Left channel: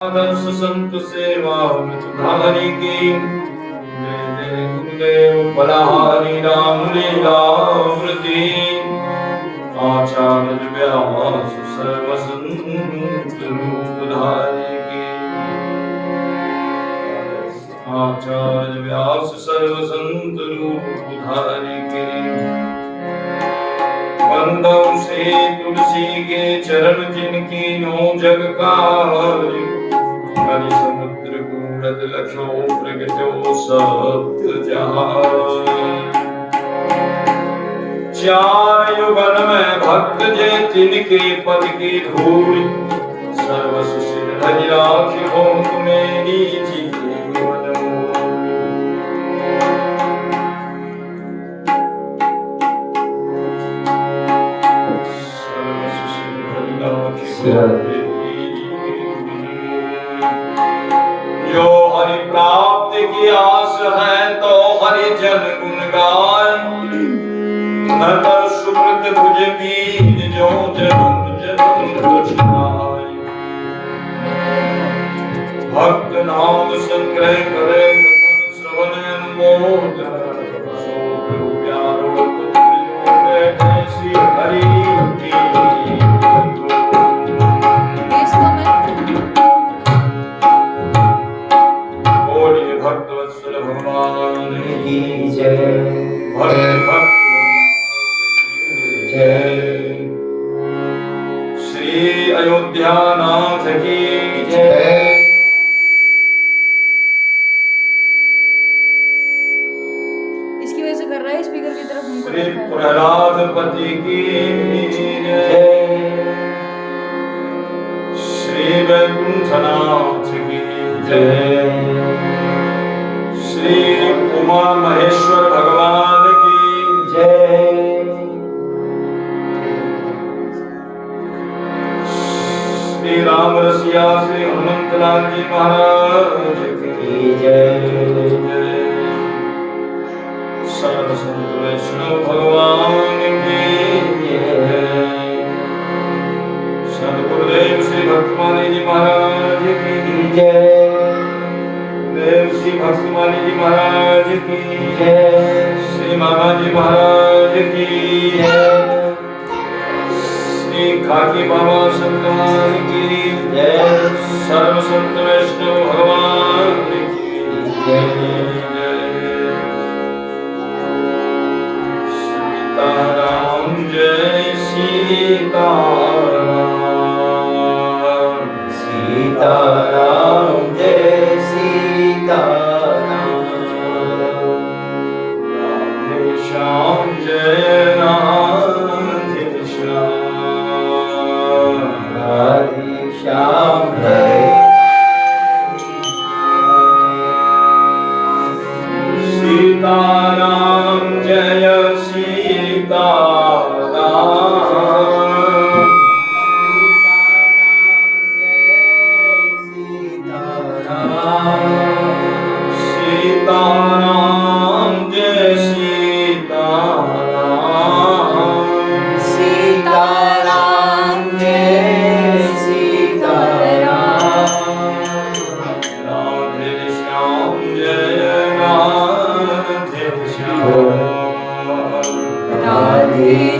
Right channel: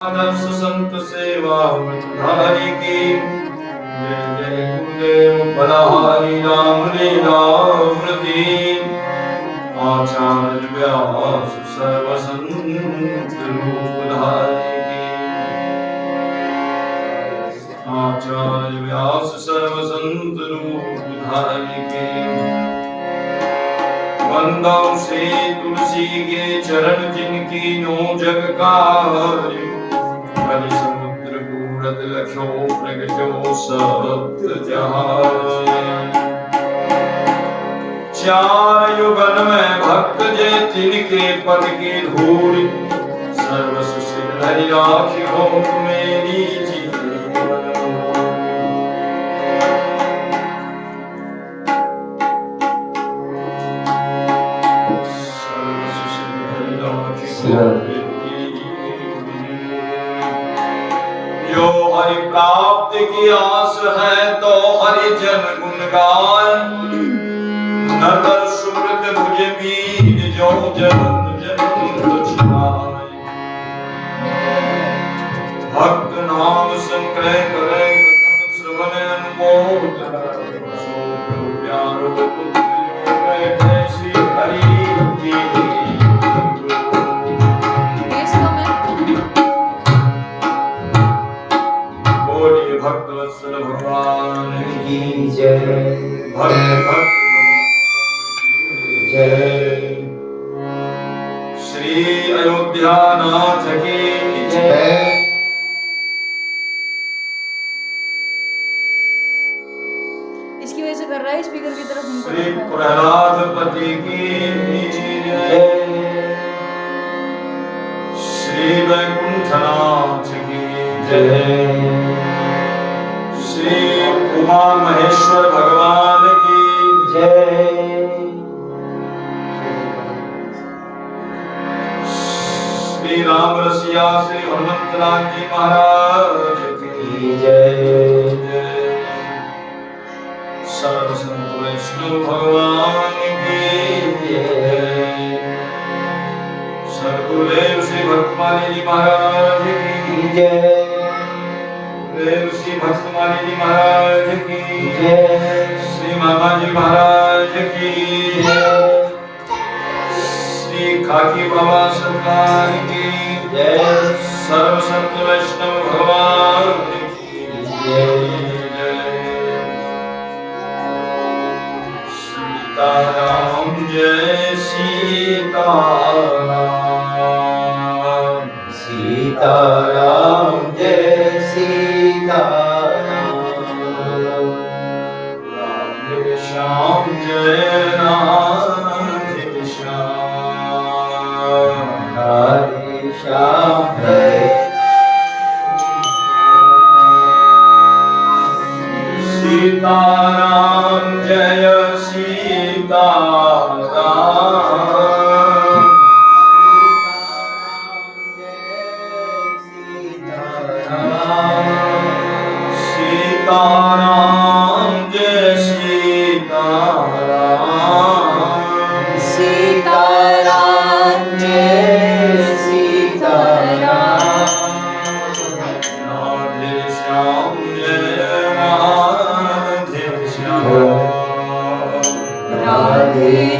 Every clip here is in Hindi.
आदर्श संत सेवा धारी की जय जय गुरुदेव बलहारी राम लीला अमृति आचार्य व्यास सर्वसंत रूप धारी की आचार्य व्यास सर्वसंत रूप धारी की वंदौ से तुलसी के चरण जिनकी नो जग का समुद्र पूरत लक्षो प्रगटो सप्त जहाज चार युगन में भक्त जे तिनके पद की धूल सर्व सुसिर धरि राखी हो मेरी जो हरि प्राप्त की आस है तो हरि जन गुण गाय न तर सुकृत भुज बीज जो जन जन कुछ नाय भक्त नाम संग्रह करे कथन श्रवण अनुमोद सो गुरु प्यारो पुत्रियों में ऐसी हरि की भक्तवत्सल भगवान की जय भक्त जय श्री अयोध्या नाथ की जय। इसकी वजह से कर रहा है स्पीकर की तरफ मुंह श्री प्रहलाद पति की जय श्री वैकुंठनाथ की जय श्री उमा महेश्वर भगवान की जय श्री राम रसिया श्री हनुमंतलाल जी महाराज की जय सर्व संत वैष्णव भगवान की जय सद्गुरुदेव श्री भक्तमाली जी महाराज की जय देव श्री भक्तमाली जी महाराज की जय श्री मामा जी महाराज की जय श्री खाकी बाबा सरकार की जय सर्व संत वैष्णव भगवान की जय सीताराम जय सीताराम सीताराम जय सीताराम राधे श्याम जय राधे श्याम राधे श्याम जय सीताराम जय सीताराम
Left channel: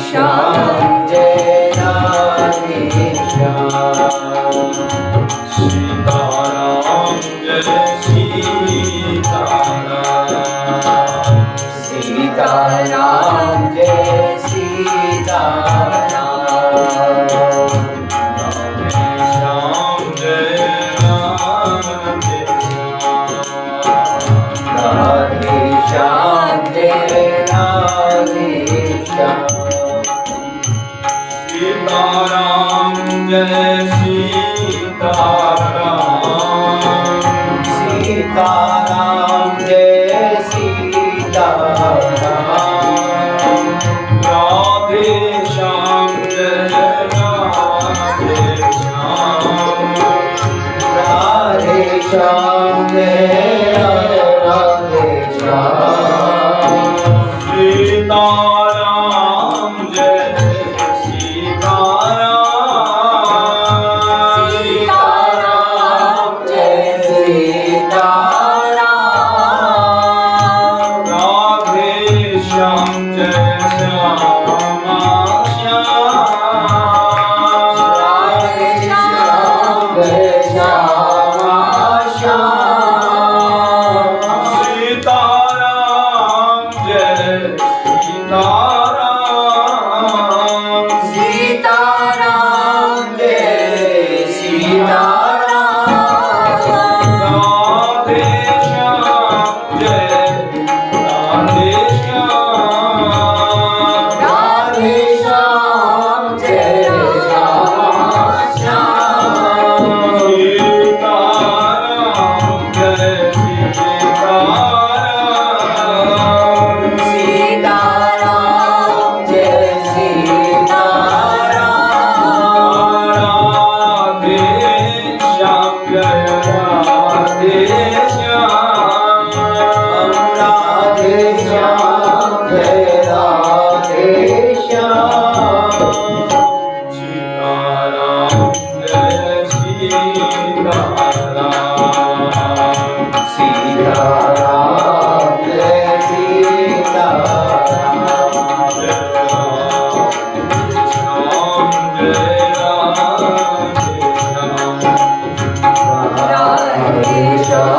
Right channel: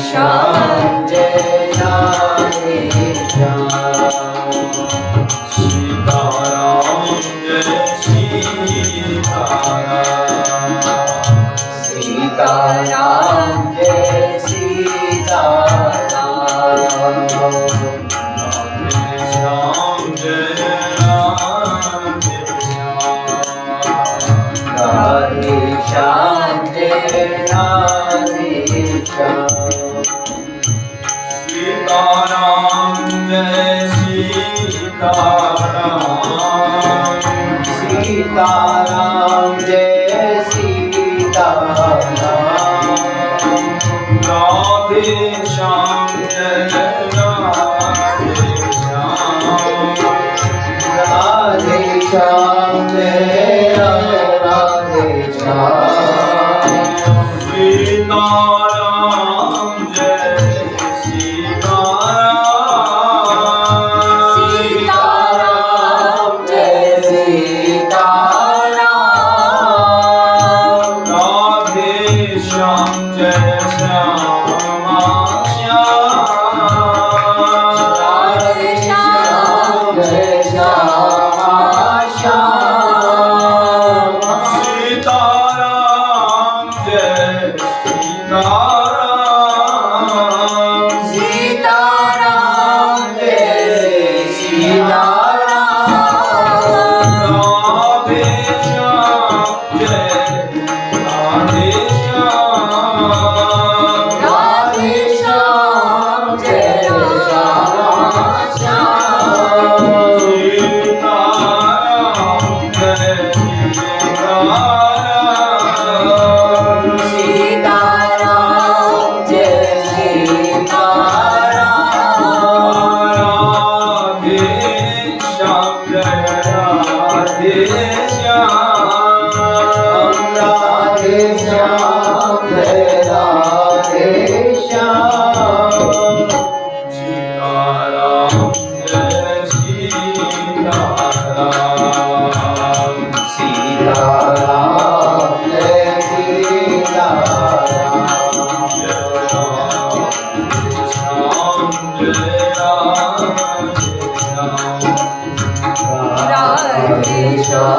श्याम जय राधे श्याम सीताराम जय सीताराम सीताराम जय सीताराम राधे श्याम जय राधे श्याम राधे श्याम जय राधे श्याम सीताराम जय सीताराम सीताराम जय सीताराम राधे श्याम जय राधे श्याम राधे श्याम जय राधे श्याम सीताराम जय सीताराम राधे श्याम राधे श्याम जय राधे श्याम सीताराम जय सीताराम सीताराम जय सीताराम श्याम जय राधे श्याम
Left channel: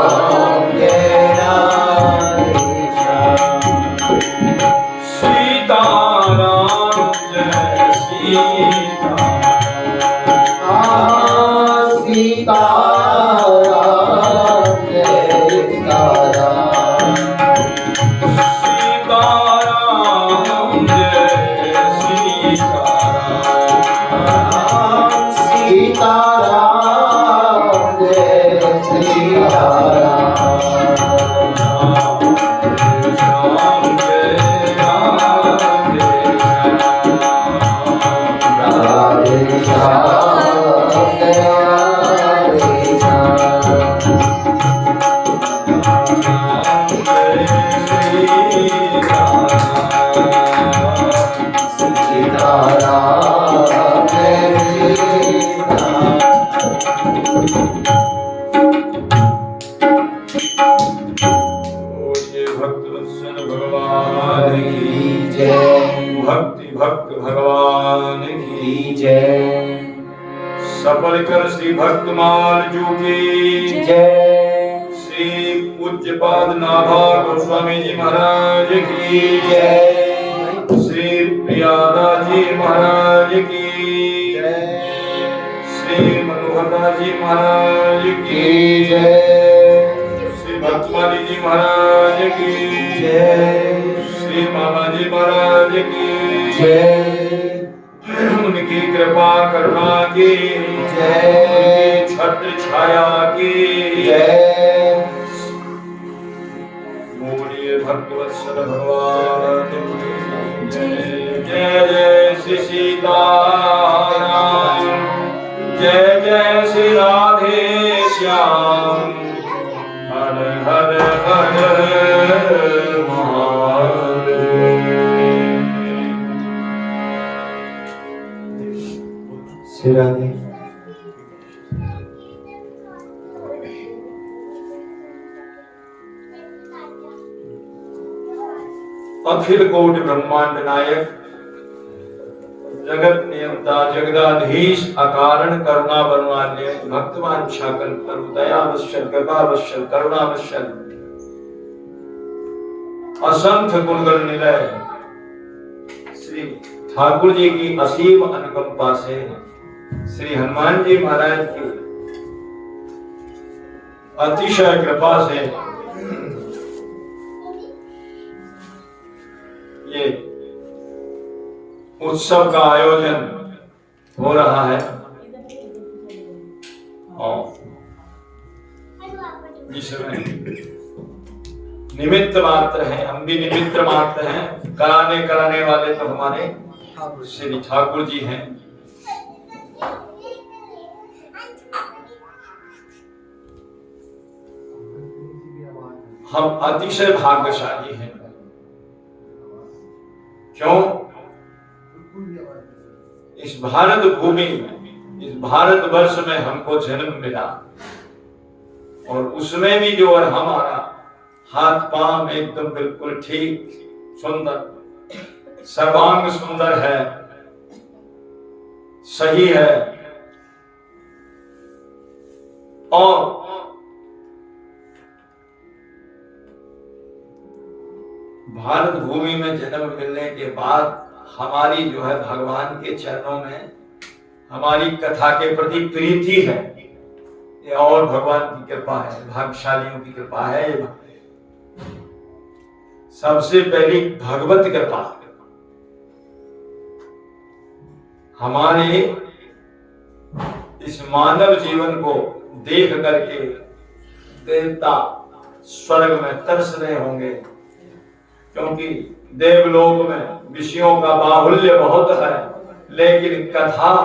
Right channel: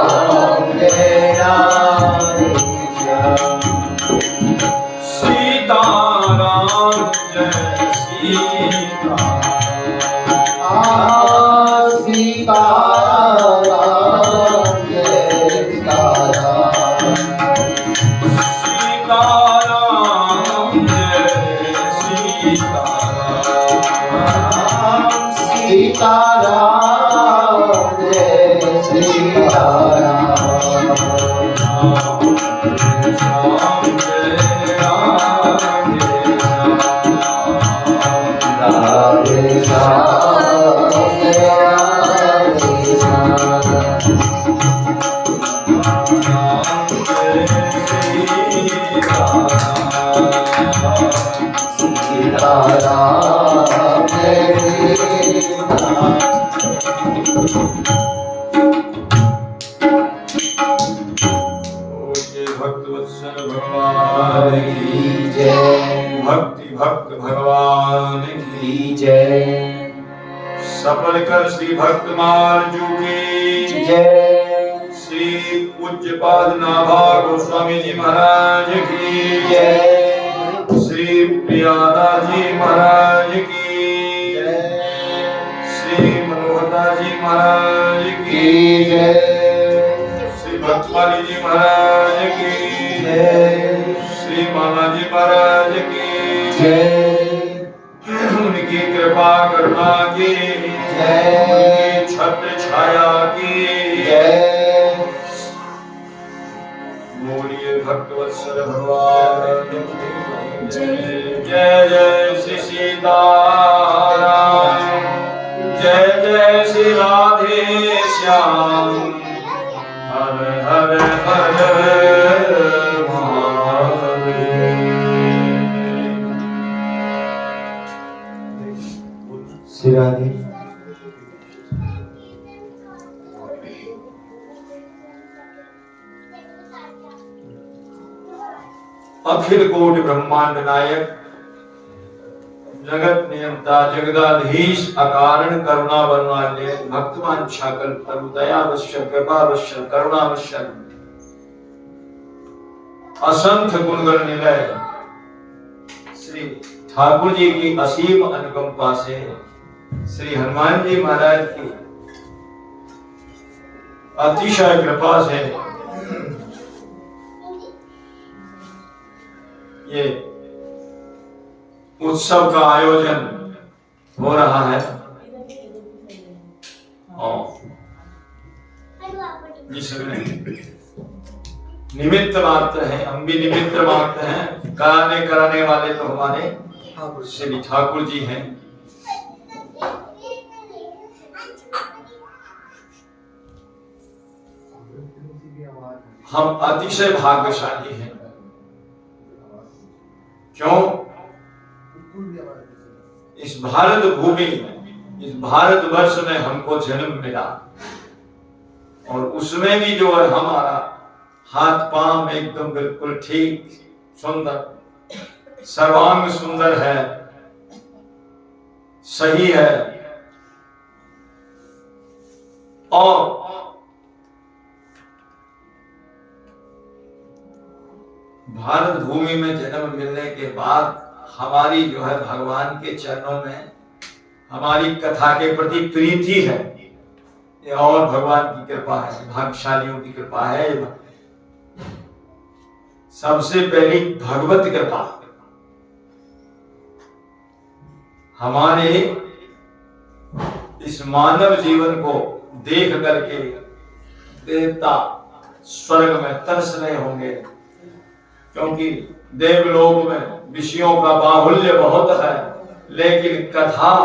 जय राधे श्याम सीताराम जय सीताराम सीताराम जय सीताराम सीताराम जय सीताराम सीताराम जय सीताराम श्याम जय राधे राधे श्याम जय राधे श्याम सीताराम जय सीताराम भक्तवत्सल भगवान की जय भक्ति भक्त भगवान की की जय सफल कर श्री भक्तमाल जू की जय श्री पूज्यपाद नाभा गोस्वामी जी महाराज की जय श्री प्रियादास जी महाराज की जय श्री मनोहरदास जी महाराज की की जय श्री भक्तमाली जी महाराज की जय श्री मामा जी महाराज की जय उनकी कृपा करुणा की जय उनकी छत्र छाया की जय बोलिए भक्तवत्सल भगवान की जय। जय जय श्री सीताराम जय जय श्री राधे श्याम हर हर हर महादेव। श्री राधे अखिल कोटि ब्रह्मांड नायक जगत नियंता जगदाधीश अकारण करुणा वरुणालय भक्तवान छाकल पर दयावश्यक कृपावश्यक करुणावश्यक असंख्य गुणगण निलय श्री ठाकुर जी की असीम अनुकंपा से श्री हनुमान जी महाराज की अतिशय कृपा से ये उत्सव का आयोजन हो रहा है और जिसमें निमित्त मात्र है, हम भी निमित्त मात्र हैं। कराने वाले तो हमारे श्री ठाकुर जी हैं। हम अतिशय भाग्यशाली हैं। क्यों? इस भारत भूमि में, इस भारतवर्ष में हमको जन्म मिला और उसमें भी जो है हमारा हाथ पांव एकदम बिल्कुल ठीक, सुंदर, सर्वांग सुंदर है, सही है। और भारत भूमि में जन्म मिलने के बाद हमारी जो है भगवान के चरणों में हमारी कथा के प्रति प्रीति है। ये और भगवान की कृपा है, भाग्यशालियों की कृपा है। सबसे पहली भगवत कृपा हमारे इस मानव जीवन को देख करके देवता स्वर्ग में तरस रहे होंगे, क्योंकि देवलोक में विषयों का बाहुल्य बहुत है, लेकिन कथा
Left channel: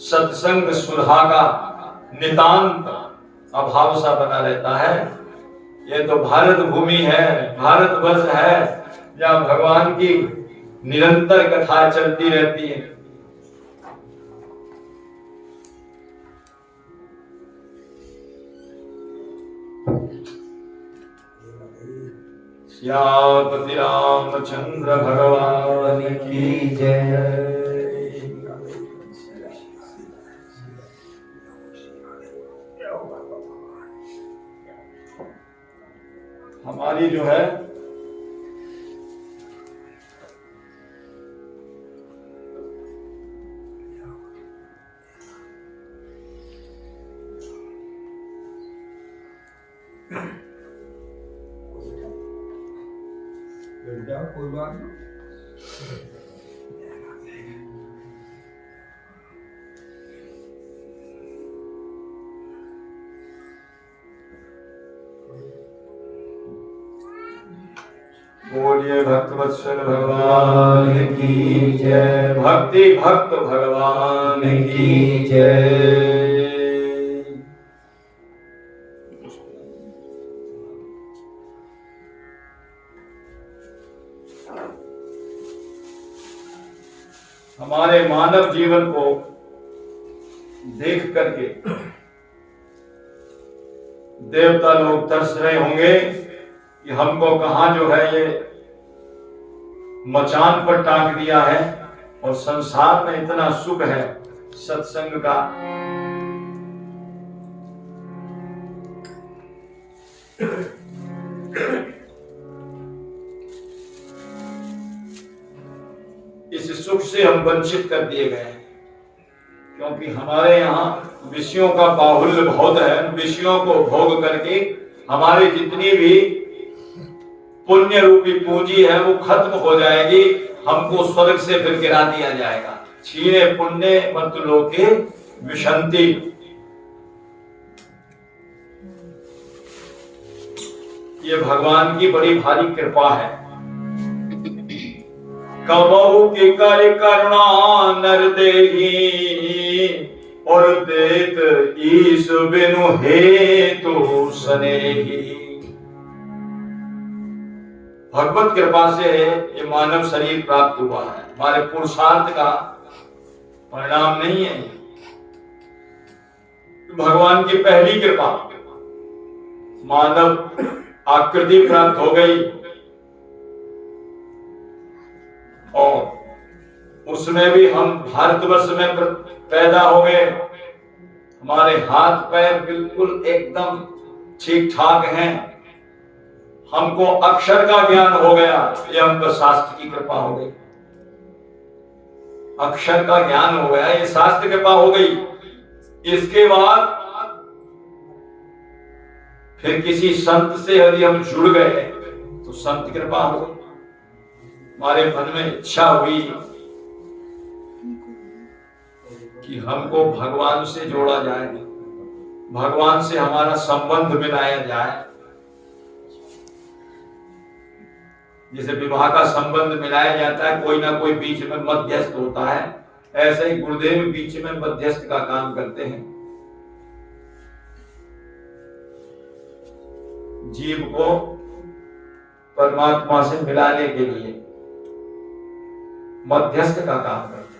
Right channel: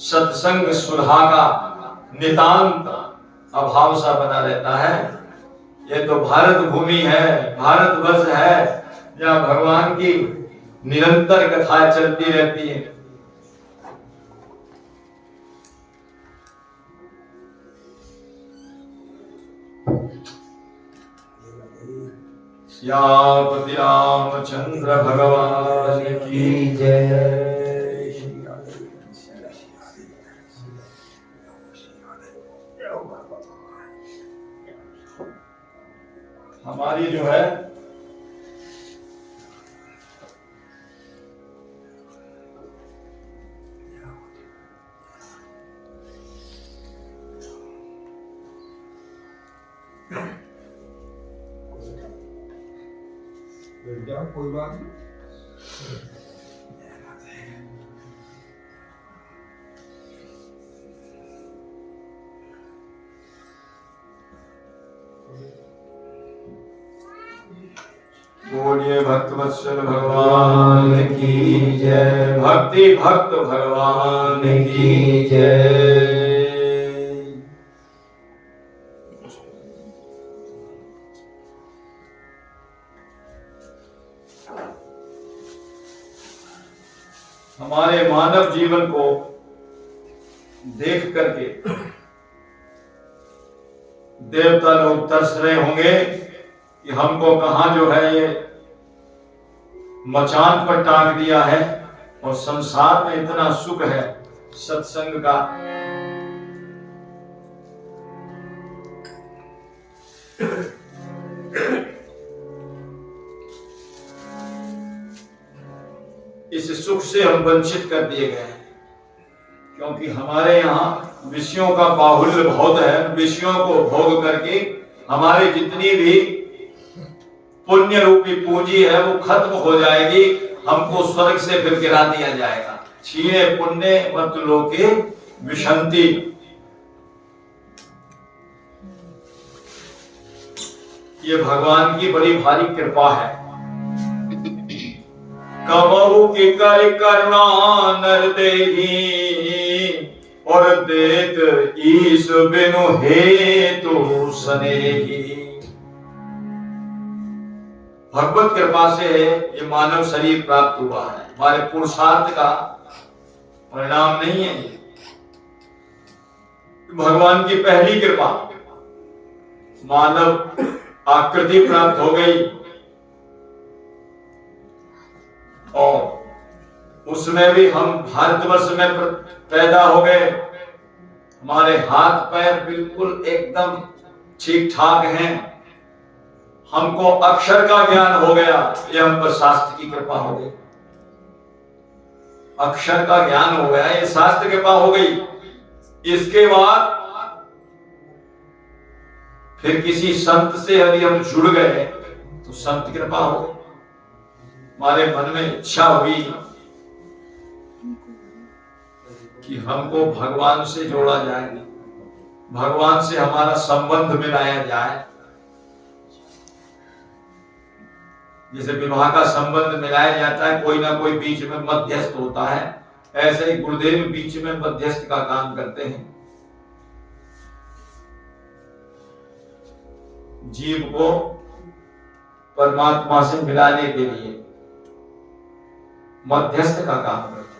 सत्संग सुधा का नितांत अभाव सा बना रहता है। ये तो भारत भूमि है, भारतवर्ष है, जहाँ भगवान की निरंतर कथाएं चलती रहती है। सियापति रामचंद्र भगवान की जय। हमारी जो है कोई बात नहीं। बोलिए भक्तवत्सल भगवान की जय, भक्ति भक्त भगवान की जय। हमारे मानव जीवन को देख करके देवता लोग तरस रहे होंगे कि हमको कहां जो है ये मचान पर टांग दिया है, और संसार में इतना सुख है सत्संग का। इस सुख से हम वंचित कर दिए गए हैं, क्योंकि हमारे यहाँ विषयों का बाहुल्य बहुत है। विषयों को भोग करके हमारी जितनी भी पुण्य रूपी पूंजी है वो खत्म हो जाएगी। हमको स्वर्ग से फिर गिरा दिया जाएगा। छीने पुण्य मत लोके विशंति। ये भगवान की बड़ी भारी कृपा है। कबहु की कर करुणा नर देही, और देत ईश बिनु हेतु स्नेही। भगवत कृपा से ये मानव शरीर प्राप्त हुआ है, हमारे पुरुषार्थ का परिणाम नहीं है। भगवान की पहली कृपा, मानव आकृति प्राप्त हो गई, और उसमें भी हम भारतवर्ष में पैदा हो गए। हमारे हाथ पैर बिल्कुल एकदम ठीक ठाक हैं। हमको अक्षर का ज्ञान हो गया, ये हम पर शास्त्र की कृपा हो गई। अक्षर का ज्ञान हो गया, ये शास्त्र कृपा हो गई। इसके बाद फिर किसी संत से यदि हम जुड़ गए तो संत कृपा हो गई। हमारे मन में इच्छा हुई कि हमको भगवान से जोड़ा जाए, भगवान से हमारा संबंध मिलाया जाए। जैसे विवाह का संबंध मिलाया जाता है, कोई ना कोई बीच में मध्यस्थ होता है, ऐसे ही गुरुदेव बीच में मध्यस्थ का काम करते हैं। जीव को परमात्मा से मिलाने के लिए मध्यस्थ का काम करते हैं।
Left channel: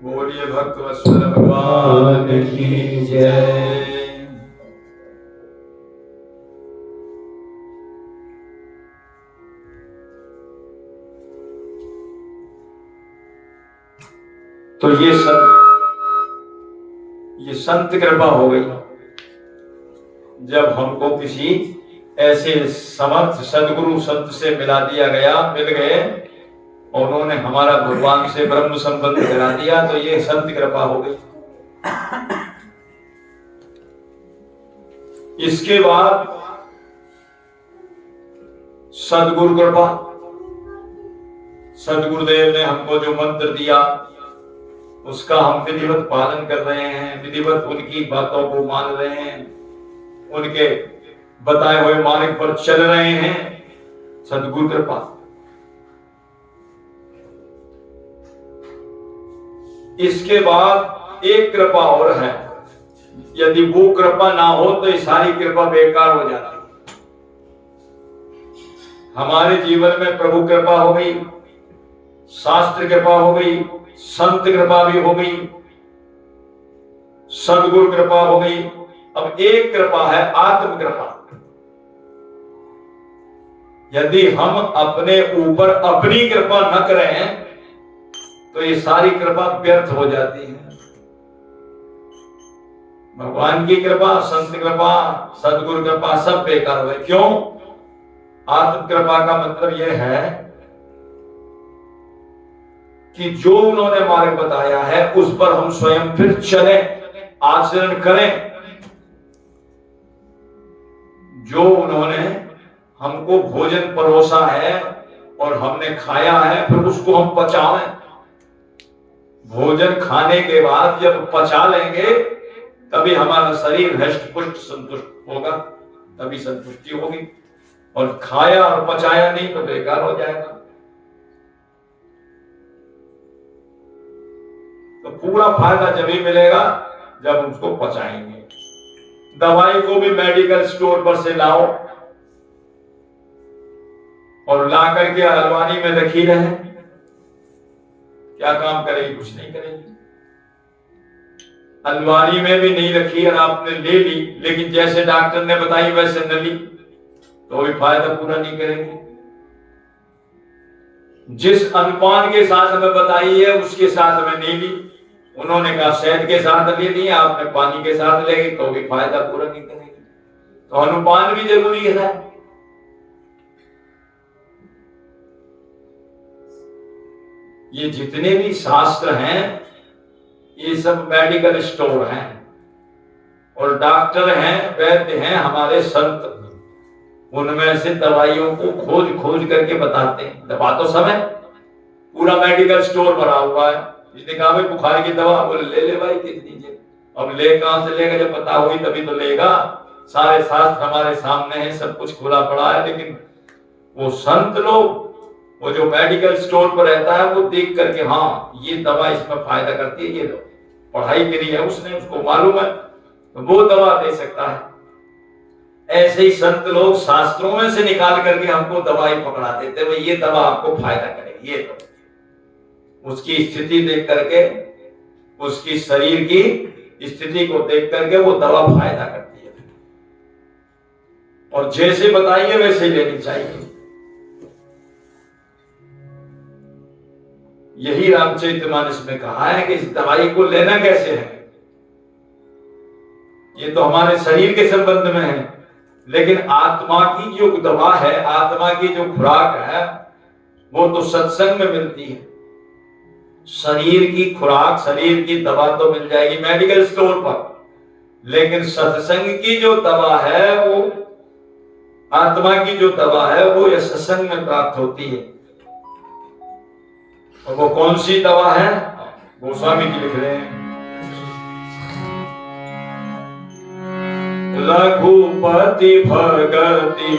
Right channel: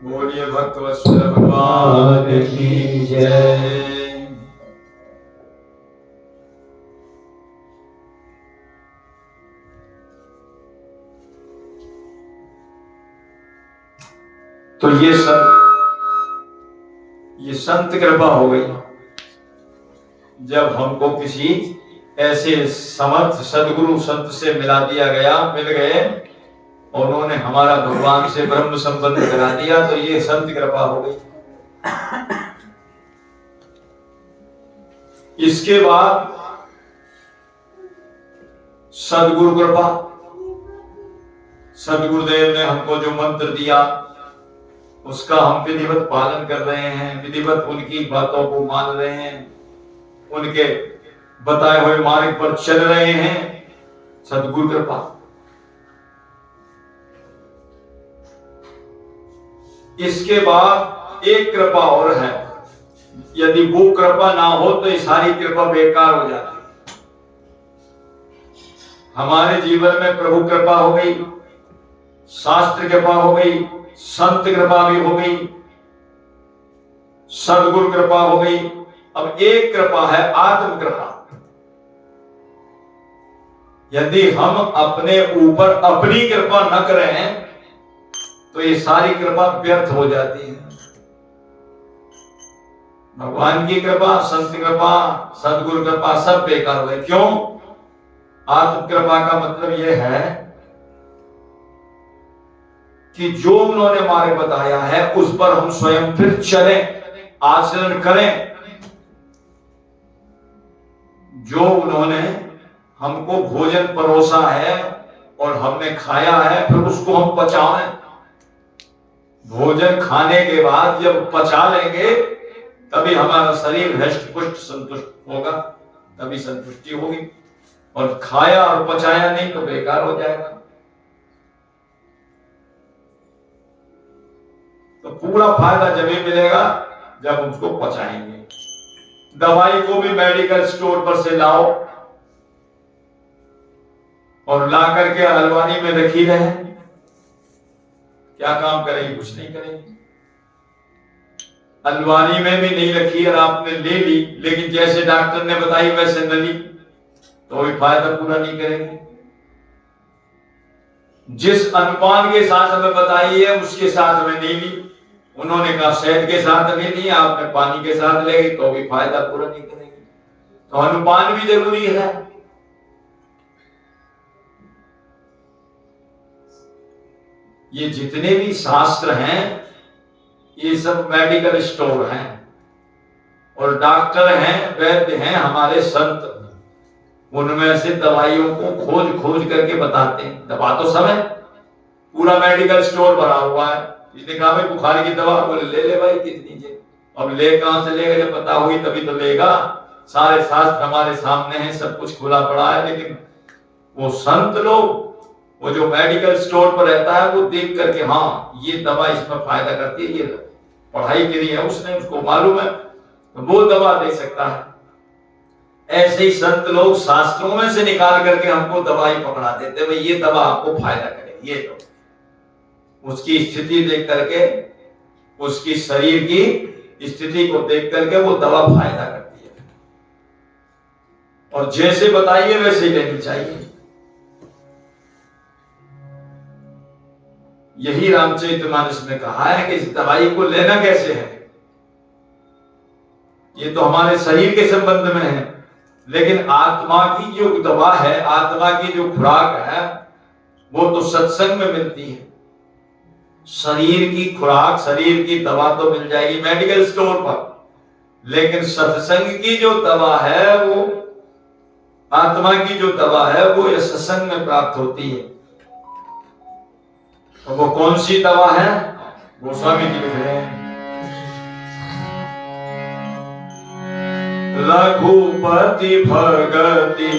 बोलिए भक्तवत्सल भगवान की जय। तो ये संत कृपा हो गई। जब हमको किसी ऐसे समर्थ सदगुरु संत से मिल गए और उन्होंने हमारा भगवान से ब्रह्म संबंध करा दिया, तो ये संत कृपा हो गई। इसके बाद सदगुरु कृपा। सदगुरुदेव ने हमको जो मंत्र दिया उसका हम विधिवत पालन कर रहे हैं, विधिवत उनकी बातों को मान रहे हैं, उनके बताए हुए मार्ग पर चल रहे हैं। सदगुरु कृपा। इसके बाद एक कृपा और है, यदि वो कृपा ना हो तो ये सारी कृपा बेकार हो जाती। हमारे जीवन में प्रभु कृपा हो गई, शास्त्र कृपा हो गई, संत कृपा भी हो गई, सदगुरु कृपा हो गई। अब एक कृपा है आत्म कृपा। यदि हम अपने ऊपर अपनी कृपा न करें तो ये सारी कृपा व्यर्थ हो जाती है। भगवान की कृपा, संत कृपा, सदगुरु कृपा सब बेकार हुए। क्यों? आत्म कृपा का मतलब यह है कि जो उन्होंने मार्ग बताया है उस पर हम स्वयं फिर चलें, आचरण करें। जो उन्होंने हमको भोजन परोसा है और हमने खाया है, फिर उसको हम पचाएं। भोजन खाने के बाद जब पचा लेंगे तभी हमारा शरीर हष्ट पुष्ट संतुष्ट होगा, तभी संतुष्टि होगी। और खाया और पचाया नहीं तो बेकार हो जाएगा। तो पूरा फायदा जब ही मिलेगा जब हम उसको पचाएंगे। दवाई को भी मेडिकल स्टोर पर से लाओ और ला करके अलमारी में रखी रहे, क्या काम करेगी? कुछ नहीं करेगी। अलमारी में भी नहीं रखी और आपने ले ली, लेकिन जैसे डॉक्टर ने बताई वैसे न ली तो भी फायदा पूरा नहीं करेगी। जिस अनुपान के साथ हमें बताई है उसके साथ में नहीं ली, उन्होंने कहा शहद के साथ ले ली, आपने पानी के साथ ले गई तो भी फायदा पूरा नहीं करेगी। तो अनुपान भी जरूरी है। ये जितने भी शास्त्र हैं ये सब मेडिकल स्टोर हैं और डॉक्टर हैं, वैद्य हैं, हमारे संत, उनमें से दवाइयों को खोज खोज करके बताते हैं। दवा तो सब है, पूरा मेडिकल स्टोर भरा हुआ है। इसने कहा भाई बुखार की दवा, बोले ले ले भाई कितनी जे। अब ले कहां से लेगा? जब पता हुई तभी तो लेगा। सारे शास्त्र हमारे सामने हैं, सब कुछ खुला पड़ा है। लेकिन वो संत लोग, वो जो मेडिकल स्टोर पर रहता है, वो देख करके हाँ ये दवा इसमें फायदा करती है, ये पढ़ाई करी है उसने, उसको मालूम है, तो वो दवा दे सकता है। ऐसे ही संत लोग शास्त्रों में से निकाल करके हमको दवाई पकड़ा देते, भाई ये दवा आपको फायदा करेगी, ये दो। उसकी स्थिति देख करके, उसकी शरीर की स्थिति को देख करके वो दवा फायदा करती है। और जैसे बताइए वैसे लेनी चाहिए। यही रामचरितमानस में कहा है कि इस दवाई को लेना कैसे है। ये तो हमारे शरीर के संबंध में है, लेकिन आत्मा की जो दवा है, आत्मा की जो खुराक है, वो तो सत्संग में मिलती है। शरीर की खुराक, शरीर की दवा तो मिल जाएगी मेडिकल स्टोर पर, लेकिन सत्संग की जो दवा है, वो आत्मा की जो दवा है, वो ये सत्संग में प्राप्त होती है। और वो कौन सी दवा है? गोस्वामी जी लिख रहे हैं, रघुपति भगति,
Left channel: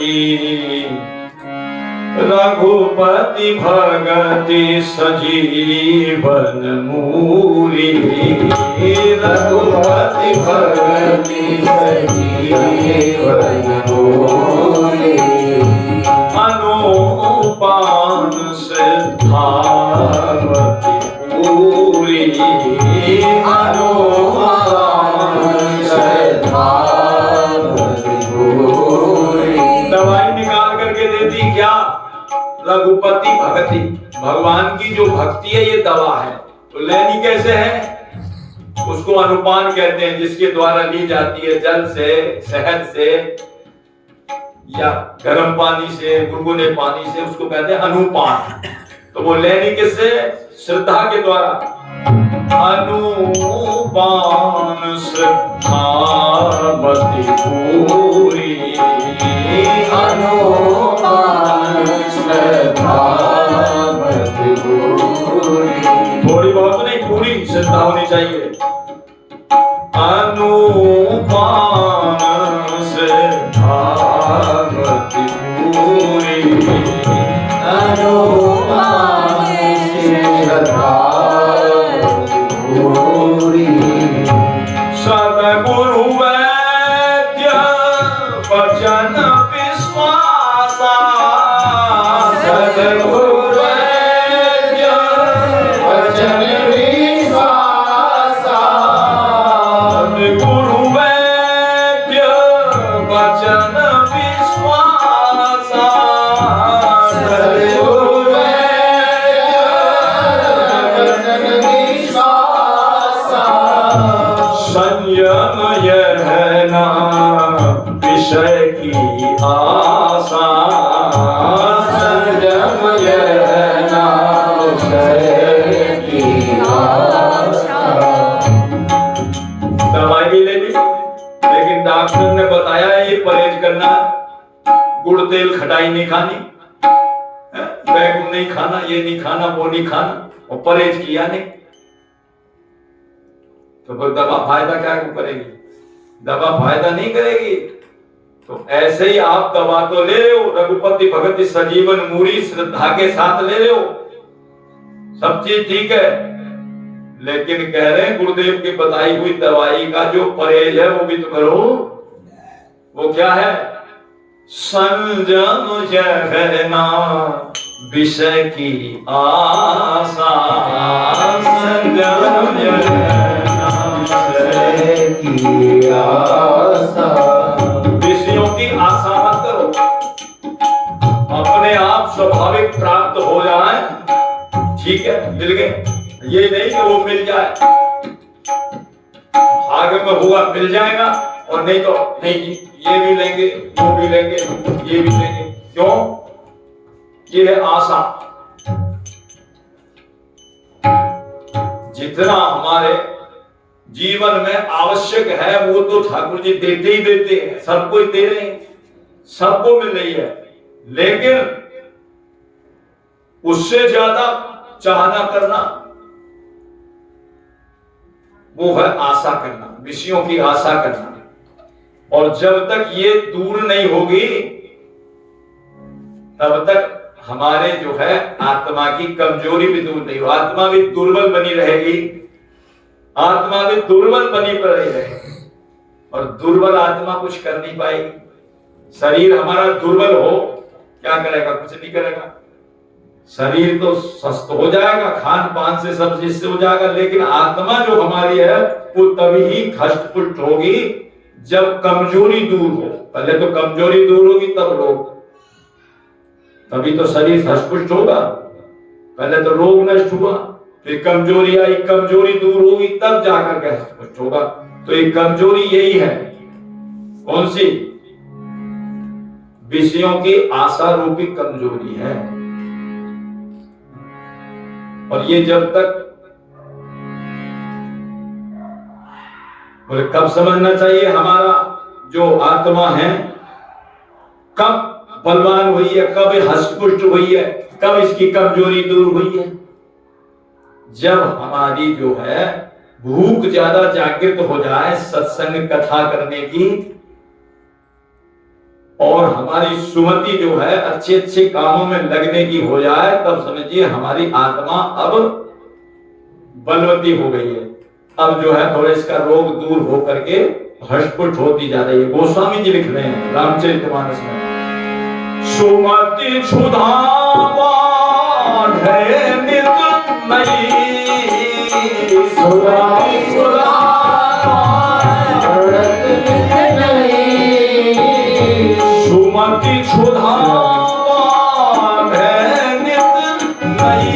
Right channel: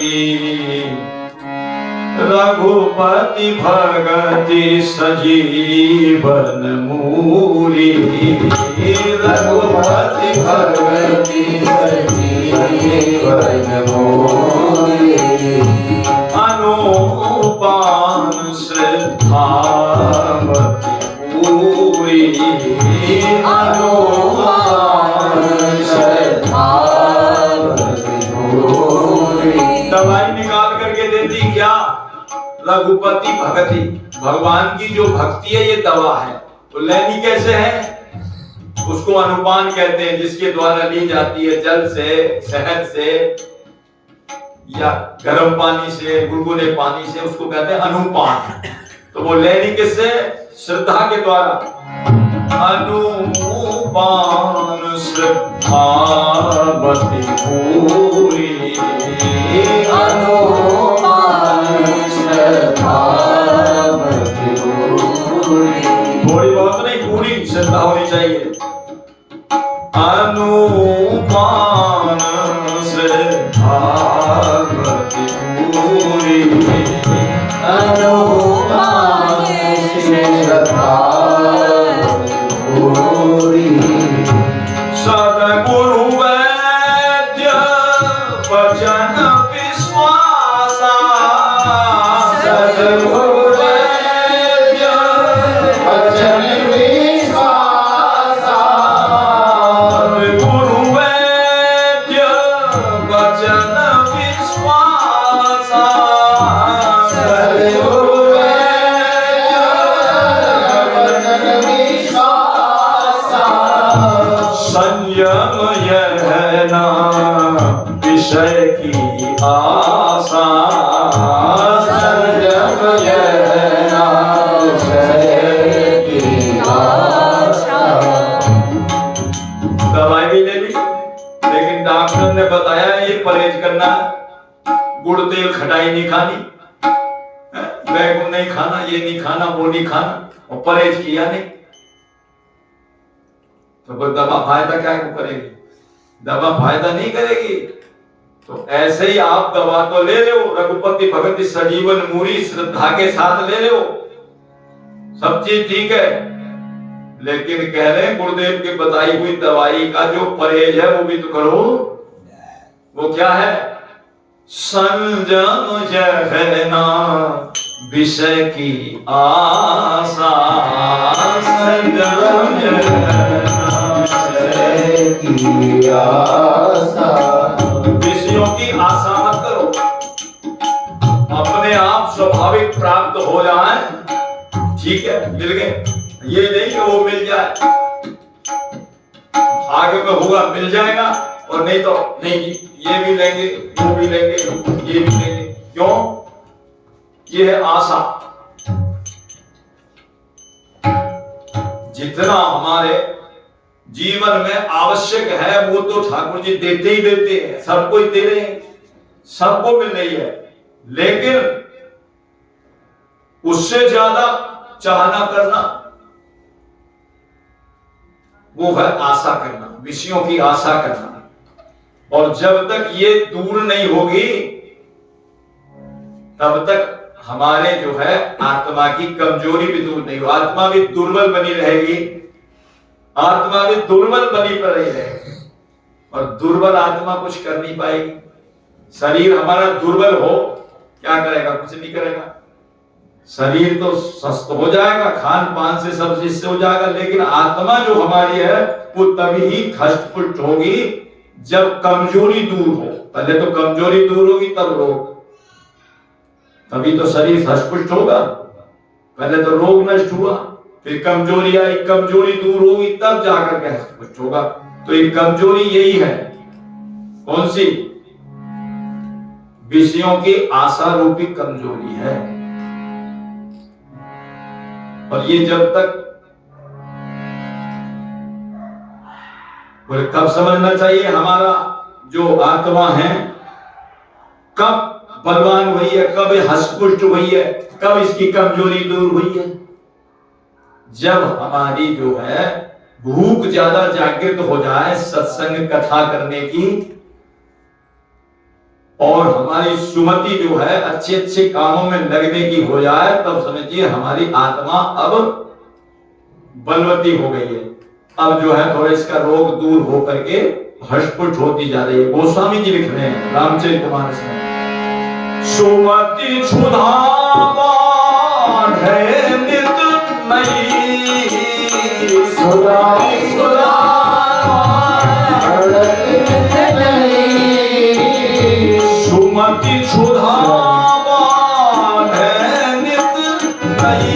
रघुपति भगति सजीवन मूरी, रघुपति भगति सजीवन मूरी, अनुपान सिद्धावती पूरी, अनुपान सिद्धावती पूरी। दवाई निकाल करके देती क्या? रघुपति भक्ति, भगवान की जो भक्ति है ये दवा है। तो लेनी कैसे है? उसको अनुपान कहते हैं, जिसके द्वारा ली जाती है जल से, शहद से या गर्म पानी से, गुनगुने पानी से, उसको कहते हैं अनुपान। तो वो लेनी किससे? श्रद्धा के द्वारा। अनुपान श्रद्धावती पूरी, अनुपान श्रद्धावती पूरी। थोड़ी बहुत नहीं, पूरी श्रद्धा होनी चाहिए। अनुपान श्रद्धावती पूरी, अनुपान श्रद्धावती पूरी। संयम यह ना विषय की आशा, संयम यह ना विषय की आशा। दवाई भी ले ली, लेकिन डॉक्टर ने बताया ये परहेज करना, गुड़ तेल खटाई नहीं खानी, बैगन नहीं खाना, ये नहीं खाना, वो नहीं खाना, और परहेज किया नहीं, तो दवा फायदा क्या करेगी? दवा फायदा नहीं करेगी। तो ऐसे ही आप दवा तो ले रहे हो, रघुपति भगत सजीवन मूरी श्रद्धा के साथ ले रहे हो, सब चीज ठीक है, लेकिन कह रहे हैं गुरुदेव की बताई हुई दवाई का जो परहेज है वो भी तो करो। वो क्या है? संयम यह ना विषय की आशा, संयम यह की आशा। विषयों की आशा मत करो, अपने आप स्वाभाविक प्राप्त हो जाए, ठीक है, मिल गए, ये नहीं कि वो मिल जाए, भाग्य में होगा मिल जाएगा, और नहीं तो नहीं, ये भी लेंगे, वो भी लेंगे, ये भी लेंगे। क्यों? ये है आशा। जितना हमारे जीवन में आवश्यक है वो तो ठाकुर जी देते ही देते हैं, सबको दे रहे हैं, सबको मिल रही है, लेकिन उससे ज्यादा चाहना करना वो है आशा करना, विषयों की आशा करना। और जब तक ये दूर नहीं होगी तब तक हमारे जो है आत्मा की कमजोरी भी दूर नहीं हो, आत्मा भी दुर्बल बनी रहेगी, आत्मा भी दुर्बल बनी पड़ी रहेगी, और दुर्बल आत्मा कुछ कर नहीं पाएगी। शरीर हमारा दुर्बल हो क्या करेगा? कुछ नहीं करेगा। शरीर तो स्वस्थ हो जाएगा, खान पान से सब चीज से हो जाएगा, लेकिन आत्मा जो हमारी है वो तभी ही हष्ट पुष्ट होगी जब कमजोरी दूर हो। पहले तो कमजोरी दूर होगी तब रोग, तभी तो शरीर हष्ट पुष्ट होगा। पहले तो रोग नष्ट हुआ, फिर कमजोरी आई, कमजोरी दूर होगी तब जाकर के हष्ट पुष्ट होगा। तो ये कमजोरी यही है, कौन सी? विषयों की आशा रूपी कमजोरी है। और ये जब तक, बोले कब समझना चाहिए हमारा जो आत्मा है कब बलवान हुई है, कब हष्टपुष्ट हुई है, कब इसकी कमजोरी दूर हुई है? जब हमारी जो है भूख ज्यादा जागृत हो जाए सत्संग कथा करने की, और हमारी सुमति जो है अच्छे अच्छे कामों में लगने की हो जाए, तब समझिए हमारी आत्मा अब बलवती हो गई है। अब जो है थोड़ा इसका रोग दूर होकर के हष्टपुष्ट होती जा रही है। गोस्वामी जी लिख रहे हैं रामचरितमानस में, सुमति क्षुधा बाढ़े नित नई, सुमति क्षुधा बाढ़े नित नई, सुमति क्षुधा बाढ़े नित नई,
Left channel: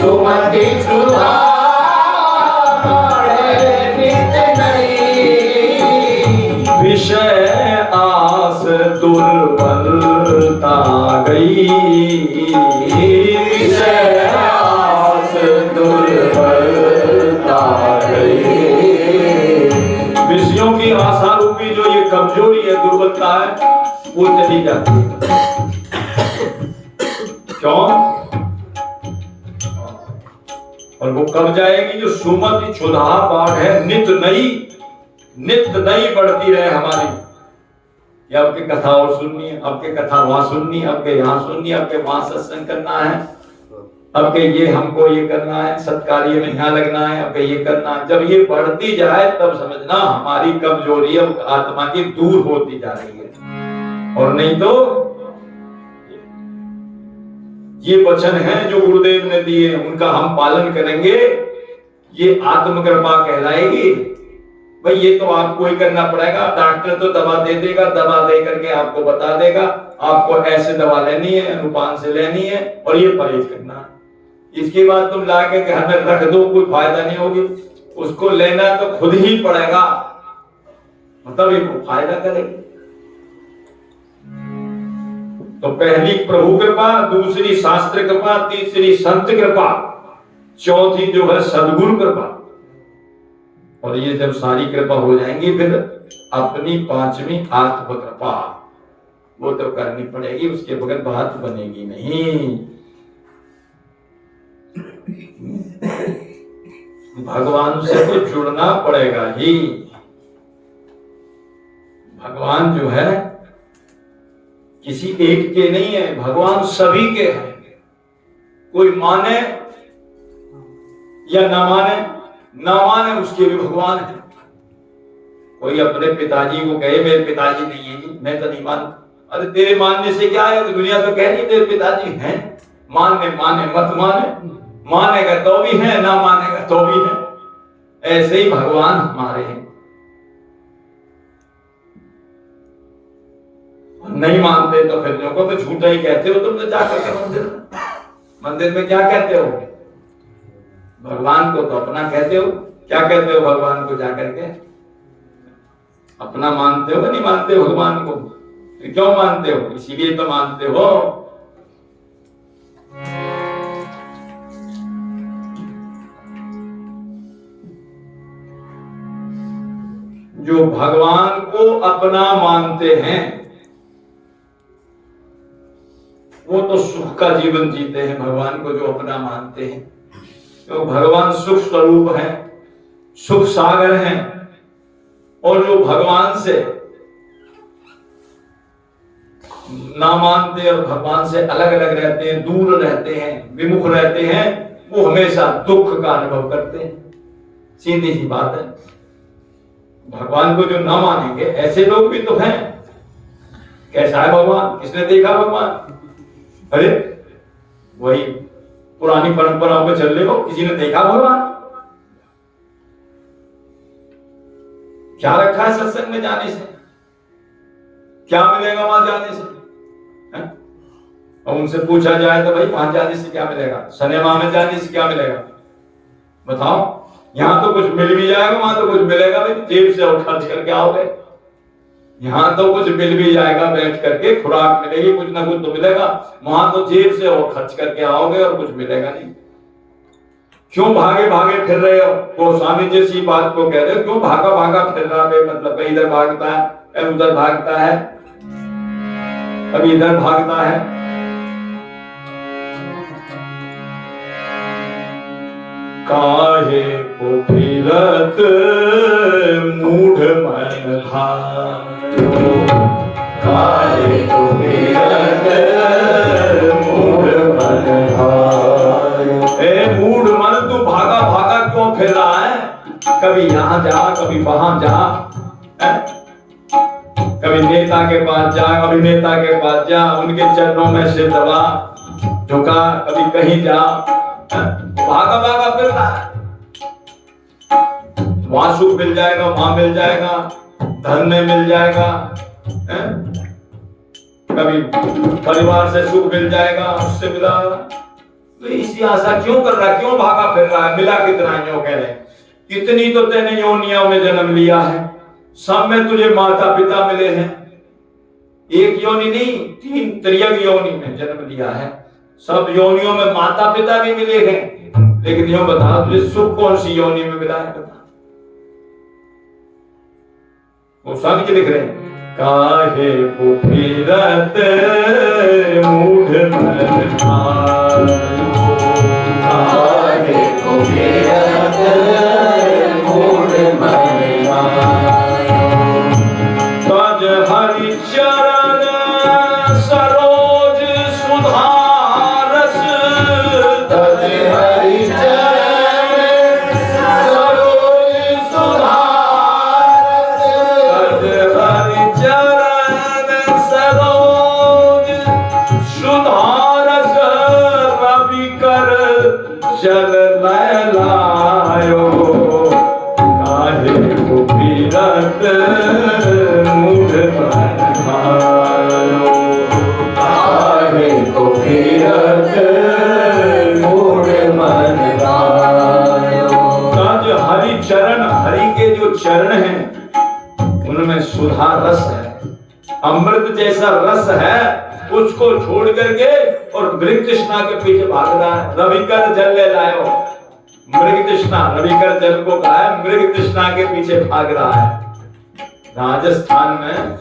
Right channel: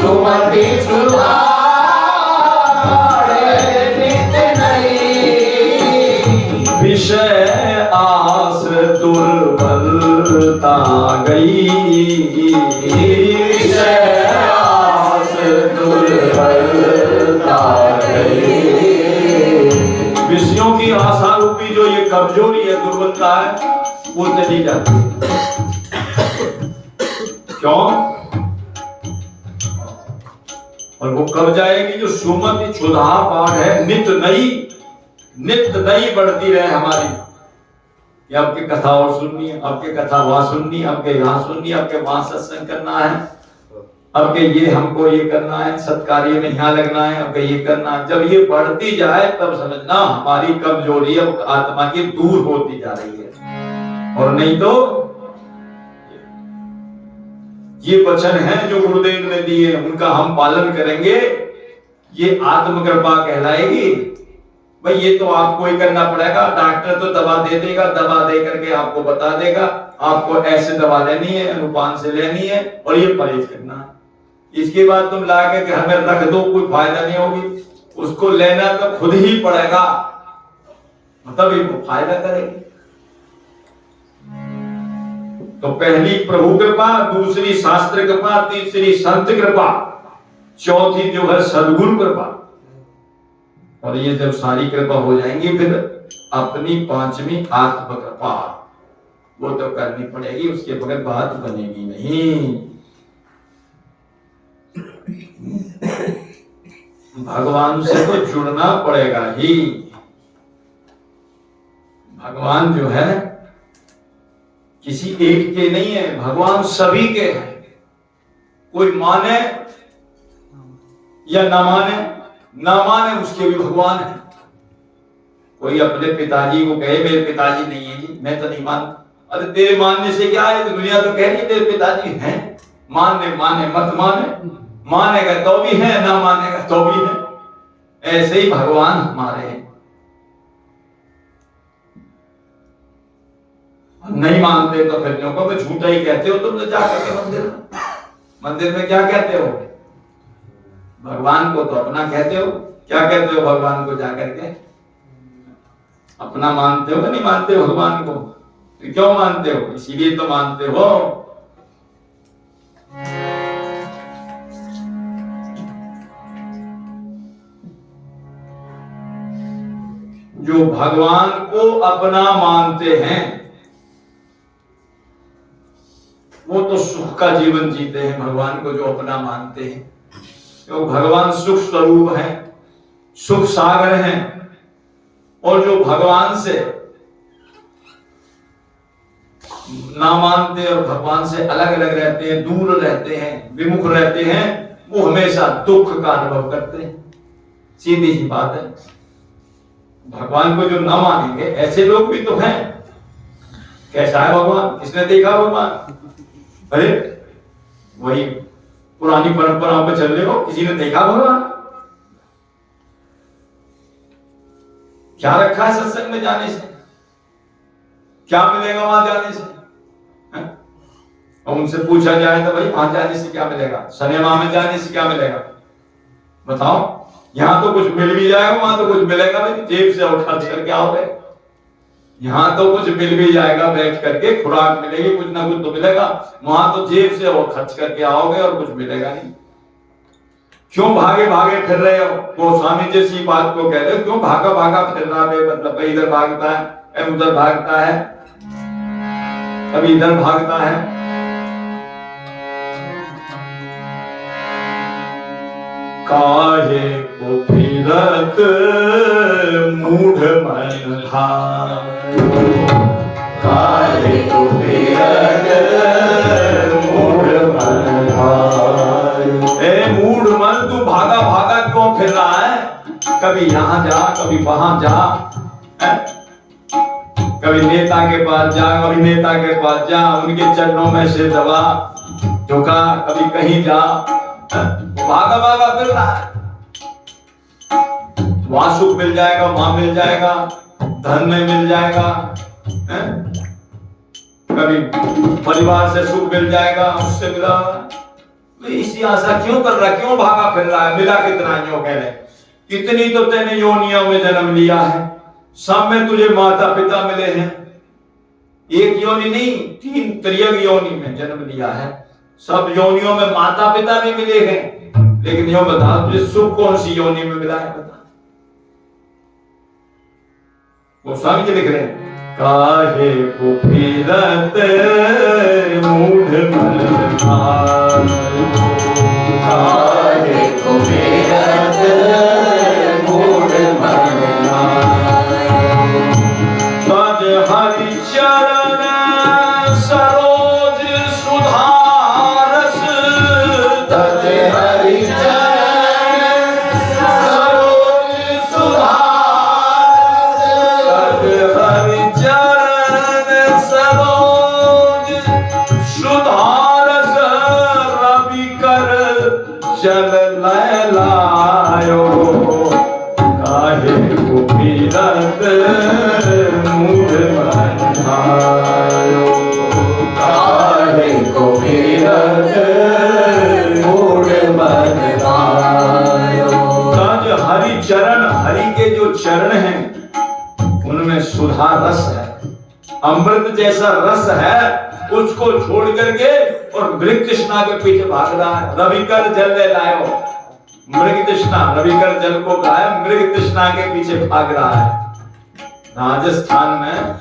सुमति क्षुधा बाढ़े नित नई, विषय आस दुर्बलता गई, विषय आस दुर्बलता गई। विषयों की आशा रूपी जो ये कमजोरी है, दुर्बलता है, वो चली जाती है। क्यों? और वो कब जाएगी? जो सुमति क्षुधा बाढ़ है नित नई, नित नई बढ़ती रहे हमारी, कि आपकी कथा और सुननी है, आपके कथा वहां सुननी है, आपके यहाँ सुननी है, आपके वहां सत्संग करना है, आपके ये हमको ये करना है, सत्कार्य में यहाँ लगना है, आपके ये करना है। जब ये बढ़ती जाए तब समझना हमारी कमजोरी आत्मा की दूर होती जा रही है। और नहीं तो ये वचन है जो गुरुदेव ने दिए, उनका हम पालन करेंगे, ये आत्म कृपा कहलाएगी। भाई ये तो आपको ही करना पड़ेगा, डॉक्टर तो दवा दे देगा, दवा दे करके आपको बता देगा आपको ऐसे दवा लेनी है, अनुपान से लेनी है और ये परहेज करना है। इसके बाद तुम ला के हमें रख दो, कोई फायदा नहीं होगी। उसको लेना तो खुद ही पड़ेगा, तभी वो फायदा करेगी। तो पहली प्रभु कृपा, दूसरी शास्त्र कृपा, तीसरी संत कृपा, चौथी जो है सद्गुरु कृपा। और ये जब सारी कृपा हो जाएंगी फिर अपनी पांचवी आत्म कृपा वो तो करनी पड़ेगी, उसके बगैर बात बनेगी नहीं। भगवान से तो जुड़ना पड़ेगा ही। भगवान जो है किसी एक के नहीं है, भगवान सभी के हैं। कोई माने या ना माने उसके भी भगवान है। कोई अपने पिताजी को कहे मेरे पिताजी नहीं है जी, मैं तो नहीं मानता। अरे तेरे मानने से क्या है, तो दुनिया तो कह रही है तेरे पिताजी हैं। माने मत मानेगा तो भी है, ना मानेगा तो भी है। ऐसे ही भगवान हमारे हैं। नहीं मानते तो फिर लोगों को तो झूठा ही कहते हो तुम तो जाकर के मंदिर में क्या कहते हो? भगवान को तो अपना कहते हो। क्या कहते हो भगवान को जाकर के? अपना मानते हो? नहीं मानते हो भगवान को? तो क्यों मानते हो? इसीलिए तो मानते हो। जो भगवान को अपना मानते हैं वो तो सुख का जीवन जीते हैं। भगवान को जो अपना मानते हैं, तो भगवान सुख स्वरूप है, सुख सागर हैं। और जो भगवान से ना मानते और भगवान से अलग अलग रहते हैं, दूर रहते हैं, विमुख रहते हैं, वो हमेशा दुख का अनुभव करते हैं। सीधी सी बात है। भगवान को जो ना मानेंगे ऐसे लोग भी तो हैं। कैसा है भगवान? किसने देखा भगवान? अरे वही पुरानी परंपराओं पे चल रहे हो, किसी ने देखा भगवान? क्या रखा है सत्संग में जाने से? क्या मिलेगा वहां जाने से? है? और उनसे पूछा जाए तो भाई वहां जाने से क्या मिलेगा, सिनेमा में जाने से क्या मिलेगा? बताओ। यहां तो कुछ मिल भी जाएगा, वहां तो कुछ मिलेगा भी, जेब से और खर्च करके आओगे। यहां तो कुछ मिल भी जाएगा, बैठ करके खुराक मिलेगी, कुछ ना कुछ तो मिलेगा। वहां तो जेब से और खर्च करके आओगे और कुछ मिलेगा नहीं। क्यों भागे भागे फिर रहे हो? गोस्वामी जैसी बात को कह रहे हो, क्यों भागा भागा फिर रहा है? मतलब कहीं इधर भागता है, कहीं उधर भागता है, कभी इधर भागता है। काहे को फिरत मूढ़ मन भायो, काहे को फिरत मूढ़ मन भायो। ए मूढ़ मन, तू भागा भागा क्यों फिर रहा है? कभी यहाँ जा, कभी वहां जा, कभी नेता के पास जा, अभिनेता के पास जा, उनके चरणों में सिर दबा झुका, कभी कहीं जा, भागा भागा फिर रहा है। वहां सुख मिल जाएगा, वहां मिल जाएगा, धन में मिल जाएगा, कभी परिवार से सुख मिल जाएगा, उससे मिला। तो इसी आशा क्यों कर रहा है? क्यों भागा फिर रहा है? मिला कितना जो कह रहे, कितनी तो तेने योनियों में जन्म लिया है, सब में तुझे माता पिता मिले हैं। एक योनि नहीं, 3 त्रियग योनि में जन्म लिया है। सब योनियों में माता पिता भी मिले हैं, लेकिन यूं बता तुझे सुख कौन सी योनि में मिला है? बता। वो स्वामी जी लिख रहे हैं, काहे को फिरत मूढ़ मन भायो, काहे को फिरत मूढ़ मन भायो। तज हरि चरण सरोज सुधारस, तज हरि चरण सरोज सुधारस, तज हरि चरण सरोज सुधारस। रवि कर चल लायो, काहे को फिरत मूढ़ मन भायो, काहे को फिरत मूढ़ मन भायो। तज हरि चरण हैं उनमें सुधा रस है, अमृत जैसा रस है, उसको छोड़ करके और मृग तृष्णा के पीछे भाग रहा है। रविकर जल ले लायो, मृग तृष्णा, रविकर जल को कहा है, मृग तृष्णा के पीछे भाग रहा है। राजस्थान में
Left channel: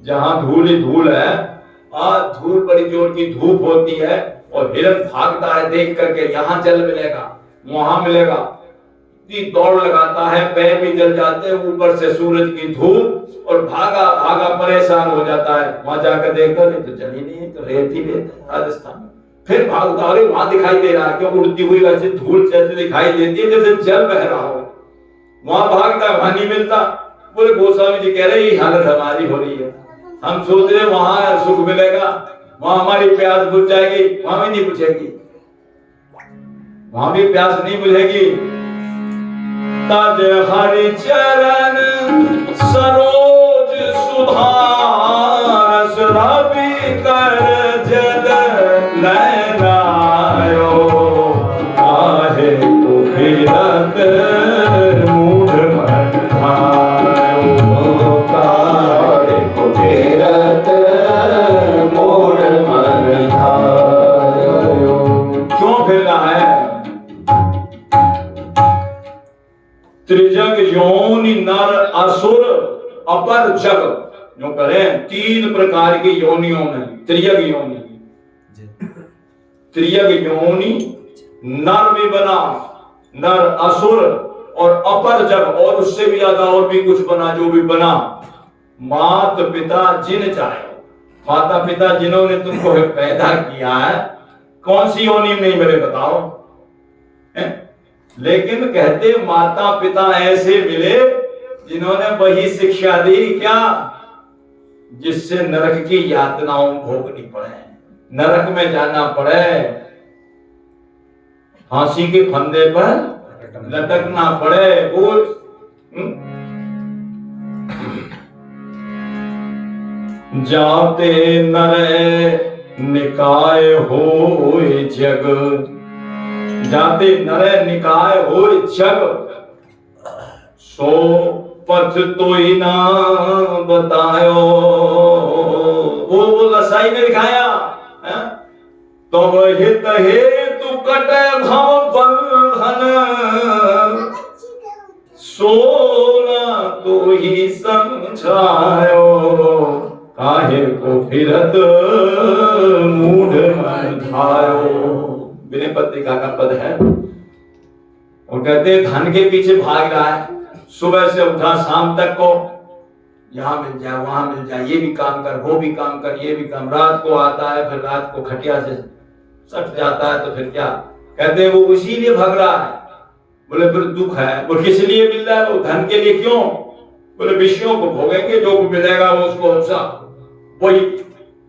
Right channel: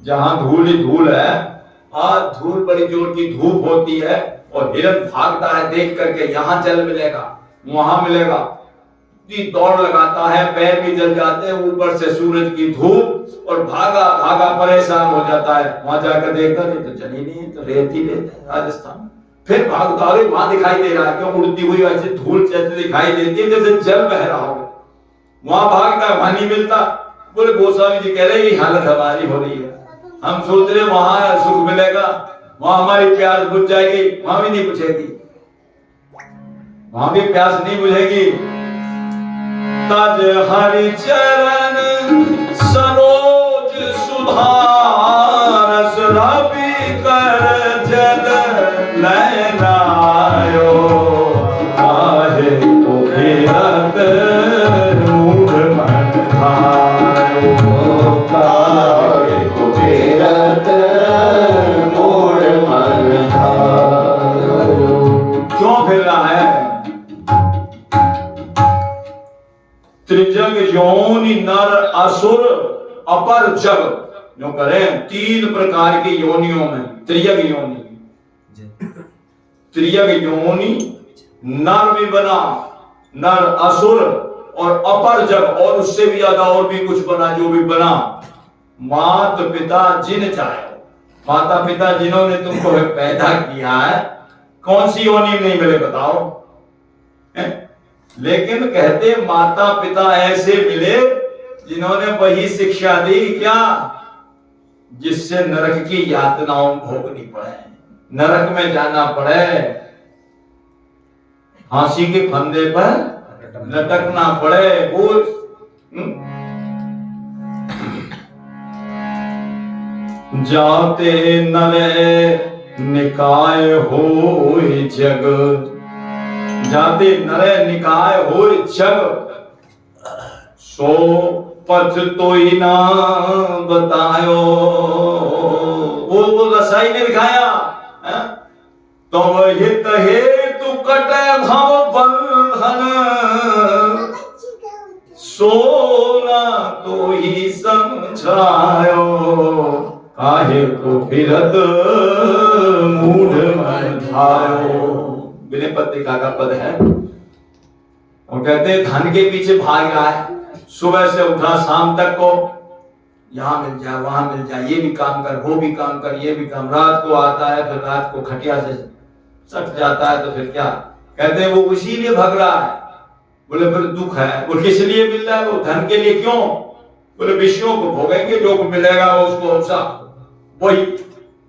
जहां धूल ही धूल है, और धूल बड़ी जोर की धूप होती है और हिरण भागता है देख करके, यहाँ जल मिलेगा वहां मिलेगा, इतनी दौड़ लगाता है, पैर भी जल जाते हैं, ऊपर से सूरज की धूप, और भागा भागा परेशान हो जाता है। वहां जाकर देखता नहीं तो जल ही नहीं है, तो रेत ही रेत है राजस्थान में। फिर भागता, अरे वहां दिखाई दे रहा, क्यों उड़ती हुई वैसे धूल जैसे दिखाई देती है जैसे जल बह रहा हो। वहां भागता, वहां नहीं मिलता। बोले गोस्वामी जी कह रहे ये हालत हमारी हो रही है, हम सोच रहे वहां सुख मिलेगा, वहां हमारी प्यास बुझ जाएगी, वहां भी नहीं बुझेगी, वहां भी प्यास नहीं बुझेगी। तज हरि चरण सरोज सुधारस रवि कर जल नयनायो, काहे को फिरत मूढ़ मन भायो, काहे को फिरत मूढ़ मन भायो। क्यों फिर रहा है? त्रिजग योनि नर असुर अपर जग, जो करें 3 प्रकार की योनियों में त्रियग योनि, त्रियग योनि नर भी बना, नर असुर और अपर जग, और उससे भी ज्यादा और भी कुछ बना, जो भी बना। मात पिता जिन चाहे, माता पिता जिन्होंने तुमको पैदा किया है, कौन सी योनि में नहीं मेरे बताओ है? लेकिन कहते माता पिता ऐसे मिले जिन्होंने वही शिक्षा दी क्या, जिससे नरक की यातनाओं भोगनी पड़े, नरक में जाना पड़े, फांसी के फंदे पर लटकना पड़े। बोल जाते नर निकाय होए जग, जाते नर निकाय होए जग, सो पथ तो ही ना बतायो। वो रसाई ने दिखाया है? तो हित हेतु कटे भव बंधन, सोना तो ही समझायो, काहे को फिरत मूढ़ मन भायो। विनय पत्रिका का पद है, और कहते धन के पीछे भाग रहा है, सुबह से उठा शाम तक को, यहाँ मिल जाए वहां मिल जाए, ये भी काम कर वो भी काम कर ये भी काम, रात को आता है फिर रात को खटिया से सट जाता है, तो फिर क्या कहते वो उसी लिए भाग रहा है। बोले फिर दुख है, वो किस लिए मिल रहा है? वो धन के लिए। क्यों? बोले विषयों को भोगेंगे, जो मिलेगा वो उसको सब वही,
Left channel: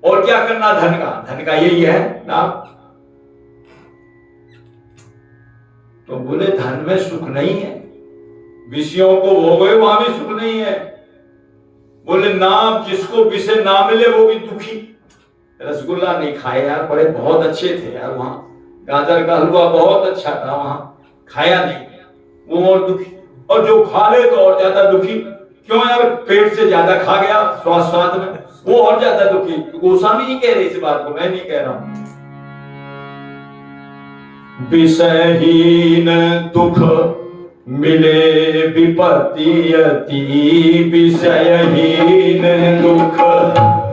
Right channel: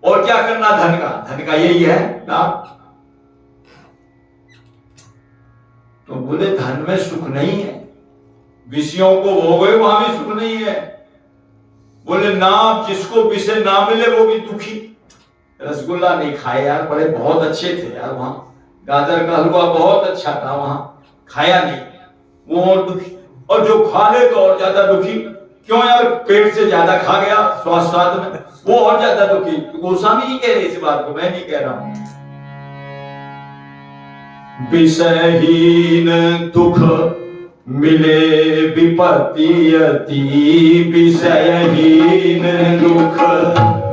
और क्या करना धन का, धन का यही है लाभ। तो बोले धन में सुख नहीं है, विषयों को भोगे वहां भी सुख नहीं है। बोले नाम जिसको विषय ना मिले वो भी दुखी। रसगुल्ला नहीं खाए यार, बड़े बहुत अच्छे थे यार, वहां गाजर का हलवा बहुत अच्छा था, वहां खाया नहीं, वो और दुखी। और जो खा ले तो और ज्यादा दुखी। क्यों यार? पेट से ज्यादा खा गया स्वाद में, वो और ज्यादा दुखी। तो गोस्वामी जी कह रहे इस बात को, मैं नहीं कह रहा हूं। विषयहीन दुख मिले विपत्ति अति, विषयहीन दुख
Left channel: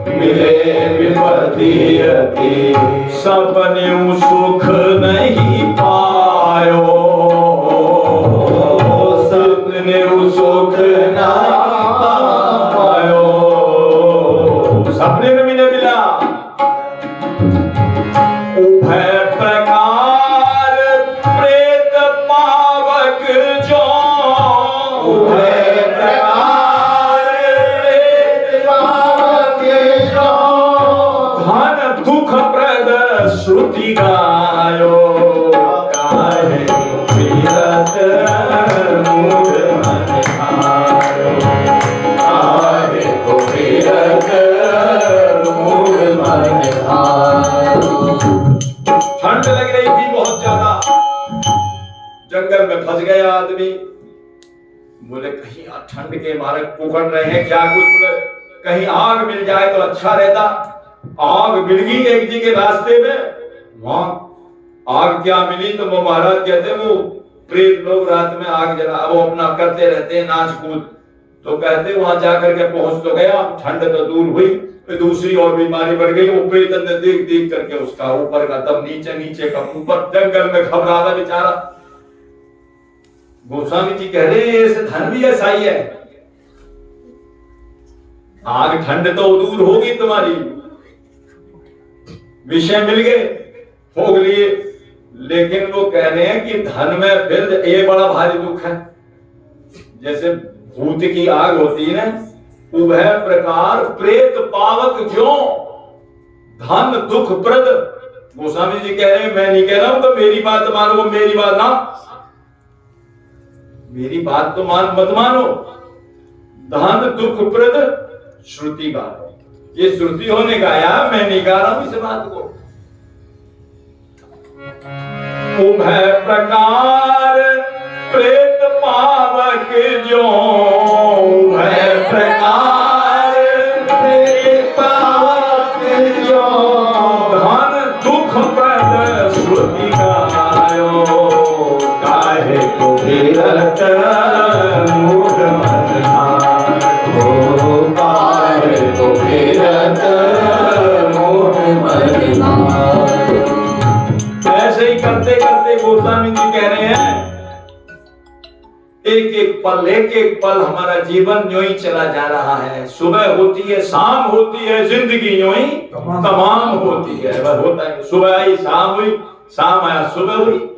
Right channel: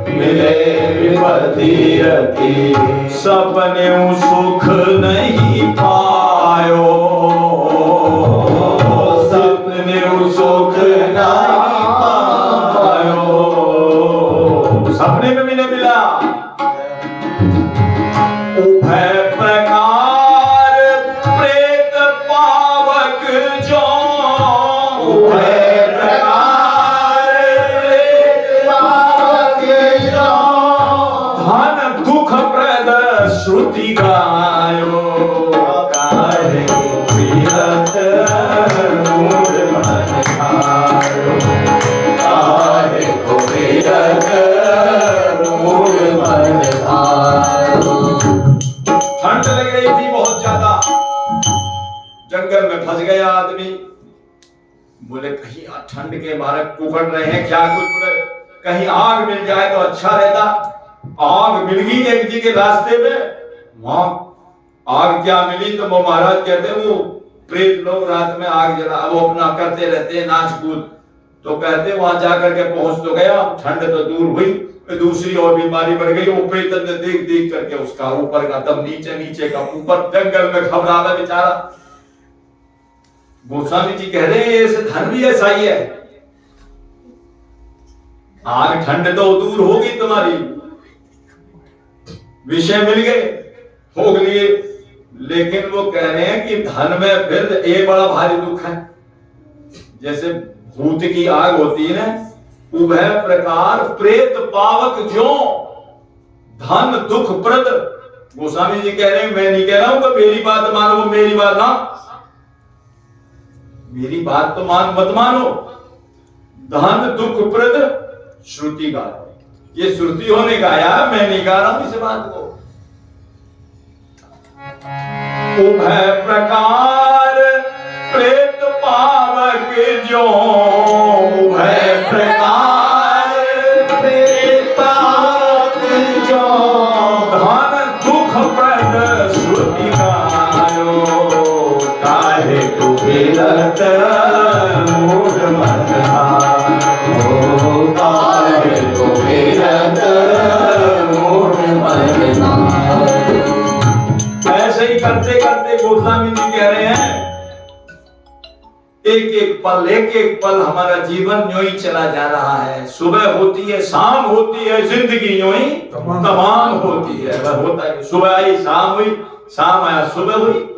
मिले विपत्ति अति, सपने सुख नहीं पायो, सपने सुख नहीं पायो। सपने में भी नहीं मिला। उभय प्रकार प्रेत पावक जो, उभय प्रकार प्रेत पावक जो, धन दुख प्रद श्रुति गायो, काहे को फिरत मूढ़ मन भायो, काहे को फिरत मूढ़ मन भायो। ठंड लग रही थी बहुत ज्यादा, जंगल में फंस गया आदमी, बोले कहीं ठंड के मारे कुकड़ रहे हैं क्या कुछ, बोले कहीं आग मिल जाए तो अच्छा रहता। आग मिल गई एक जी के रास्ते में, वहां आग क्या मिली तो वो महाराज कहते हैं वो प्रेत लोग रात में आग जला वो अपना करते रहते हैं नाच कूद। तो कहते वहां जाकर के पहुंच तो गया, ठंड तो दूर हुई, दूसरी और बीमारी बढ़ गई। वो प्रेत ने देख देख करके उसका ऊपर का दम नीचे, नीचे का ऊपर, जंगल में घबरा गया बेचारा। गोस्वामी जी कह रहे हैं ऐसे धन भी ऐसा ही है, आग ठंड तो दूर होगी तुम्हारी, विषय मिल गए भोग लिए, लेकिन वो कह रहे हैं कि धन में फिर एक बड़ा भारी दुख है। जैसे भूत की आग होती है ना, उभय प्रकार प्रेत पावक जो धन दुख प्रद। गोस्वामी जी कह रहे हैं मैं नहीं कह रहा हूं कि मेरी बात मानो, मेरी बात ना, मेरी बात तो मत मानो। धन दुख प्रद श्रुति गाओ, ये श्रुति होने गाया, मैं नहीं गा रहा हूं इस बात को। उभय प्रकार प्रेत पावक जो, उभय प्रकार प्रेत पावक जो धन दुख प्रद श्रुति गायो, काहे को विरत मूढ़ मन हो, काहे को विरत मूढ़ मन हो। ऐसे ही करते करते गोस्वामी जी कह रहे हैं एक एक पल हमारा जीवन यूं ही चला जा रहा है। सुबह होती है, शाम होती है, जिंदगी यूं ही तमाम होती है। वह होता है सुबह आई शाम हुई, शाम आया सुबह हुई,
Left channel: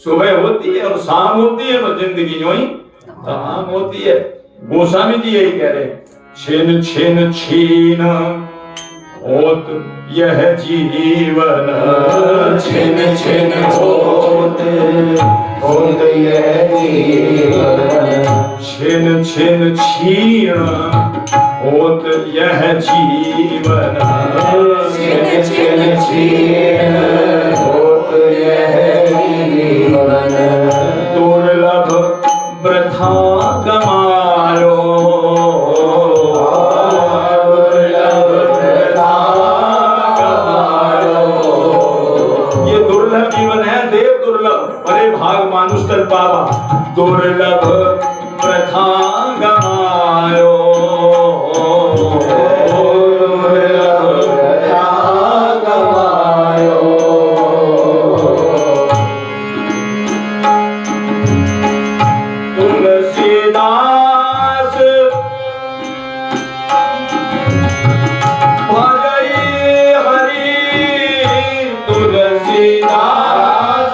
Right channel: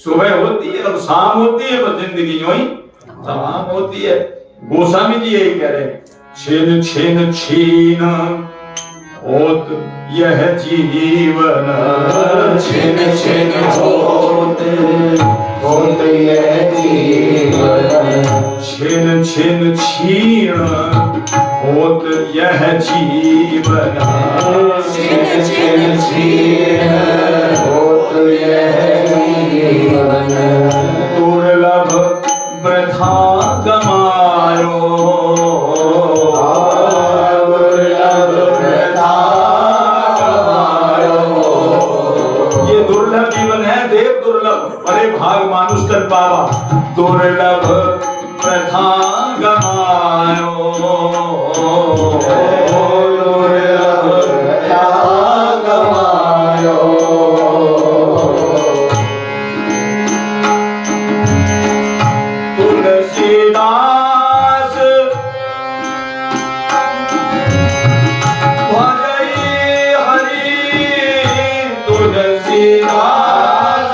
सुबह होती है और शाम होती है, वह जिंदगी यूं ही तमाम होती है। गोस्वामी जी यही कह रहे हैं, छिन छिन छीन होत यह जीवन, छिन छिन होत यह जीवन, छिन छिन छीन होत यह जीवन, छिन छिन छीन होत यह जीवन, दुर्लभ वृथा गमायो, भाग मानुष कर पावा, दुर्लभ प्रथा गमायो, दुर्लभ प्रथा गमायो। तुलसीदास भजई हरि, तुलसीदास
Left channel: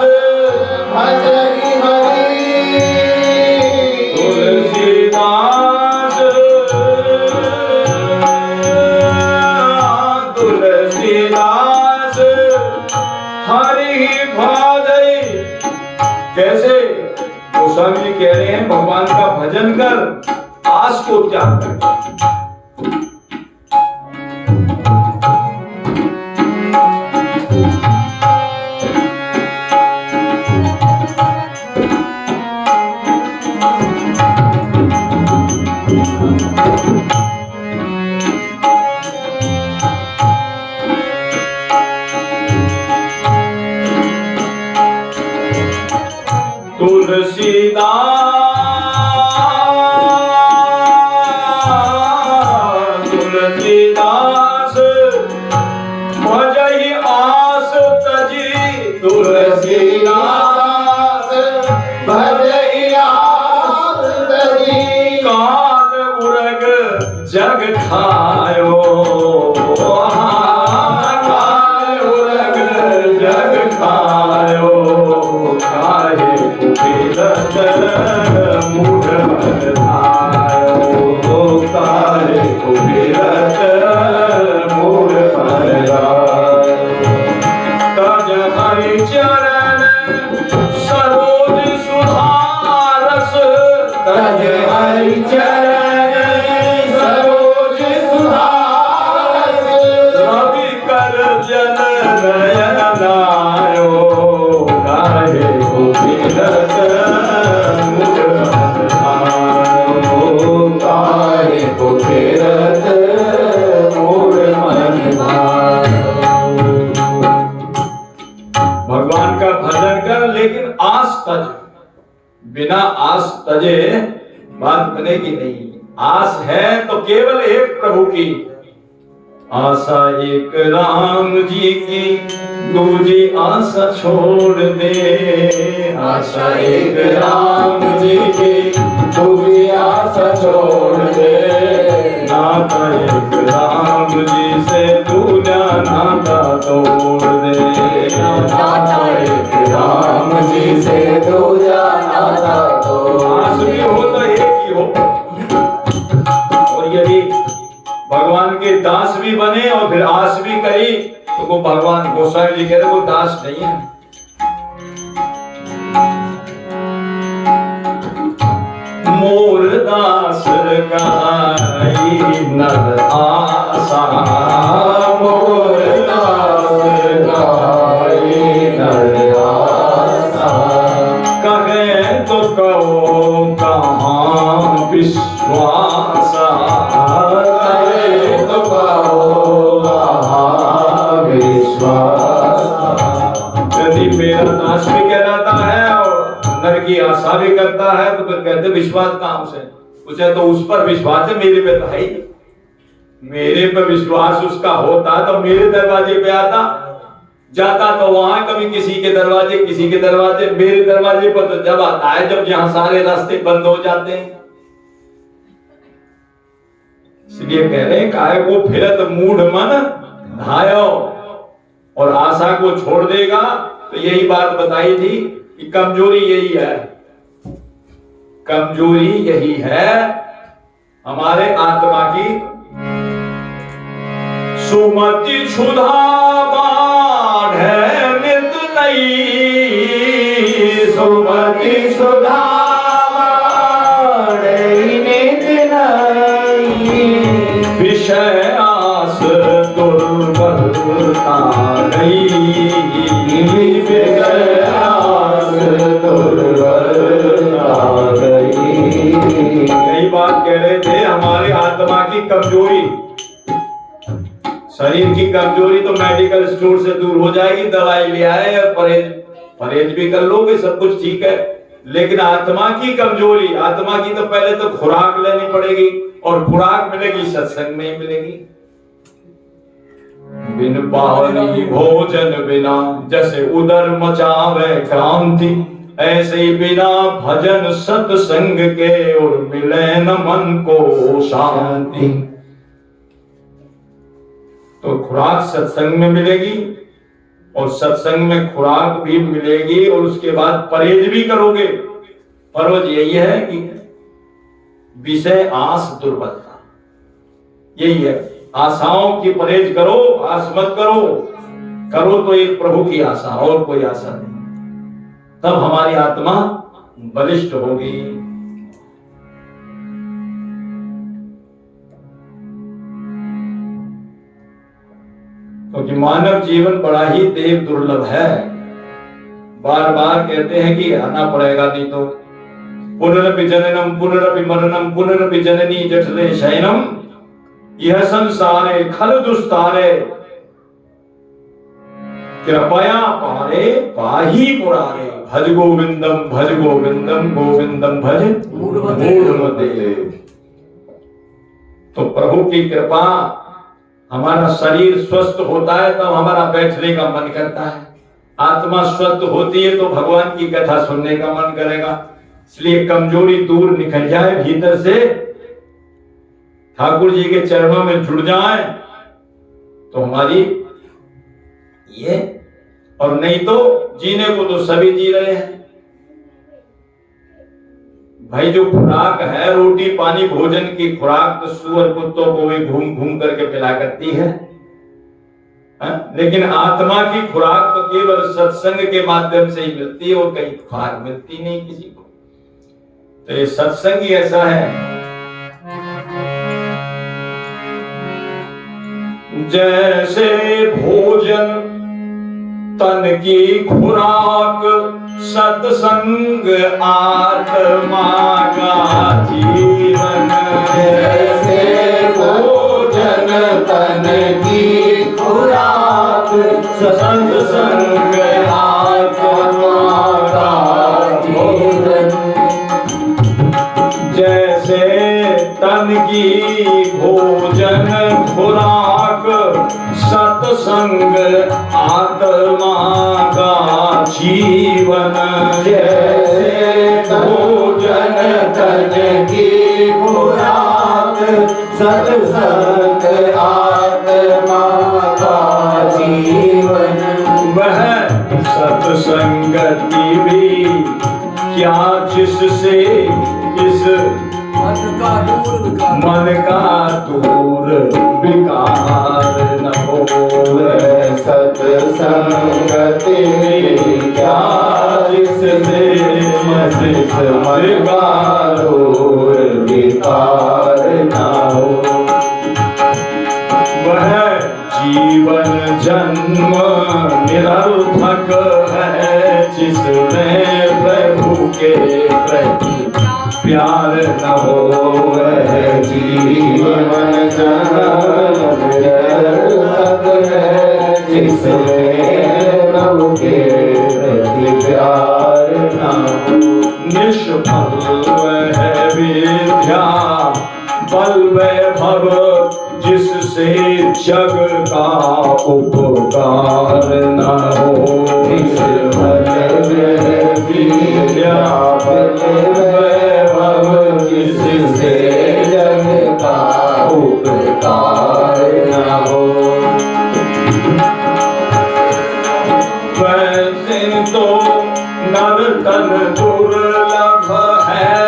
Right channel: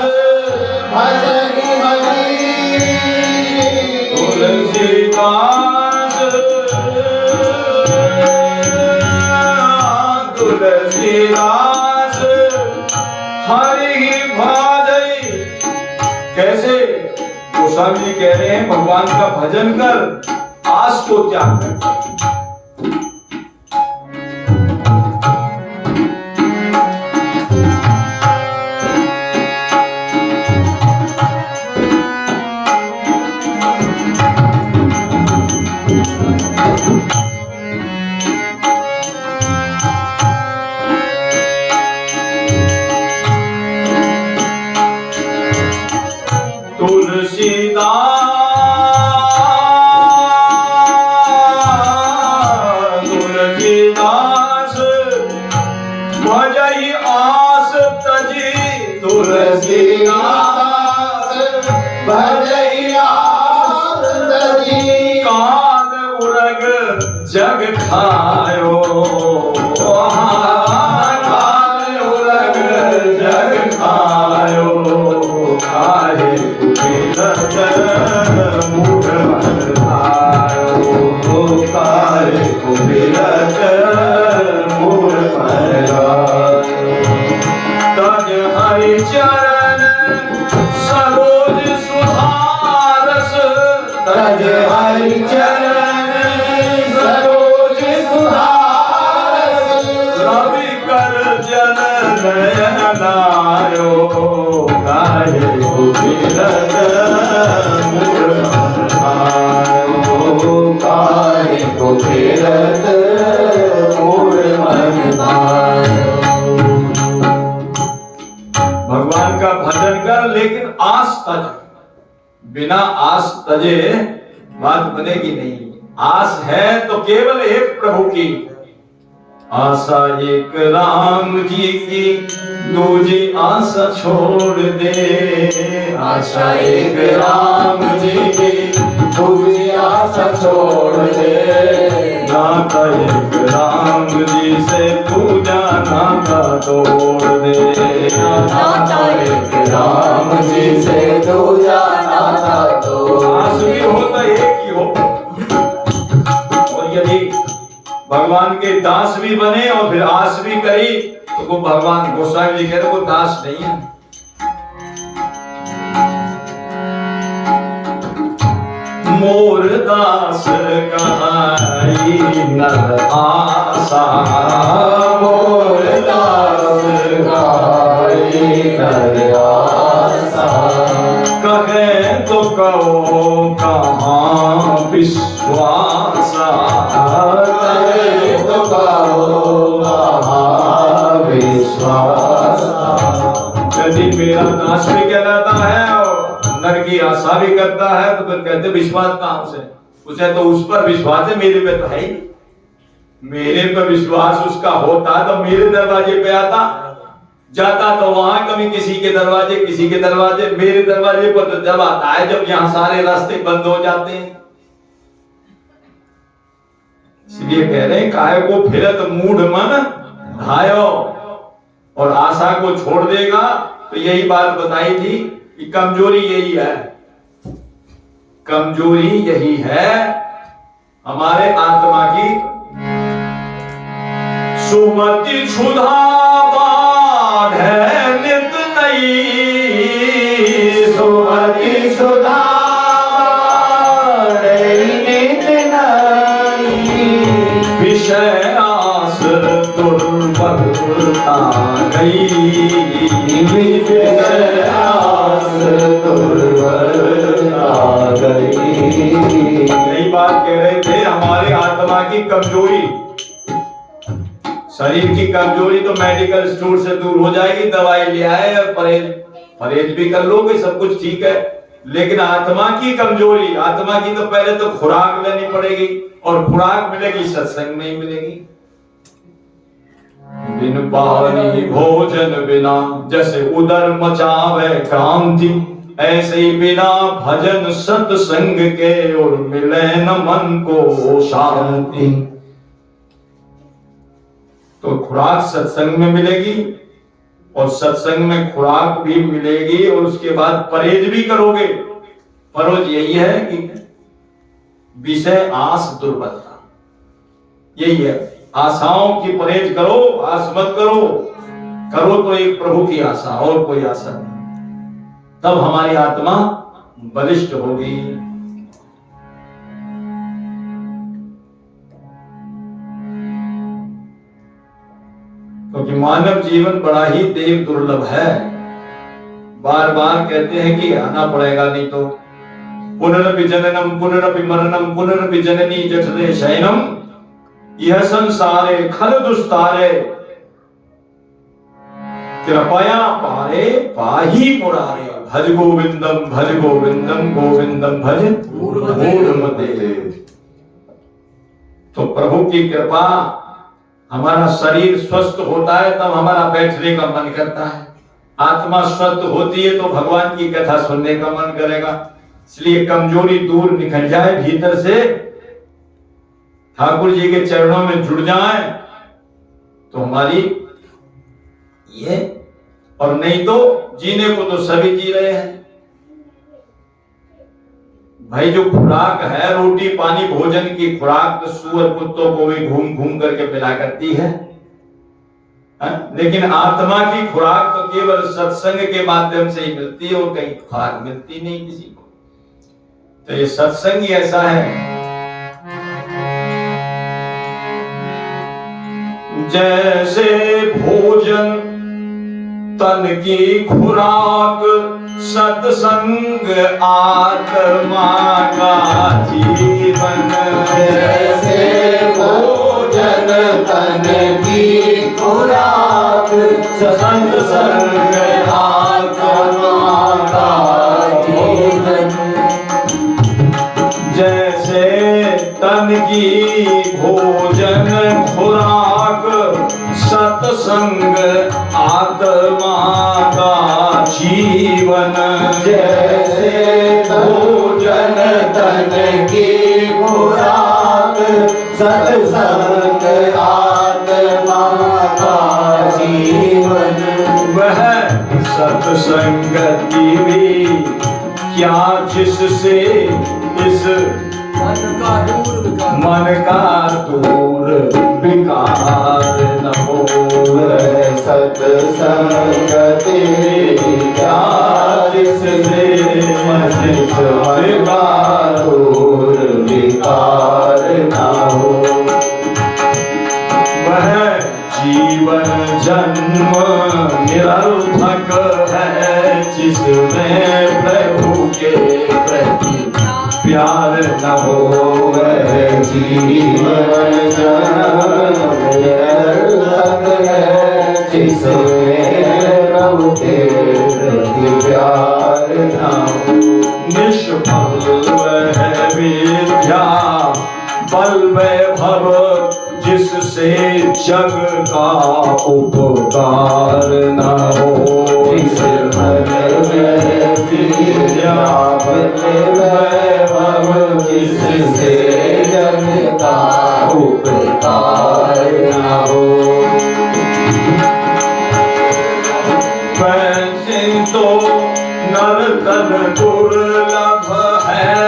कैसे? गोस्वामी जी कह रहे हैं भगवान का भजन कर, आस को त्याग कर। तुलसीदास भजई आस तजी, तुलसीदास भजई आस तजी, कांद उरग जग खायो, कांद उरग जग खायो, काहे विरत मूढ़ मन धारो, काहे विरत मूढ़ मन धारो। तज हरि चरण सरोज सुधारस, तज हरि चरण सरोज सुधारस, रवि कर जल नयन नारो, काहे विरत मूढ़ मन धारो। भजन कर, लेकिन आस तज। बिना आस तजे बात बनेगी नहीं। आस है तो केवल एक प्रभु की। आशा एक राम जी की, दूजी आशा छोड़ दे। आशा एक राम जी की, दूजी आशा छोड़ दे। नाता एक राम जी से, दूजा नाता तोड़ दे। नाता एक राम जी से, दूजा नाता तोड़ आस भी हो तो एक ही हो। और यदि भगवान के दास भी बने और फिर आस भी करी तो वो भगवान गोसाई जी कह रहे वो दास नहीं है। मोर दास कहाई नर आशा, मोर दास कहाई नर आशा। कहे तो कहो कहाँ विश्वासा, कहे तो कहो कहाँ विश्वासा। यदि मेरा दास भी कहलाता है और नर की आशा भी करता है तो फिर कहते विश्वास कहाँ से? उसे तो उस पर विश्वास है, मेरे पे तो है ही। मेरे पे विश्वास उसका होता तो मेरे दरवाजे पे आता, जाता तो वहां कभी किसी के दरवाजे, मेरे दरवाजे पर तो जब आता है जब यहाँ सारे रास्ते बंद हो जाते हैं। इसलिए कह रहे हैं काहे को फिरत मूढ़ मन धायो, और आशा को छोड़ देगा। तो यही बात बताई थी कि कमजोरी यही है, कमजोरी यही है हमारे आत्मा की। सुमति क्षुधा बाढ़े नित नई, सुमति क्षुधा बाढ़े नित नई। विषय आस दुर्बलता गई, विषय आस दुर्बलता गई। यही बात कह रहे थे, हमारे आत्मा की कमजोरी। शरीर की कमजोरी तो मेडिकल स्टोर से दूर हो जाएगी, दवाई ले आए या परहेज भी कर लोगे, सब कुछ ठीक है। लेकिन आत्मा की कमजोरी, आत्मा की तो पहले तो खुराक लेनी पड़ेगी, और खुराक मिलेगी सत्संग नहीं मिलेगी। बिन पानी भोजन बिना जैसे उदर मचावे क्रांति, ऐसे ही बिना भजन सत्संग के और मिले न मन को शांति। तो खुराक सत्संग में मिलेगी, और सत्संग में खुराक भी मिलेगी, और उसके बाद परहेज भी करोगे। परहेज यही है कि विषय आस दुर्बलता, यही है। आशाओं की परहेज करो, आस मत करो। करो तो एक प्रभु की आशा, और कोई आशा नहीं। तब हमारी आत्मा बलिष्ठ होगी। क्योंकि मानव जीवन बड़ा ही देव दुर्लभ है। बार बार कहते हैं कि आना पड़ेगा, नहीं तो पुनरपि जननम पुनरपि मरणम पुनरपि जननी जठरे शयनम, यह संसारे खल दुस्तारे, कृपया पारे पाही मुरारे। भज गोविंदम गोविंदम भज मूढ़मते। तो प्रभु की कृपा, हमारा शरीर स्वस्थ होता है तब हमारा बैठने का मन करता है। आत्मा स्वस्थ होती है तो भगवान की कथा सुनने का मन करेगा। इसलिए कमजोरी दूर निकल जाए भीतर से, ठाकुर जी के चरणों में जुड़ जाए तो हमारी ये, और नहीं तो जीने को तो सभी जी रहे हैं भाई। जो खुराक है रोटी पानी भोजन की खुराक, तो सुअर कुत्तों को भी घूम घूम करके पिला करती है। लेकिन आत्मा की खुराक तो केवल सत्संग के माध्यम से ही मिलती है, और कहीं खुराक मिलती नहीं किसी को। तो ये सत्संग ही ऐसा है। जैसे भोजन तन की खुराक, सत्संग आत्मा का जीवन। जैसे भोजन तन की खुराक, सत्संग आत्मा की भोजन खुराक सत्संग आत्मा का जीवन। जैसे भोजन तन की खुराक सत्संग आत्मा का जीवन। वह सत्संगति भी क्या जिससे इस मन का दूर विकार न हो। सत्संगति क्या जिससे इस मन का दूर विकार न हो। वह जीवन जन्म निरर्थक है जिसमें प्रभु के प्रति प्यार न हो। वह जीवन जन्म निरर्थक है जिसमें प्रभु के प्रति प्यार न हो। निष्फल वह विद्या बल वैभव जिससे जग का उपकार न हो। विद्या बल वैभव जिससे जग का उपकार न हो। वैसे तो नर्तन दुर्लभ है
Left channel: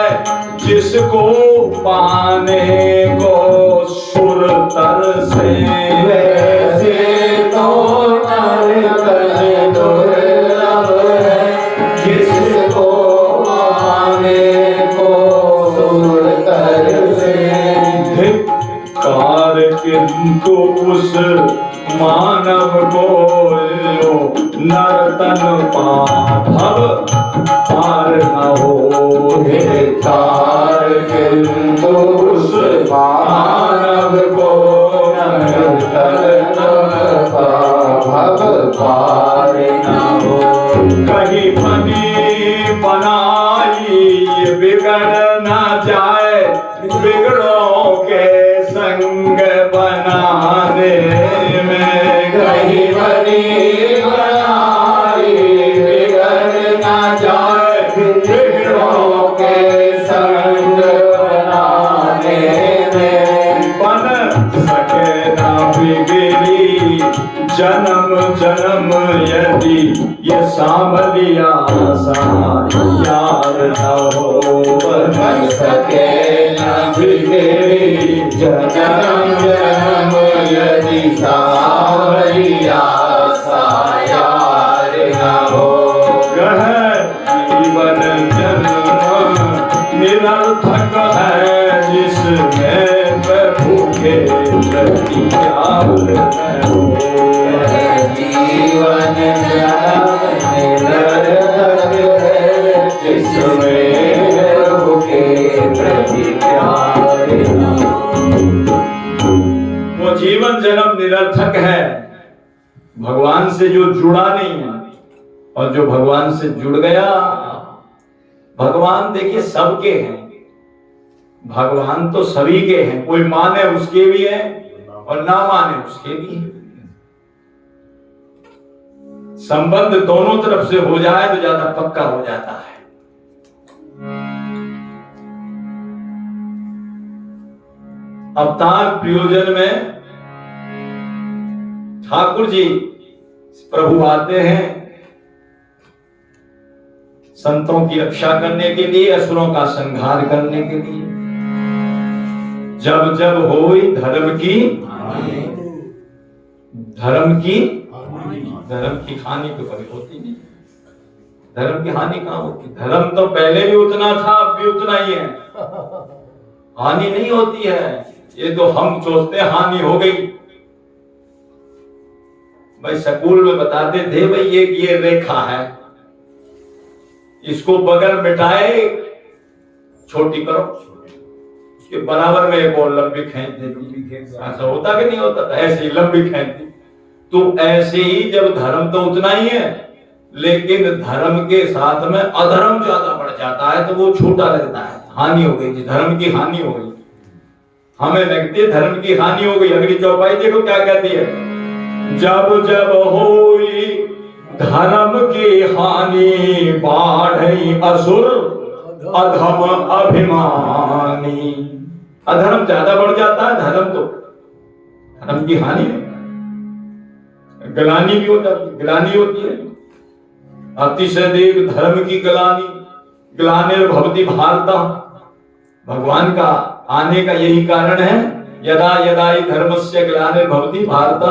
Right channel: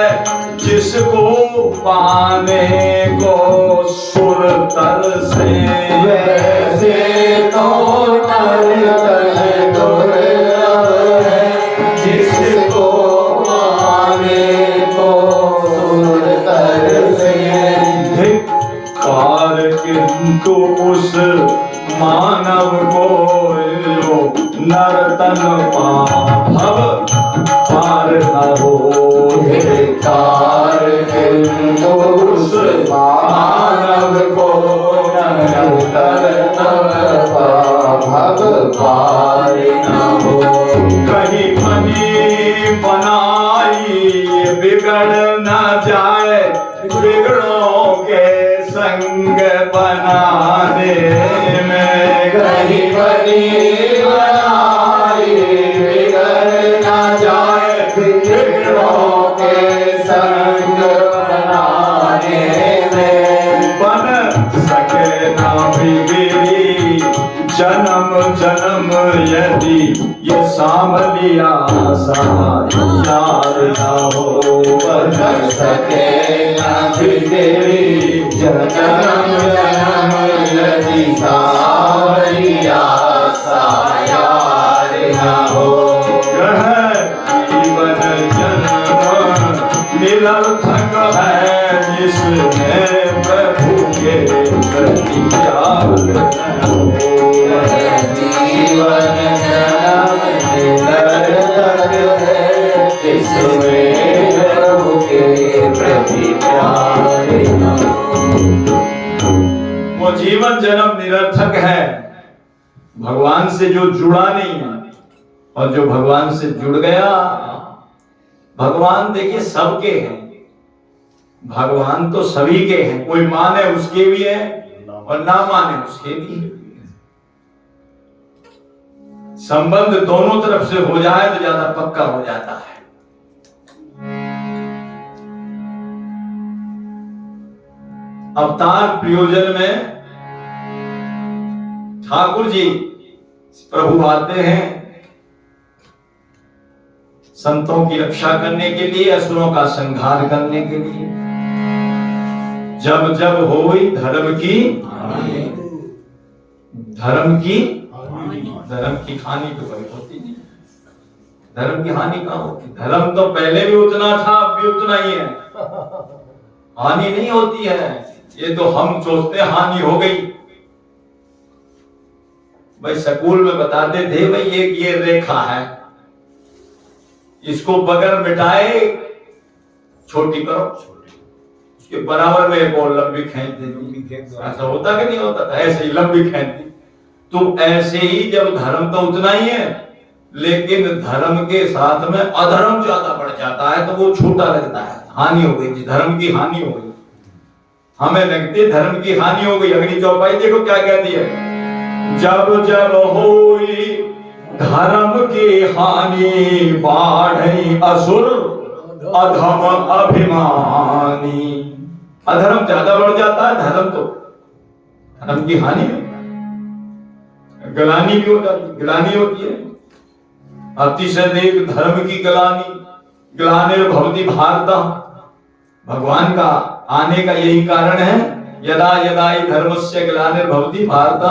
जिसको पाने को सुर तरसे। वैसे तो नर्तन दुर्लभ है जिसको पाने को सुर तरसे। धिक्कार किंतु उस मानव को लो नर्तन भव पार न हो। धिक्कार किंतु उस मानव को नर्तन भव पार न हो। कहीं बनी बनाई बिगड़ न जाए बिगड़ों के संग बनाने में। कहीं बनी बनाई बिगड़ न जाए बिगड़ों के संग बनाने में। बन सके न बिगड़ी जन्म जन्म यदि ये सांवलिया सा यार न हो। बन सके न बिगड़ी जन्म जन्म यदि सांवलिया सा यार न हो। यह जीवन जन्म निरर्थक है जिसमें प्रभु के प्रति प्यार न हो। जीवन जन्म निरर्थक है जिसमें प्रभु के प्रति प्यार न हो। वो जीवन जन्म निरर्थक है भगवान से जो जुड़ा नहीं है। और जो भगवान से जुड़ गया, भगवान देखिए सबके हैं। भगवान तो सभी के हैं, कोई माने उसके भी है और ना माने उसके भी है। संबंध दोनों तरफ से हो जाए तो ज्यादा पक्का हो जाता है। अवतार प्रयोजन में ठाकुर जी प्रभु आते हैं संतों की रक्षा करने के लिए, असुरों का संहार करने के लिए। जब जब होई धर्म की हानि तो कभी होती नहीं। धर्म की हानि कहाँ होती? धर्म तो पहले भी उतना था, अब भी उतना ही है। हानि नहीं होती है। ये तो हम सोचते हैं हानि हो गई। भाई स्कूल में बताते थे भाई ये रेखा है, इसको बगल मिटाए छोटी करो, उसके बराबर में एक और लंबी खींच देती। ऐसा होता कि नहीं होता था? ऐसे ही लंबी खींचती। तो ऐसे ही जब धर्म तो उतना ही है, लेकिन धर्म के साथ में अधर्म ज्यादा बढ़ जाता है तो वो छोटा लगता है। हानि हो गई, धर्म की हानि हो गई। हमें लगती धर्म की हानि हो गई। अगली चौपाई देखो क्या कहती है, जब जब होई धर्म की हानि बाढ़ई असुर अधम अभिमानी। अधर्म ज्यादा बढ़ जाता है, धर्म की हानि ग्लानि भी होता है, ग्लानि होती है। अतिशय देख धर्म की ग्लानि भवति भारतम। भगवान का आने का यही कारण है, यदा यदा ही धर्मस्य ग्लानिर्भवति भारत,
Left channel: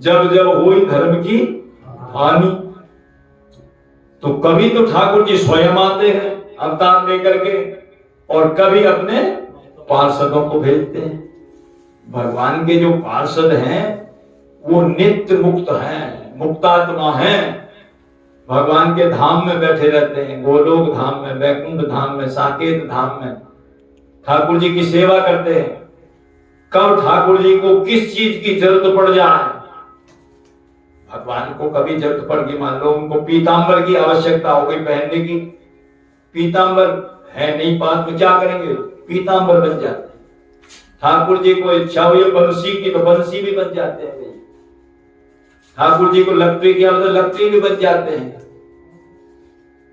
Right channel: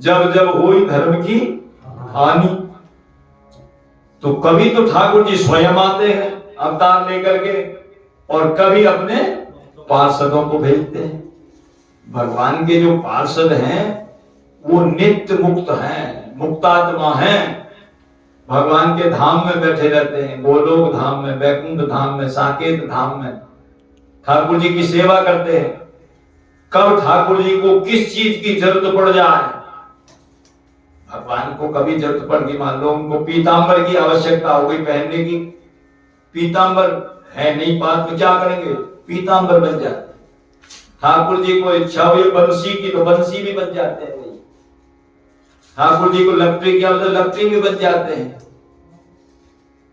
जब जब हुई धर्म की हानि। तो कभी तो ठाकुर जी स्वयं आते हैं अवतार लेकर के, और कभी अपने पार्षदों को भेजते हैं। भगवान के जो पार्षद हैं वो नित्य मुक्त हैं, मुक्तात्मा हैं। भगवान के धाम में बैठे रहते हैं, गोलोक धाम में, वैकुंठ धाम में, साकेत धाम में ठाकुर जी की सेवा करते हैं। कब ठाकुर जी को किस चीज की जरूरत पड़ जाए, भगवान को कभी जरूरत पड़ गई, मान लो उनको पीतांबर की आवश्यकता हो गई पहनने की, पीतांबर है नहीं पास तो क्या करेंगे, पीतांबर बन जाते हैं। ठाकुर जी को इच्छा हुई बंसी की तो बंसी भी बन जाते हैं। ठाकुर जी को लकड़ी की तो लकड़ी भी बन जाते हैं।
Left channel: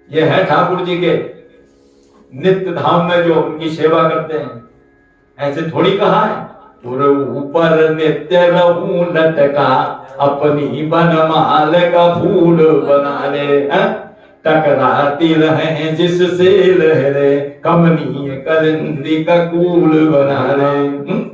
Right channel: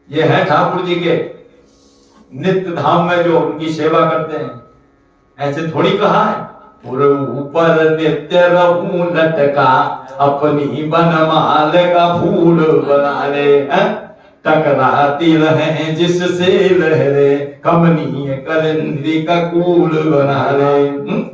यह है ठाकुर जी के नित्य धाम में जो उनकी सेवा करते हैं। ऐसे थोड़ी कहा है, ऊपर नित्य रहूं लटका अपनी बनमाल का फूल बना ले, टकराती रहे जिससे लहरे कमनीय कलिंदी का कूल बना ले।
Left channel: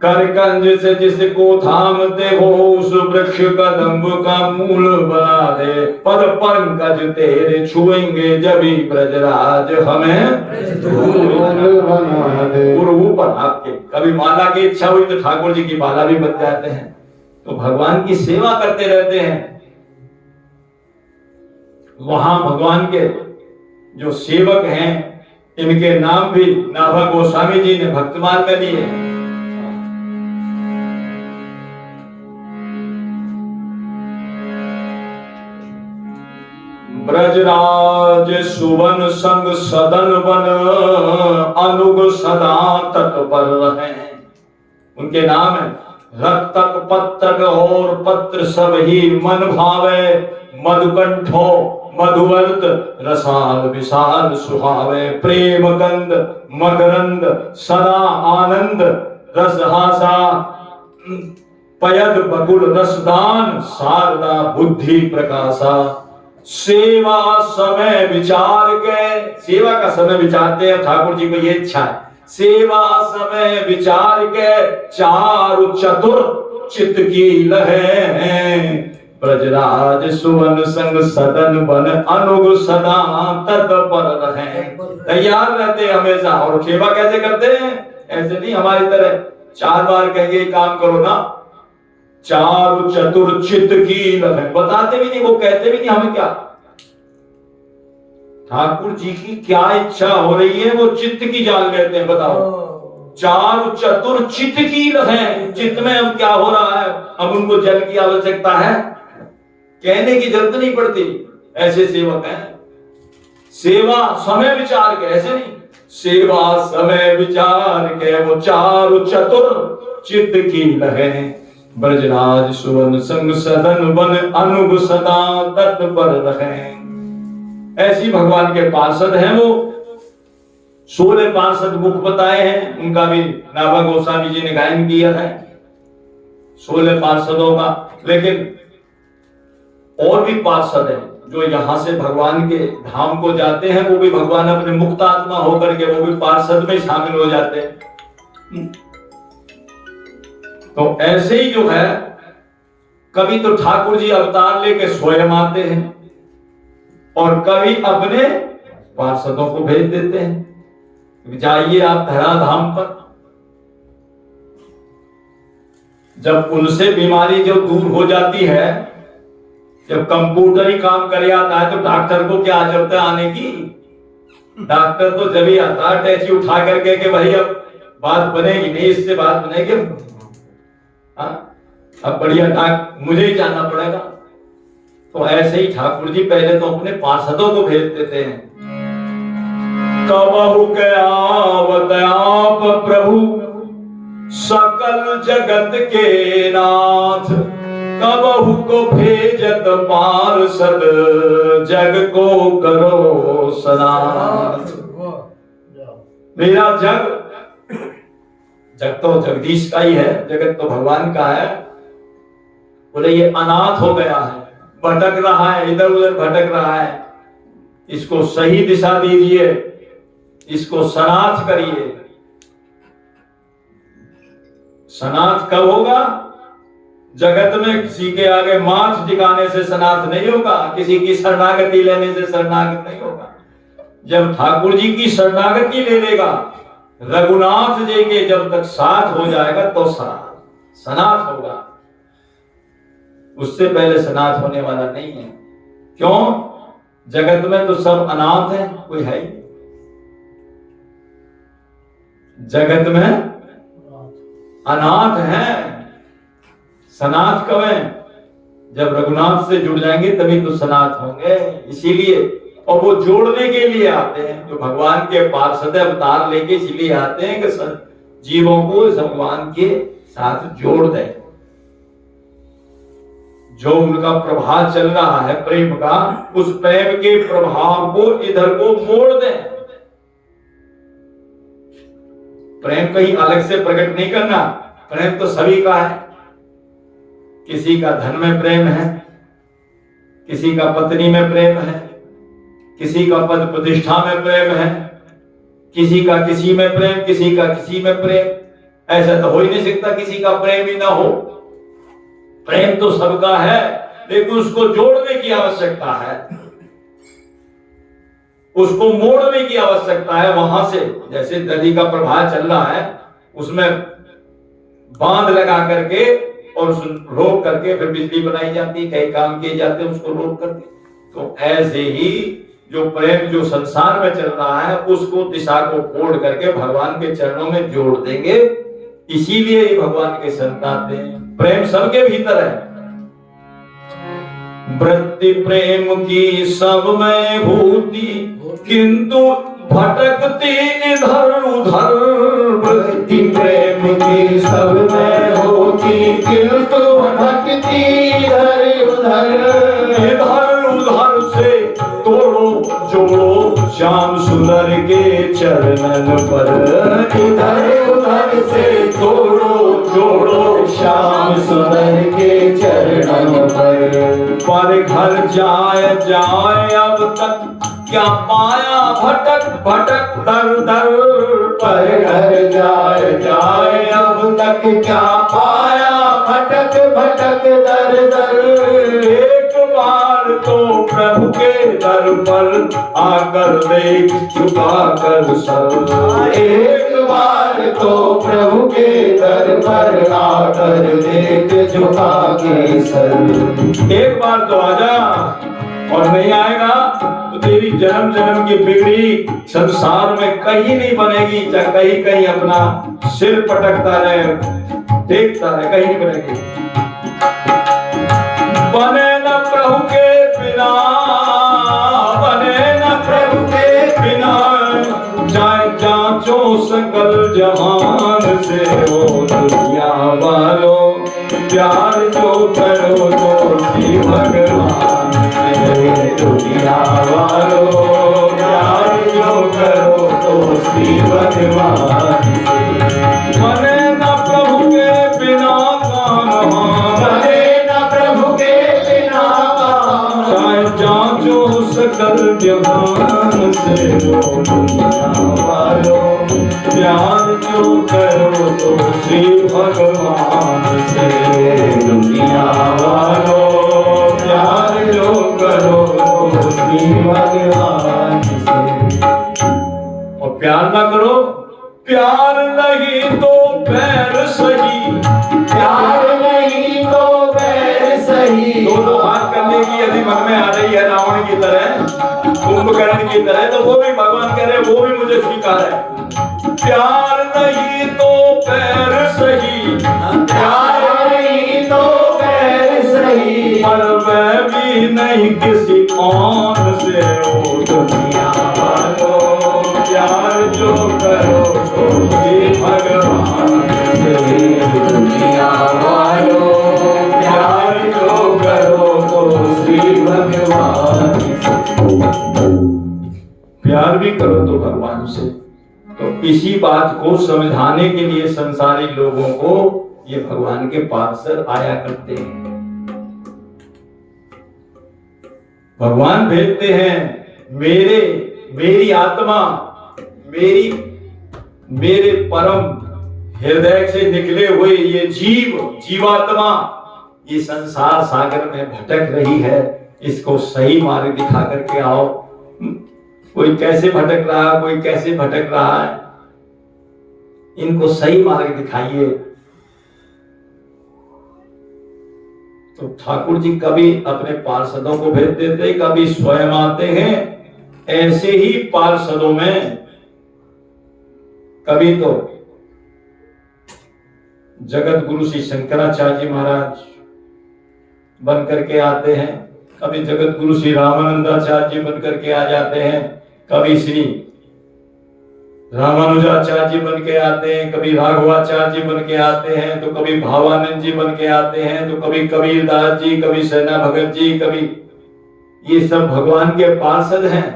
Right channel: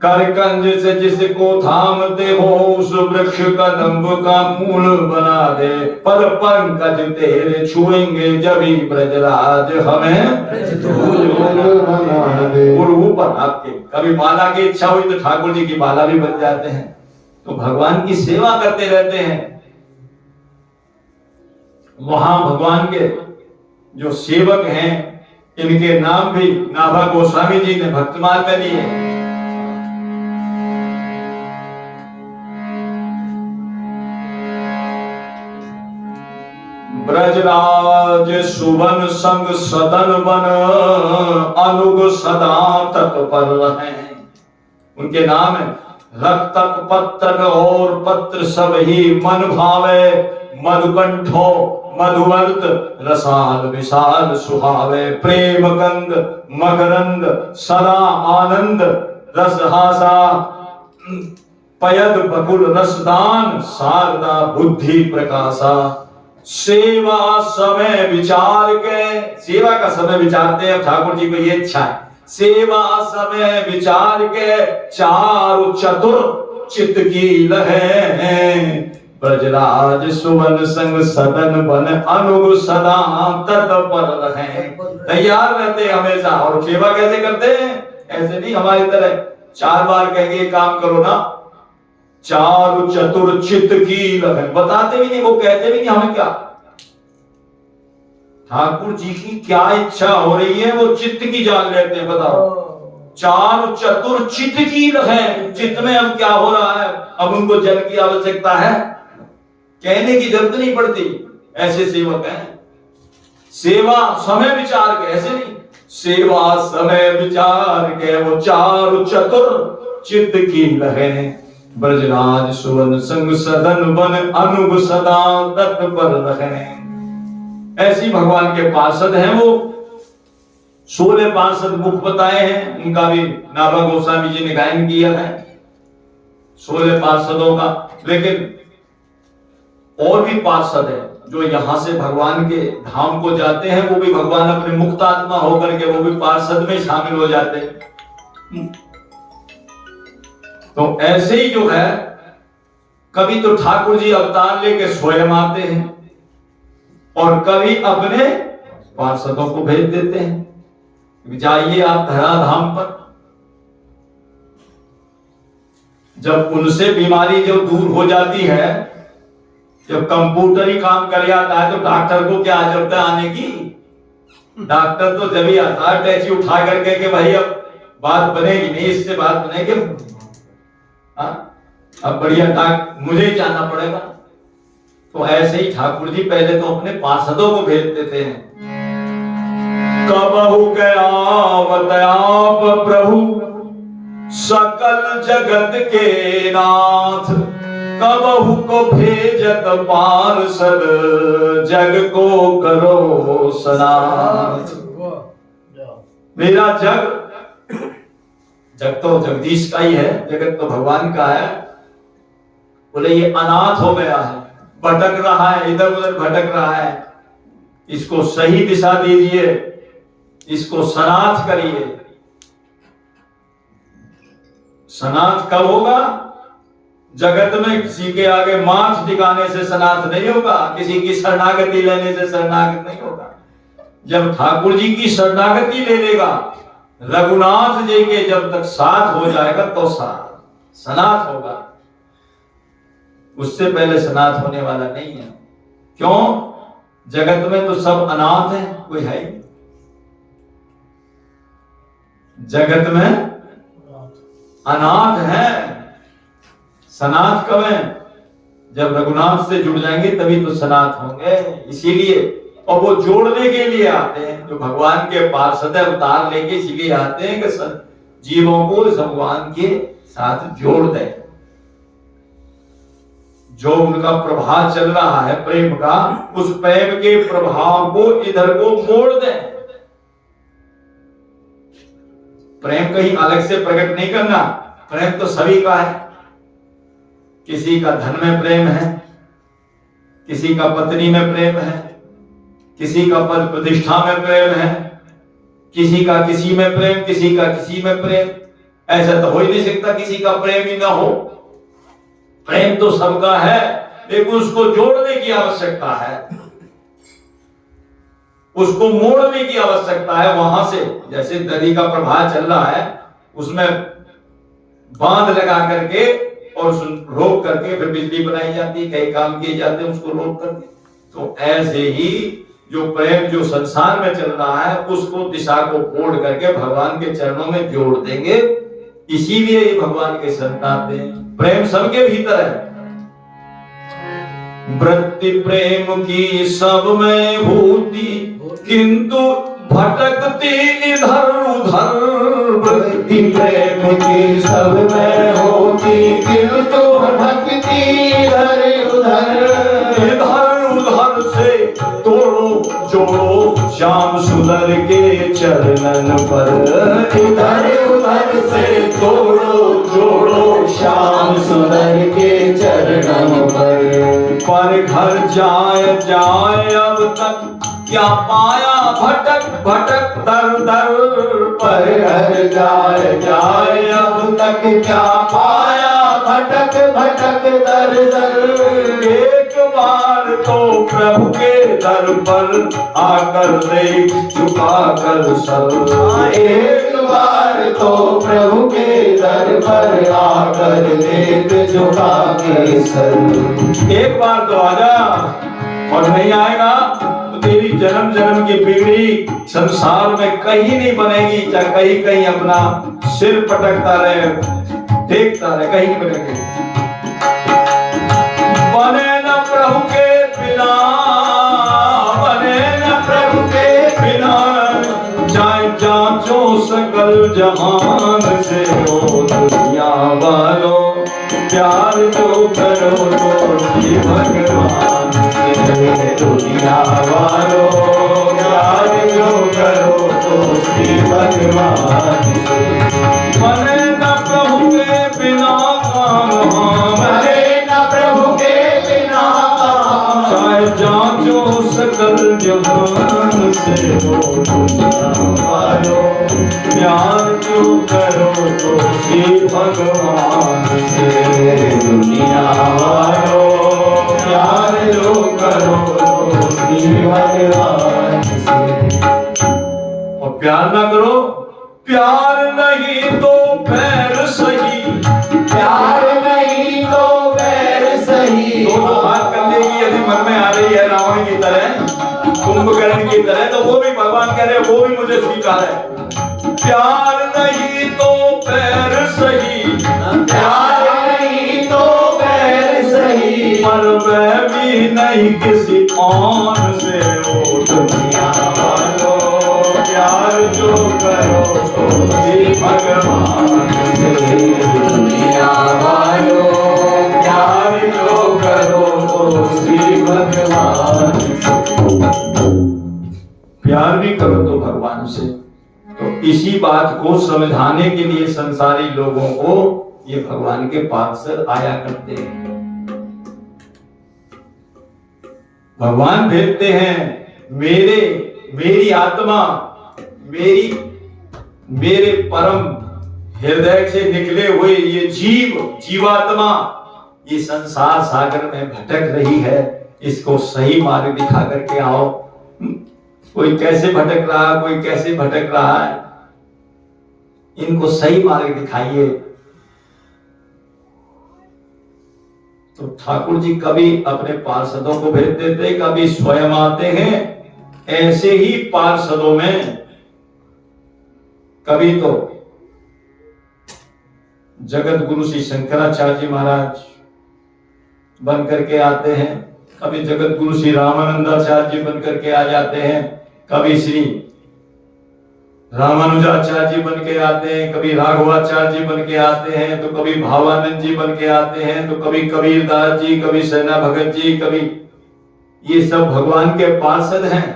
करकंज से जिसको थामते हो उस वृक्ष कदम्ब का मूल बना दे। पद पंकज तेरे छुएंगे जभी ब्रजराज हमें धूल बना दे। और ऊपर आपके कभी माला की इच्छा हुई तो ठाकुर जी की माला भी बन जाते हैं। तो भगवान की सेवा करते रहते हैं। वहां भगवान के जो सेवक हैं इनके नाम भी नाभा गोस्वामी जी ने भक्तमाल में दिए। ब्रजराज सुवन संग सदन बन अनुग सदा तत्पर रहे। उनके नाम है रक्तक पत्रक और पत्र सब ही मन भावे। मधुकंठो मधुवर्त रसाल विशाल सुहावे। प्रेम गंध मकरंद सदा आनंद रसहासा। पयद बकुल रसदान शारदा बुद्धि प्रकाशा। सेवा समय विचार के, सेवा का समय विचारते हैं ठाकुर जी को ये इच्छा है। सेवा समय विचार के चारु चतुर चित्त की लहे। ब्रजराज सुवन संग सदन बन अनुग सदा तत्पर रहे। तैयार रहते हमेशा। और सेवा कैसे करते हैं, ऐसे नहीं हमारी तरह 4 बार कहेंगे काम करो ना। चारु चतुर चित्त की लगे, बताते भी नहीं, वो कहते भी नहीं हमें क्या ठाकुर जी की क्या इच्छा हो रही है वो चित्त की जान लेते हैं। बताओ, चारु चतुर चित्त की लगे, चित्त में अब क्या हो रहा है। अब उनको जल की आवश्यकता है, कहने की जरूरत नहीं पड़ती। ऐसे सेवक हैं। सेवा समय विचार के, ऐसे नहीं, सेवा समय विचार के वो चारु चतुर चित्त की लगे। ब्रजराज सुवन संग सदन बन अनुग सदा तत्पर रहे। ऐसी भगवान के पार्षद हैं वो। 16 पार्षद मुख बताए हैं, उनका भी नाभा गोस्वामी जी ने गायन किया है 16 पार्षदों का। लेकिन और भी पार्षद हैं जो यहां से भगवान के धाम को जाते हैं, वो भी भगवान अपने मुक्त आत्मा होकर के वो भी पार्षद में शामिल हो जाते हैं। तो ऐसे ही जो है, कभी तो ठाकुर जी अवतार लेके स्वयं आते हैं और कभी अपने पार्षदों को भेज देते हैं, जाइए आप धराधाम पर। जब उनसे बीमारी जो दूर हो जाती है, जब कंप्यूटर ही काम कर आता है तो डॉक्टर को क्या जरूरत है आने की। डॉक्टर तो जब ही आता है टैची उठा करके कि भाई अब बात बनेगी नहीं, इससे बात बनेगी, अब बढ़िया मुझे ही जाना पड़ेगा। तो ऐसे ही ठाकुर जी पहले तो अपने पार्षदों को भेज देते हैं। कबहु गया आप प्रभु सकल जगत के नाथ कबहु को भेजत पार्षद जग को करो सनाथ। मेरा जग तो जगदीश का ही है, जगत तो भगवान का है। बोले ये अनाथ हो गया है, भटक रहा है, इधर उधर भटक रहा है, इसको सही दिशा दीजिए, इसको सनाथ करिए। सनाथ कब होगा? जगत में किसी के आगे माथ टिकाने से सनाथ नहीं होगा, किसी की शरणागति लेने से शरणागत नहीं होगा। जब ठाकुर जी की शरणागति ले लेगा, रघुनाथ जी के जब तक साथ हो जाएगा तो सनाथ होगा, उससे पहले सनाथ होने वाला नहीं है। क्यों? जगत में तो सब अनाथ है, कोई है ही। जगत में अनाथ है, सनाथ कब है? जब रघुनाथ से जुड़ जाएंगे तभी तो सनाथ होंगे। इसीलिए, और वो जोड़ने के लिए आते हैं, जो भगवान के पार्षद अवतार लेके इसीलिए आते हैं कि जीवों को भगवान के साथ जोड़ दे। जो उनका प्रभाव चल रहा है प्रेम का, उस प्रेम के प्रभाव को इधर को मोड़ दे। प्रेम कहीं अलग से प्रकट नहीं करना, प्रेम तो सभी का है। किसी का धन में प्रेम है, किसी का पत्नी में प्रेम है, किसी का पद प्रतिष्ठा में प्रेम है, किसी का किसी में प्रेम, किसी का किसी में प्रेम। ऐसा तो हो ही नहीं सकता किसी का प्रेम ही ना हो। प्रेम तो सबका है, लेकिन उसको जोड़ने की आवश्यकता है, उसको मोड़ने की आवश्यकता है। वहां से जैसे नदी का प्रवाह चल रहा है, उसमें बांध लगा करके और रोक करके फिर बिजली बनाई जाती है, कई काम किए जाते हैं उसको रोक करके। तो ऐसे ही जो प्रेम जो संसार में चल रहा है, उसको दिशा को मोड़ करके भगवान के चरणों में जोड़ देंगे। इसीलिए भगवान के संतान हैं। प्रेम सबके भीतर है। वृत्ति प्रेम की सब में होती, किंतु भटकती इधर उधर। वृत्ति प्रेम की सब में होती, किंतु भटकती इधर उधर से तोड़ो जोड़ो श्याम सुंदर के चरणन पर। इधर उधर से तोड़ो जोड़ो श्याम सुंदर के चरणन पर घर जाए अब तक क्या पाया भटक भटक दर दर। पर घर जाए अब तक क्या पाया भटक भटक दर दर। एक बार तो प्रभु के दर पर आकर देख झुका कर सर। एक बार तो प्रभु के दर पर आकर देख झुका के सर। एक बार तो आजा, और नहीं आएगा तो तेरी जन्म जन्म की पीढ़ी संसार में कहीं नहीं बनेगी। चाहे कहीं कहीं अपना सिर पटकता रहे, देखता रहे, कहीं नहीं बनेगी। बने न प्रभु के बिना, बने न प्रभु के बिना। जाए जांचो सकल जहान से हो दुनिया वालों, प्यार जो करो तो भी भगवान से। दुनिया वालों प्यार जो करो तो श्री भगवान से। बने न प्रभु के बिना काम, बने न प्रभु के बिना चाहे जांचो सकल जहान से हो दुनिया वालों, प्यार जो करो तो श्री भगवान से। दुनिया वालों प्यार जो करो तो श्री भगवान से। और प्यार ना करो, प्यार नहीं तो पैर सही। प्यार नहीं तो बैर सही। दोनों हाथ करने की यदि मन में आ रही है रावण की तरह, कुंभकर्ण की तरह, तो वो भी भगवान कह रहे वो भी मुझे स्वीकार है। प्यार नहीं तो पैर सही, प्यार नहीं तो बैर सही। और वह भी नहीं किसी और से। ओ दुनिया वालों प्यार जो करो तो श्री भगवान से। प्यार भी करो तो भगवान से। तो इसी बात को समझाने के लिए संसारी लोगों को ये भगवान के पार्षद आया करते हैं। भगवान भेजते हैं मेरी आत्मा, मेरे परम हृदय से निकले हुए ये जीवात्मा ये संसार सागर में भटक रही है, इसको सही मार्ग दिखा करके आओ। कोई कैसे भटक रहा है, कोई कैसे भटक रहा है, इनको सही मार्ग दिखाइए। तो ठाकुर जी कभी अपने पार्षदों को भेज देते, कभी स्वयं आते हैं। ऐसे ही पार्षदों में कभी तो जगत गुरु श्री शंकराचार्य जी महाराज बन करके आते हैं, कभी जगत गुरु श्री रामानंदाचार्य जी बन करके आ जाते हैं, कभी श्री रामानुजाचार्य जी बन के आते हैं, कभी राघवाचार्य जी बन के आते हैं, तो कभी भावानंद जी बन के आते हैं, तो कभी कबीरदास जी, कभी सेना भगत जी, कभी ये सब भगवान के पार्षद हैं।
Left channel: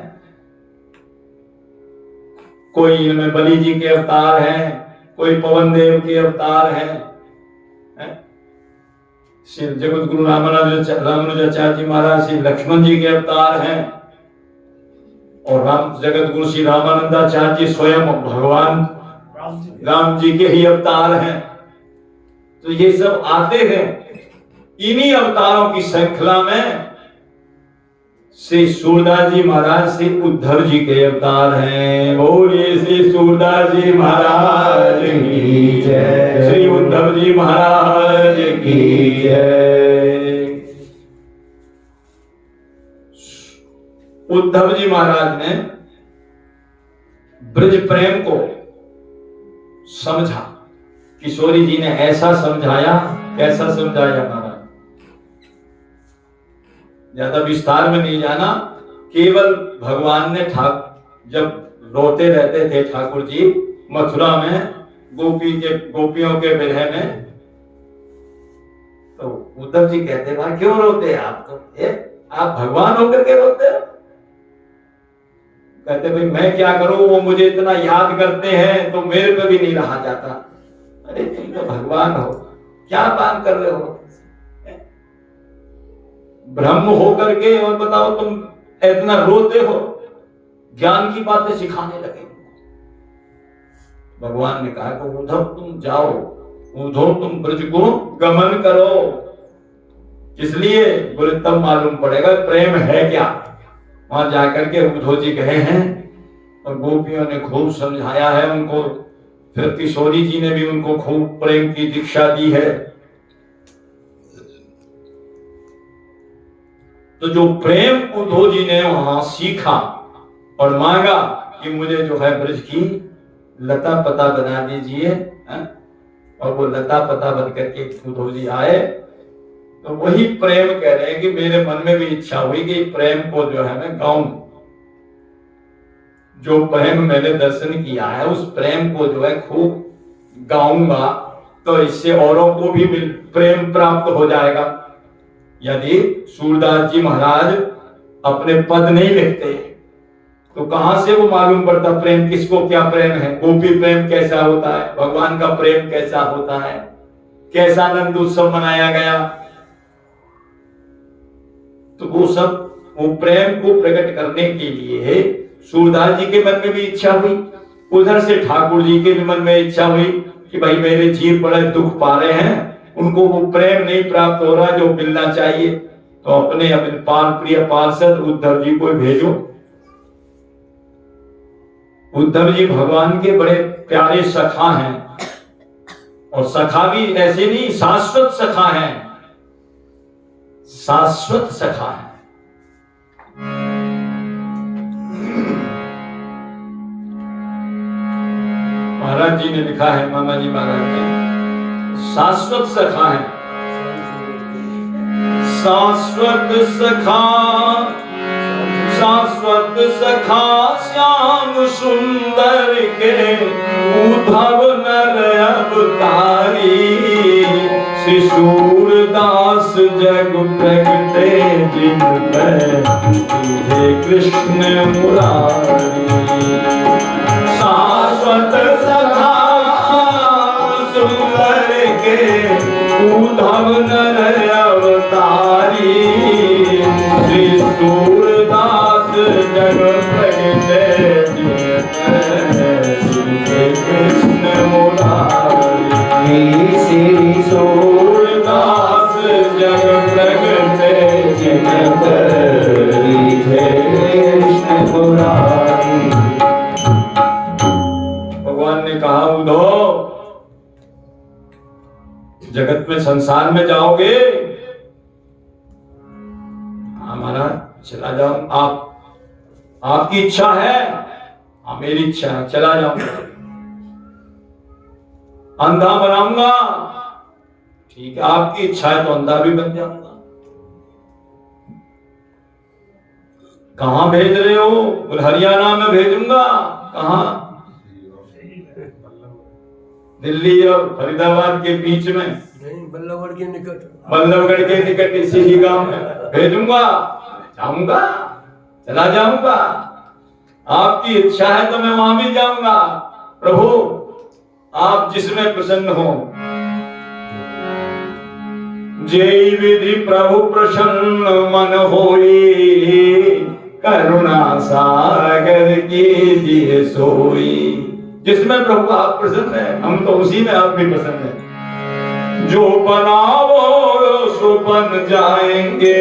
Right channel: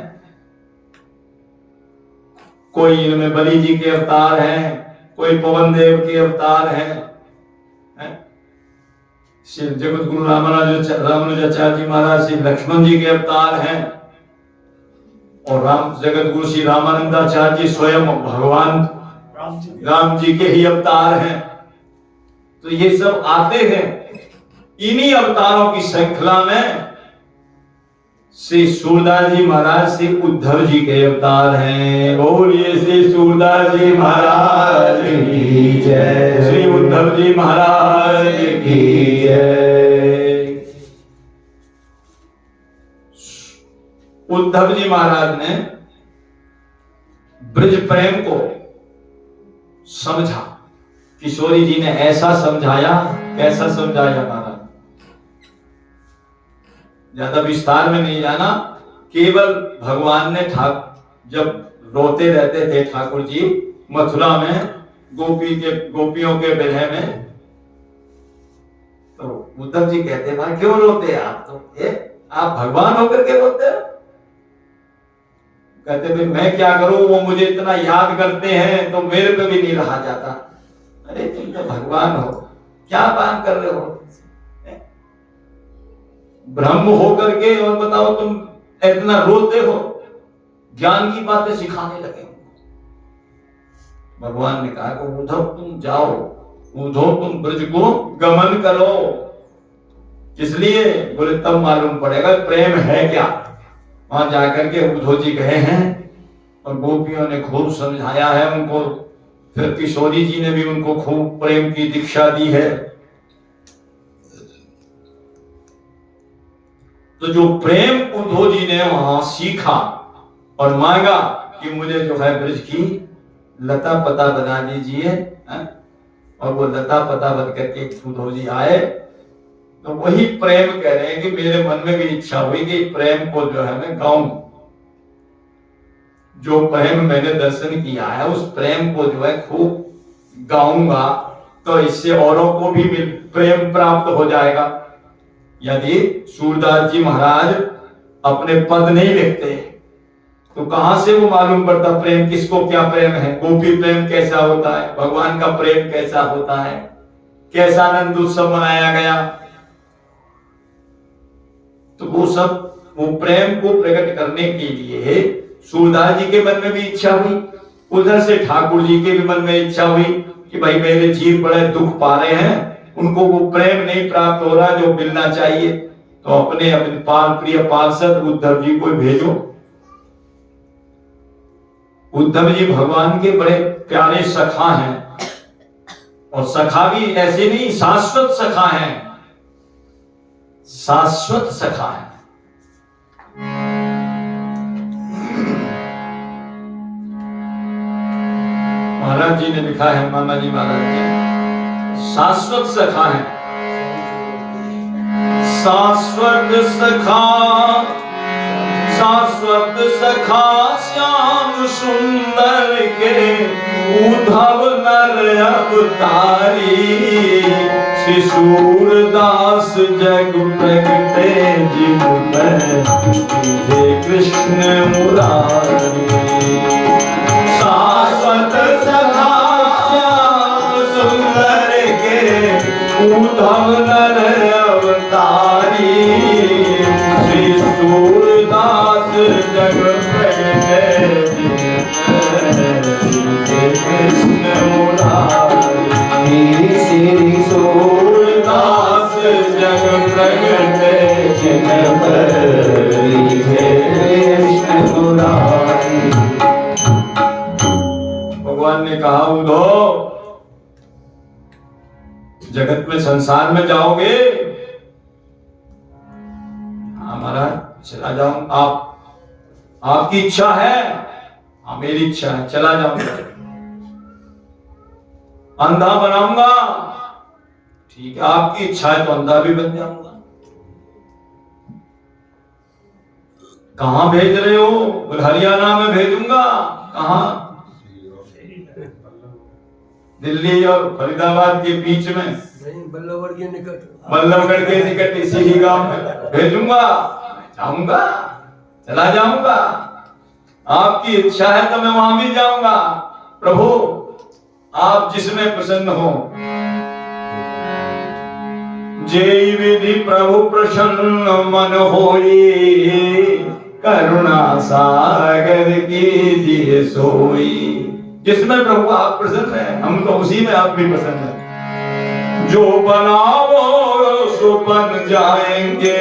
कोई इनमें बलि जी के अवतार हैं, कोई पवन देव के अवतार हैं, श्री जगत गुरु रामानुजाचार्य जी महाराज श्री लक्ष्मण जी के अवतार हैं, और जगत गुरु श्री रामानंदाचार्य जी स्वयं भगवान राम जी के ही अवतार हैं। तो ये सब आते हैं। इन्हीं अवतारों की श्रृंखला में श्री सूरदास जी महाराज श्री उद्धव जी के अवतार हैं। बोलिए श्री सूरदास जी महाराज की जय, श्री उद्धव जी महाराज की जय। उद्धव जी महाराज ने ब्रज प्रेम को समझा, किशोरी जी ने ऐसा समझाया, कैसा समझाया महाराज, ज्यादा विस्तार में नहीं जाना। केवल भगवान ने जब रोते रहते थे ठाकुर जी मथुरा में गोपियों के विरह में, तो उद्धव जी कहते भाई क्यों रोते हैं आप, तो आप भगवान होकर के रोते हो। कहते भाई मैं क्या करूं, वो मुझे इतना याद करते हैं तो मेरे पे भी नहीं रहा जाता। अरे तुम तो भगवान हो, क्या बात कर रहे हो, ब्रह्म होकर के, और बताओ तुम इतना रोते हो, ज्ञान की बातें सिखाने लगे। भगवान ने कहा कि उद्धव तुम जाओ, उद्धव तुम ब्रज को गमन करो। इसलिए बोले तब मालूम पड़ेगा प्रेम है क्या। वहां जाकर के उद्धव जी गए हैं और गोपियों ने खूब समझाया है उनको, फिर किशोरी जी ने भी उनको खूब प्रेम की दीक्षा दी है। तो जो प्रेम उद्धव जी ने वहां सीखा और मांगा कि मुझे जो है ब्रज की लता पता बना दीजिए, और वो लता पता बन करके उद्धव जी आए, तो वही प्रेम कह रहे हैं कि मेरे मन में भी इच्छा हुई कि प्रेम को जो है मैं गाऊं। जो प्रेम मैंने दर्शन किया है उस प्रेम को जो है खूब गाऊंगा, तो इससे औरों को भी प्रेम प्राप्त हो जाएगा। यदि सूरदास जी महाराज अपने पद नहीं लिखते तो कहां से वो मालूम पड़ता प्रेम किसको क्या प्रेम है, गोपी प्रेम कैसा होता है, भगवान का प्रेम कैसा होता है, कैसा आनंद उत्सव मनाया गया। तो वो प्रेम को प्रकट करने के लिए सूरदास जी के मन में भी इच्छा हुई, उधर से ठाकुर जी के भी मन में इच्छा हुई कि भाई मेरे जीव बड़े दुख पा रहे हैं, उनको वो प्रेम नहीं प्राप्त हो रहा जो मिलना चाहिए, तो अपने प्रिय पार्षद उद्धव जी को भेजो। उद्धव जी भगवान के बड़े प्यारे सखा हैं, और सखा भी ऐसे नहीं, शाश्वत सखा हैं, शाश्वत सखा है। महाराज जी ने लिखा है, मामा जी महाराज जी, शाश्वत सखा है। शाश्वत सखा, शाश्वत सखा श्याम सुंदर के उद्धव नर अवतारी श्री सूरदास जग प्रगटे जिनमें तुझे कृष्ण मुरारी शाश्वत सखा सुंदर के उद्धव नर अवतारी श्री सूरदास जग प्रगटे कृष्ण मुरारी श्री सूरदास जग प्रगटे कृष्ण मुरारी। भगवान ने कहा उद्धव जगत में संसार में जाओगे, हमारा चला जाऊं, आपकी इच्छा है, हाँ मेरी इच्छा है, चला जाऊंगा। अंधा बनाऊंगा, ठीक है आपकी इच्छा है तो अंधा भी बन जाऊंगा। कहां भेज रहे हो? बोले हरियाणा में भेजूंगा। कहां? दिल्ली और फरीदाबाद के बीच में, बल्लभगढ़ के निकट इसी ही गांव में भेजूंगा। जाऊंगा, चला जाऊंगा, आपकी इच्छा है तो मैं वहां भी जाऊंगा। प्रभु आप जिसमें प्रसन्न हो। जय विधि प्रभु प्रसन्न मन होई, करुणा सागर कीजिए सोई। जिसमें प्रभु आप प्रसन्न है, हम तो उसी में आप भी प्रसन्न है। जो बनाओ सो बन जाएंगे,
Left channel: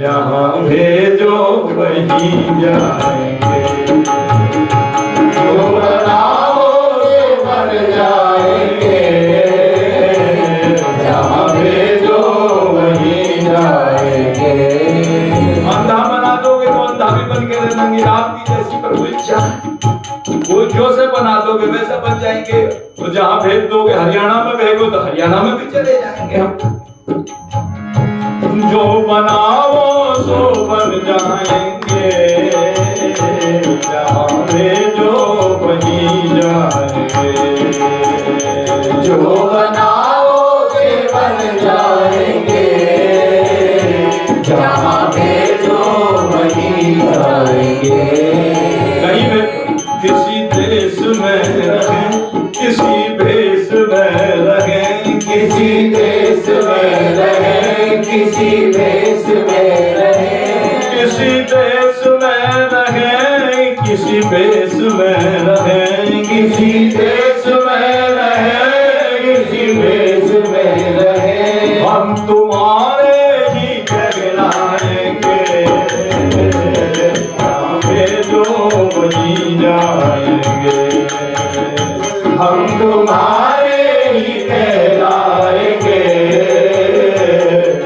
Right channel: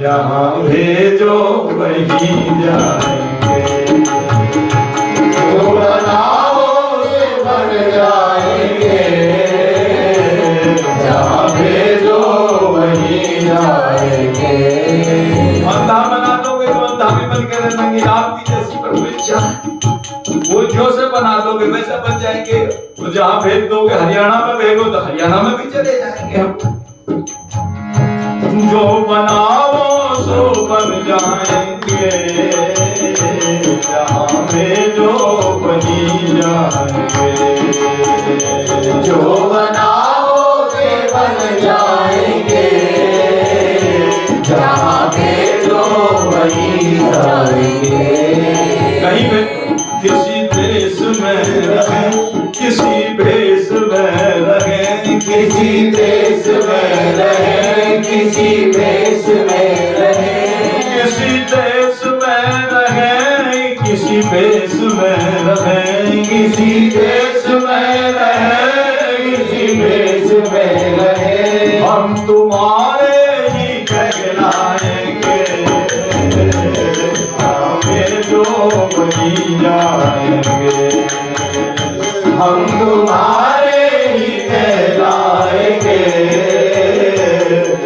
जहां भेजो वही जाएंगे। जो बनाओ वे बन जाएंगे, जहां भेजो वही जाएंगे। अंधा बना दोगे तो अंधा भी बन के रहेंगे, आपकी जैसी प्रभु इच्छा है। वो जो से बना दोगे वैसा बन जाएंगे। तो जहां भेज दोगे, हरियाणा में भेजो तो हरियाणा में भी चले जाएंगे हम। जो बनाओ सो बन जाएंगे, जहां भेजो वही जाएंगे। जो बनाओ वे बन जाएंगे, जहां भेजो वही जाएंगे। कहीं भी किसी देश में रहें, किसी भेष में रहें, किसी देश में रहें, किसी देश में रहें, किसी देश में रहें, किसी भेष में रहें, किसी देश में रहें, किसी देश में रहें। हम तुम्हारे ही कहलाएंगे, हमें जो वही जाएंगे। हम तुम्हारे ही कहलाएंगे,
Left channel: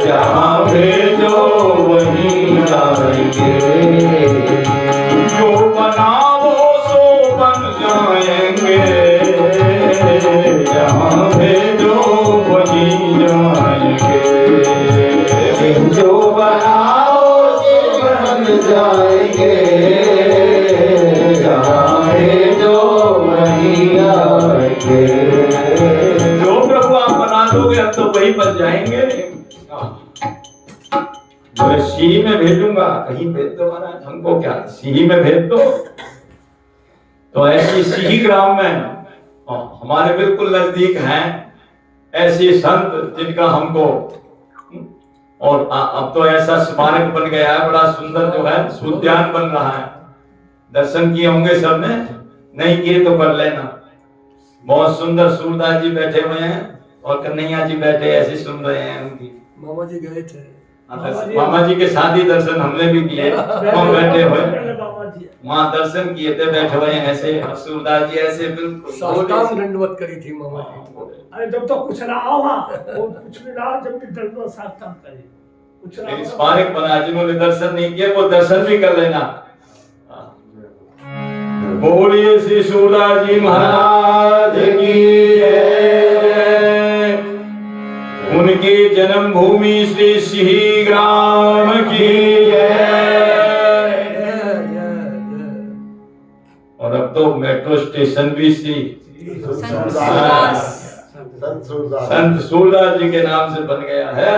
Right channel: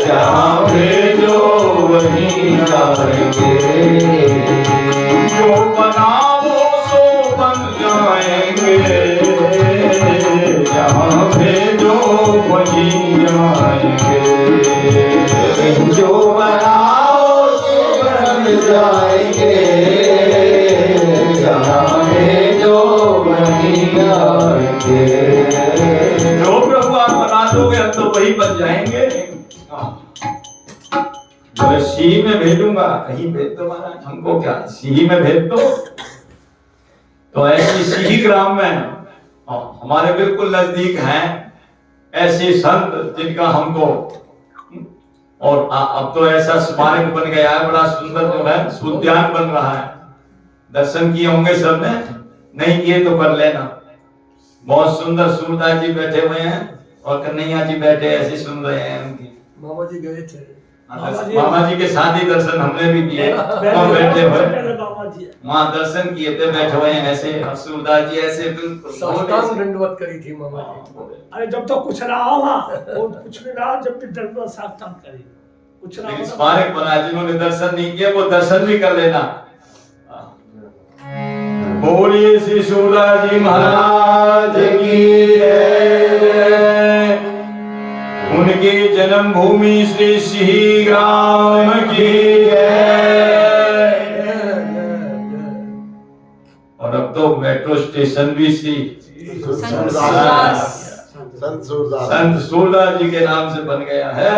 जहाँ भेजो वहीं जाएंगे। जो बनाओ सो बन जाएंगे, जहाँ भेजो वही जाएंगे। जो बनाओ सो बन जाएंगे, जहाँ भेजो वहीं जाएंगे। जो प्रभु आप बना दोगे हम तो वही बन जाएंगे। जो सी में भेजूंगा, कहीं भेज दो महाराज, हमको क्या सी में भेज दो। तो ऐसी सी ग्राम में हमारे बिल्कुल नजदीक हैं ऐसे संत जिनका हमको, और अब तो ऐसा स्मारक बन गया है बड़ा सुंदर, जो है उद्यान बन रहा है। दर्शन किए होंगे सबने, नहीं किए तो कर लेना। बहुत सुंदर सूरदास जी बैठे हुए हैं और कन्हैया जी बैठे ऐसे सुन रहे हैं उनकी। मामा जी गए थे, मामा जी के साथ ही दर्शन हमने भी किए। वहाँ बैठे हुए वहाँ दर्शन किए थे, बैठे हुए हैं ऐसे। सूरदास जी ऐसे बिल्कुल साष्टांग दंडवत करी थी मामा जी। अरे जब तक कुछ ना हो वो कुछ भी ना हो, जब भी दंडवत साष्टांग करे कुछ ना लेकिन हो। स्मारक बना, जिन्होंने दर्शन नहीं किए वो दर्शन भी कर लेना। बोलिए श्री सूरदास जी महाराज की जय। उनकी जन्मभूमि श्री सिही ग्राम की जय। अब तो मेट्रो स्टेशन भी सी संत सूरदास। संत सूरदास जी के नाम से बन गया है।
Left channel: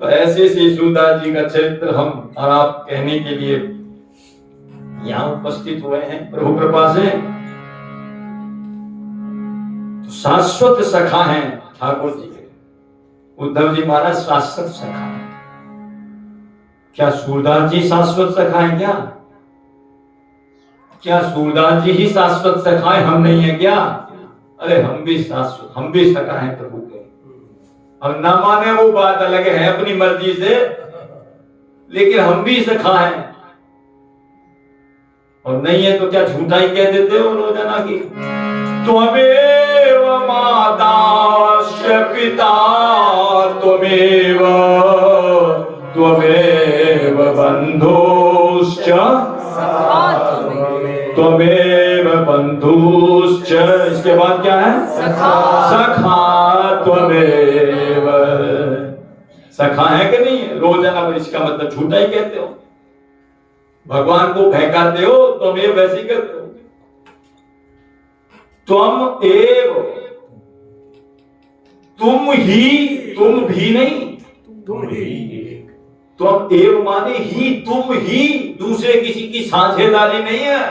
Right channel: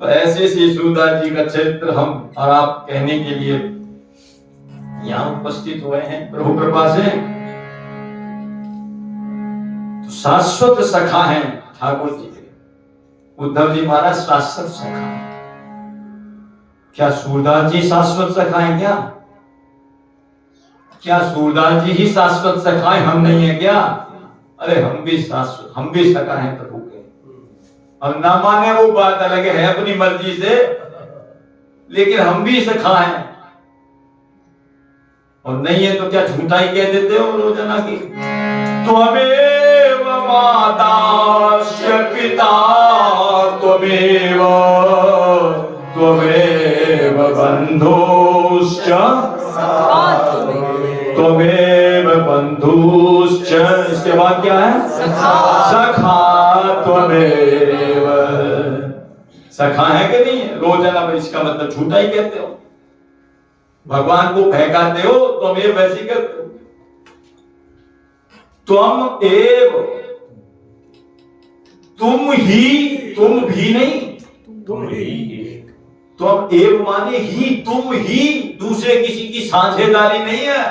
तो ऐसे श्री सूरदास जी का चरित्र हम और आप कहने के लिए यहाँ उपस्थित हुए हैं प्रभु कृपा से। तो शाश्वत सखा हैं ठाकुर जी के, उद्धव जी महाराज शाश्वत सखा हैं। क्या सूरदास जी शाश्वत सखा हैं क्या? क्या सूरदास जी ही शाश्वत सखा हैं, हम नहीं है क्या? अरे हम भी शाश्वत, हम भी सखा हैं प्रभु के। अब ना माने वो बात अलग है अपनी मर्जी से, लेकिन हम भी सखा हैं। और नहीं है तो क्या झूठा ही कह देते हो रोजाना की? त्वमेव माताश्च पिता त्वमेव त्वमेव बन्धुश्च सखा त्वमेव। त्वमेव बन्धुश्च, इसके बाद क्या है? सखा। सखा त्वमेव। सखा है कि नहीं? रोजाना इसका मतलब झूठा ही कहते हो, भगवान को बहकाते हो, त्वमेव वैसे ही करते हो। त्वम एव, तुम ही, तुम भी नहीं, तुम ही त्वम एव माने ही, तुम ही, दूसरे किसी की साझेदारी नहीं है।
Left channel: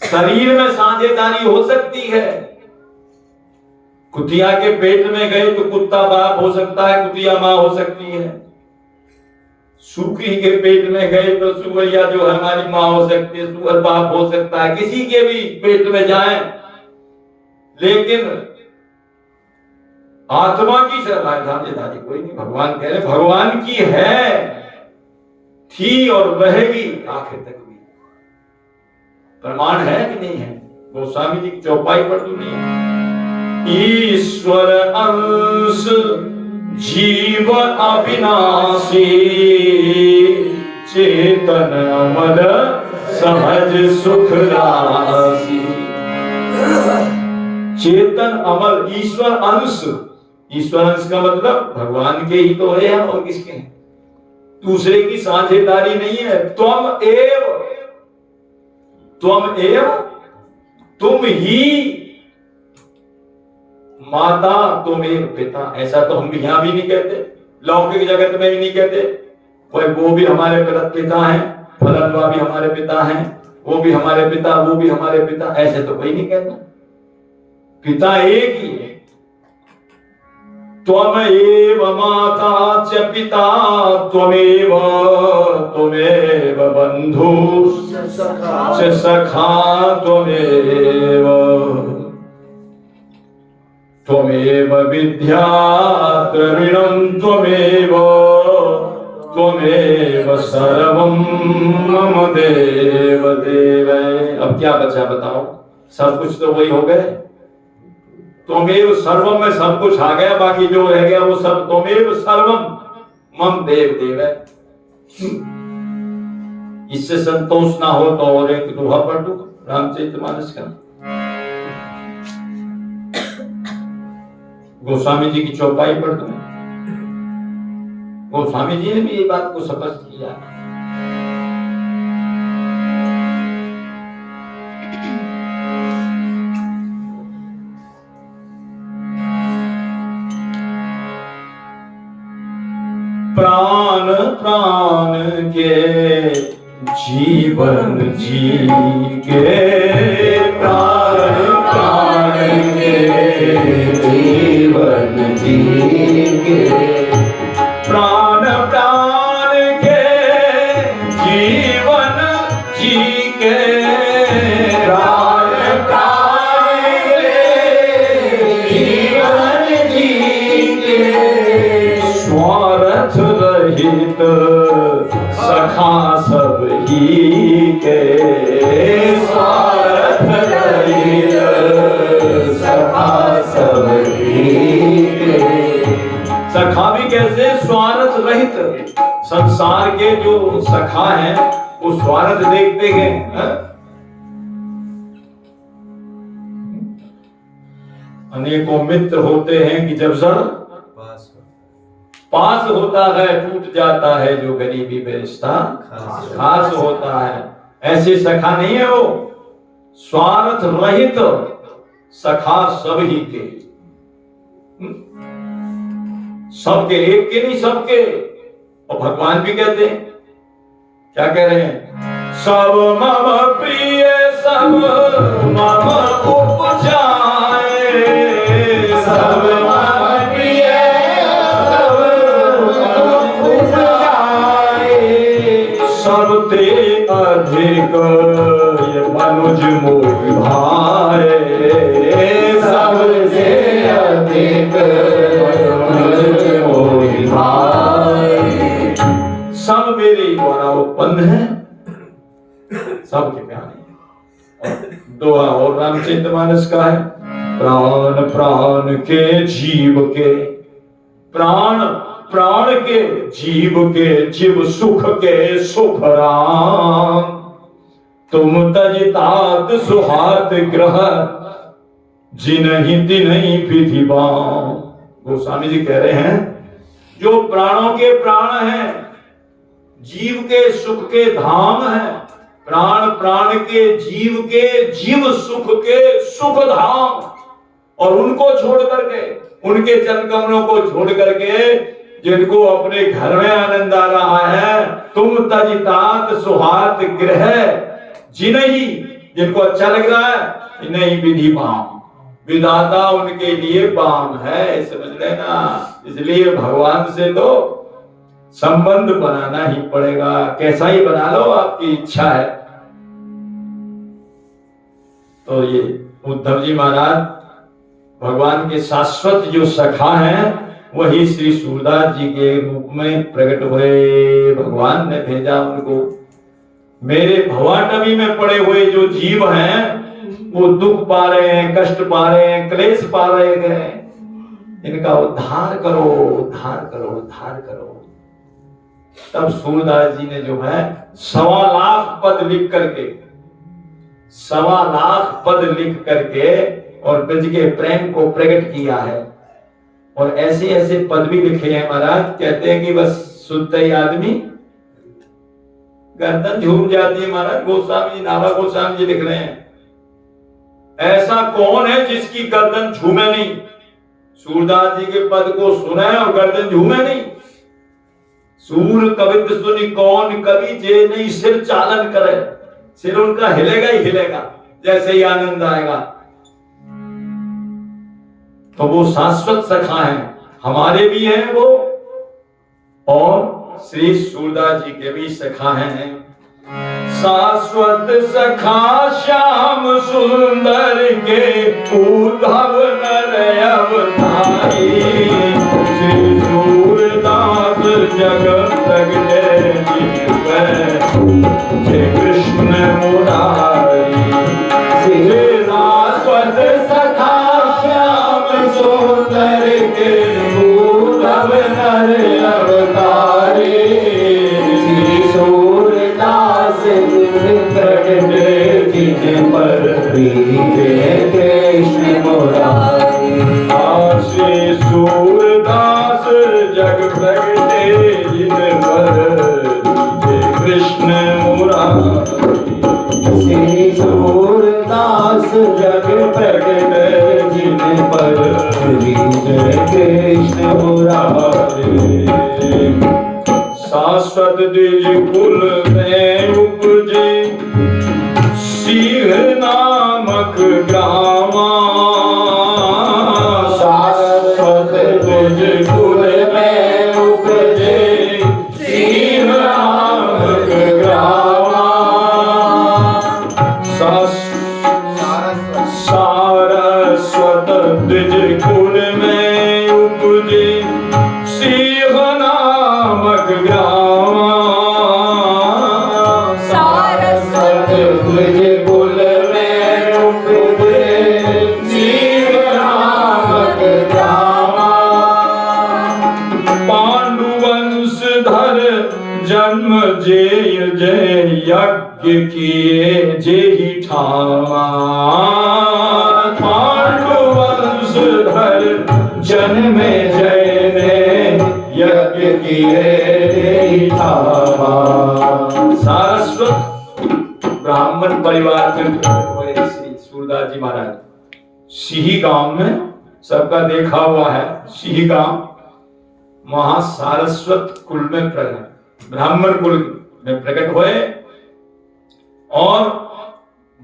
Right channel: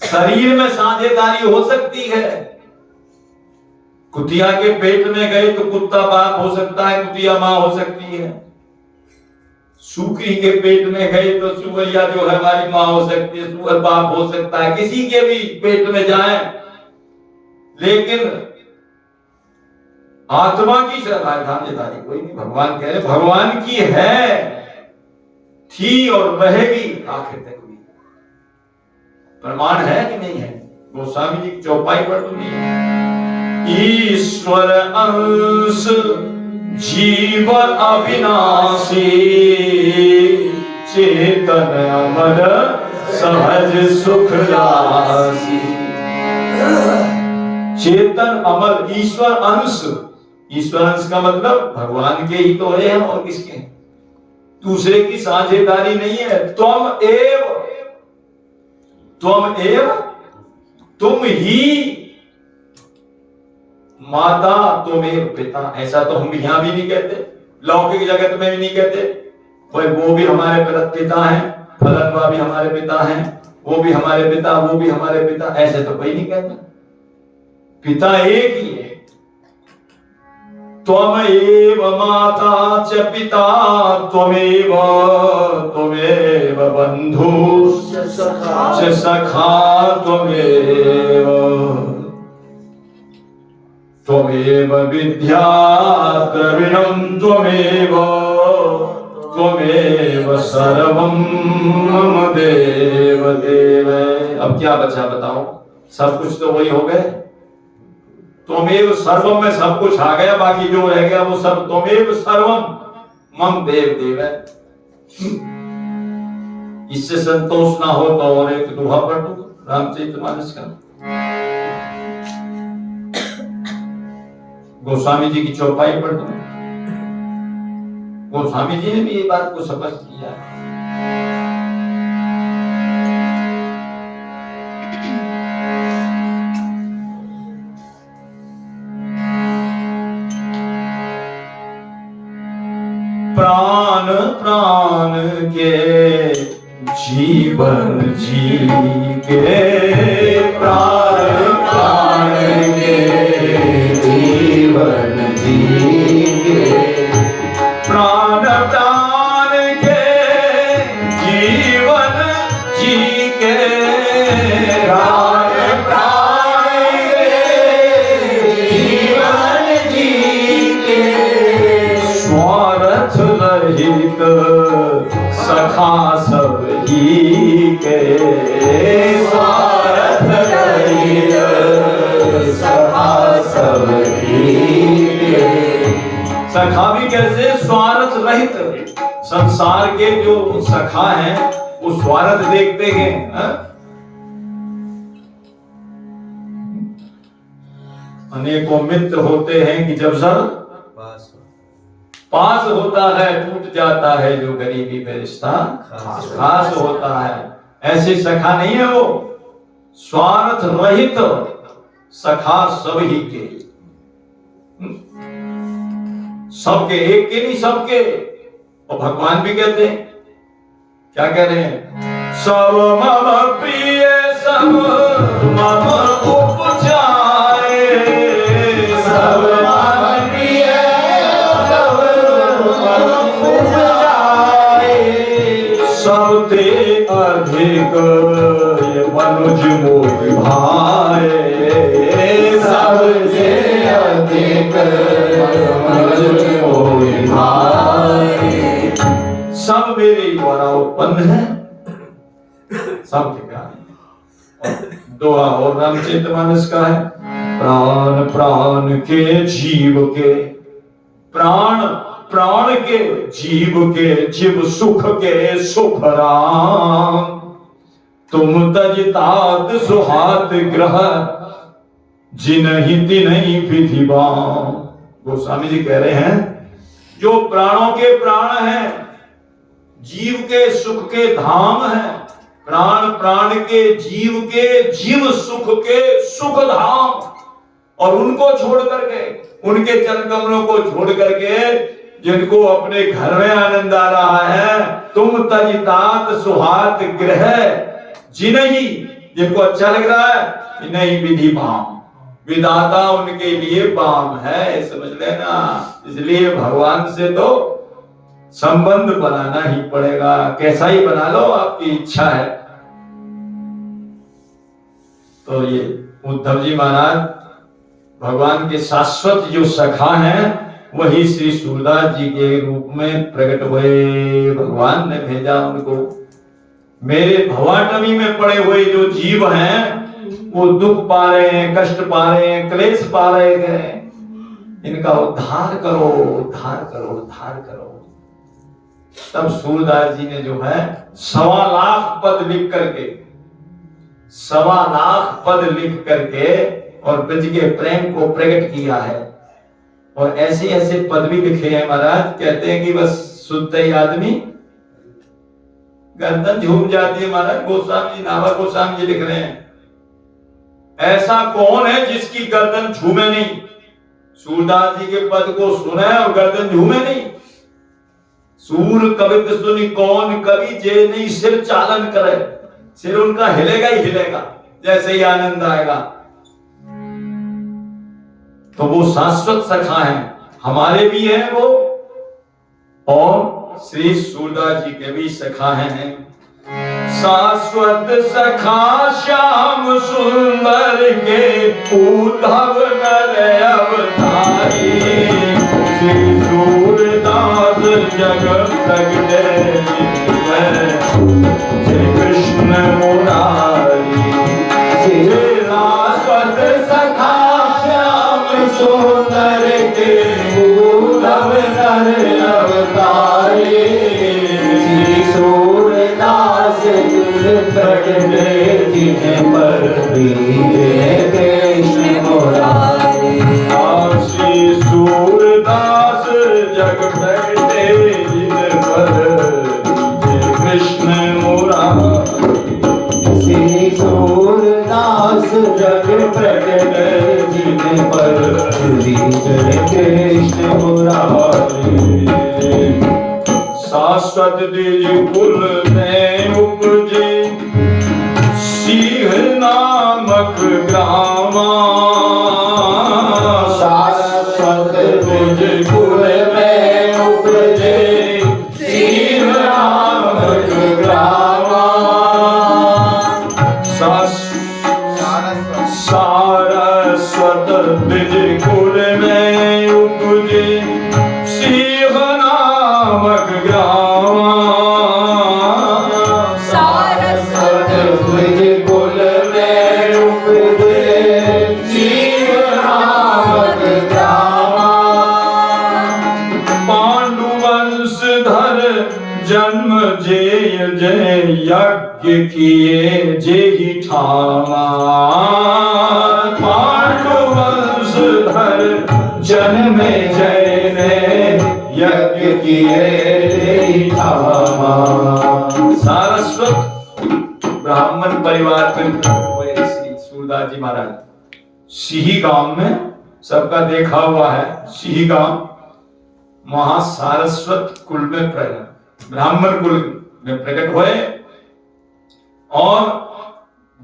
शरीर में साझेदारी हो सकती है। कुतिया के पेट में गए तो कुत्ता बाप हो सकता है, कुतिया मां हो सकती है। सुकरी के पेट में गए तो सुअरिया जो है हमारी मां हो सकती है, सुअर बाप हो सकता है, किसी के भी पेट में जाए। लेकिन आत्मा की साझेदारी कोई नहीं। भगवान कह रहे भगवान की है, थी और रहेगी आखिर तक भी। प्रमाण है कि नहीं है? गोस्वामी जी की चौपाई पढ़ दूंगी। ईश्वर अंश जीव अविनाशी, चेतन अमर सहज सुख राशि। चेतन अमर, ईश्वर अंश, ईश्वर अंश का मतलब भगवान के ही तो है और किसके हैं? दूसरे की साझेदारी नहीं है। त्वम एव, त्वम एव, तुम ही माता तुमेव पिता। ऐसा तो हम यहां भी नहीं कहते, लौकिक जगत में भी नहीं कहते। वो भी हमारे पिता हैं, फलनवा भी हमारे पिता हैं, वो भी हमारे पिता, वो भी हमारे पिता, ऐसे तो कोई नहीं कहता। पिता एक ही है। त्वमेव माता च पिता त्वमेव, त्वमेव बन्धुश्च सखा त्वमेव, त्वमेव विद्या द्रविणं त्वमेव, त्वमेव सर्वं मम देव देव। अब क्या बचा बताओ? सब कुछ तो वही हो गए। त्वमेव सर्वम में सब कुछ आ गया, बाकी जो रह गया वो सब त्वमेव सर्वम मम देव देव है। इससे संतोष ना हो तो और एक दोहा पढ़ दो रामचरितमानस का। गोस्वामी जी की चौपाई पढ़ दो। गोस्वामी जी ने भी ये बात को स्पष्ट किया। प्राण प्राण के जीवन जी के, प्राण प्राण के जीवन जी के, प्राण प्राण के जीवन जी के, प्राण प्राण के जीवन जी के, स्वार्थ रहित सखा सब ही के, स्वार्थ रहित सखा सब ही के। सखा भी कैसे? स्वार्थ रहित। संसार के जो सखा हैं वो स्वार्थ देखते हैं। अनेकों मित्र होते हैं कि जब सब पास होता है टूट जाता है, जो गरीबी में रिश्ता खास होता है। ऐसे सखा नहीं है वो। स्वार्थ रहित सखा सब ही के, सबके, एक के नहीं सबके। और भगवान भी कहते हैं, क्या कह रहे हैं? सब मम प्रिय सब मम उपजाए, सब मम प्रिय सब मम उपजाए, सबते अधिक ये मनुज मोहि भाए, सबसे अधिक मनुज मोहि भाए। सब मेरे द्वारा उत्पन्न है, सबके प्यारे। दुआ और रामचरितमानस का है, प्राण प्राण के जीव के, प्राण प्राण के जीव के, जीव सुख के सुख राम, तुम तजितात सुहात ग्रह, जिनहि तिनहि विधि बाम। गोस्वामी जी कह रहे हैं, जो प्राणों के प्राण हैं, जीव के सुख के धाम है, प्राण प्राण के जीव सुख के सुख धाम, और उनको छोड़ करके, उनके चरण कमलों को छोड़ करके जिनको अपने घर में आनंद आ रहा है, तुम तजितात सुहात गृह, जिन्हीं जिनको अच्छा लग रहा है, इन्हीं विधि बाम, विधाता उनके लिए बाम है, समझ लेना। इसलिए भगवान से तो संबंध बनाना ही पड़ेगा, कैसा ही बना लो, आपकी इच्छा है। तो ये उद्धव जी महाराज भगवान के शाश्वत जो सखा हैं, वही श्री सूरदास जी के रूप में प्रकट हुए। भगवान ने भेजा उनको। मेरे भवाटवी में पड़े हुए जो जीव हैं, वो दुख पा रहे हैं, कष्ट पा रहे हैं, क्लेश पा रहे हैं, इनका उद्धार करो, उद्धार करो, उद्धार करो। तब सूरदास जी ने जो है 1.25 लाख पद लिख करके, 1.25 लाख पद लिख करके और ब्रज के प्रेम को प्रकट किया है। और ऐसे ऐसे पद भी लिखे हैं महाराज, कहते हैं कि बस सुनते ही आदमी गर्दन झूम जाती है। महाराज गोस्वामी जी, नाभा गोस्वामी जी लिख रहे हैं, ऐसा कौन है जिसकी गर्दन झूमे नहीं? सूरदास जी के पद को सुने और गर्दन झूमे नहीं। सूर कवित सुनी कौन कवि, जे नहीं सिर चालन करे, सिर उनका हिलेगा ही हिलेगा जैसे ही आनंद आएगा। तो वो शाश्वत सखा हैं, हमारे भी हैं वो, और श्री सूरदास जी के भी सखा हैं। शाश्वत सखा श्याम सुंदर के, उद्धव नर अवतारी, श्री सूरदास जग प्रगटे, जय कृष्ण मुरारी। श्री शाश्वत सखा श्याम सुंदर के, उद्धव नर अवतारी, श्री सूरदास प्रगटे, जिन पर जय कृष्ण मुरारी। श्री सूरदास जग प्रगटे, जिन पर जय कृष्ण मुरारी। श्री सूरदास जग प्रगटे, जिन पर जय कृष्ण मुरारी। शाश्वत द्विज कुल में उपजे, सिंह नामक ग्रामा। शाश्वत द्विज कुल में उपजे, सिंह नामक ग्रामा। सारस्वत द्विज कुल में उपजे, सिंह नामक ग्रामा। सारस्वत द्विज कुल में उपजे, सिंह नामक ग्रामा। पांडुवंशधर जन्म जेय जय, यज्ञ किए जेहि ठामा। पांडुवंशधर जन्म जय ने, यज्ञ किए जेहि ठामा। सारस्वत ब्राह्मण परिवार में हुए श्री सूरदास जी महाराज। सिही गांव में सबका देखा हुआ है, सिही गांव महासारस्वत कुल में प्रकट, ब्राह्मण कुल में प्रकट हुए। और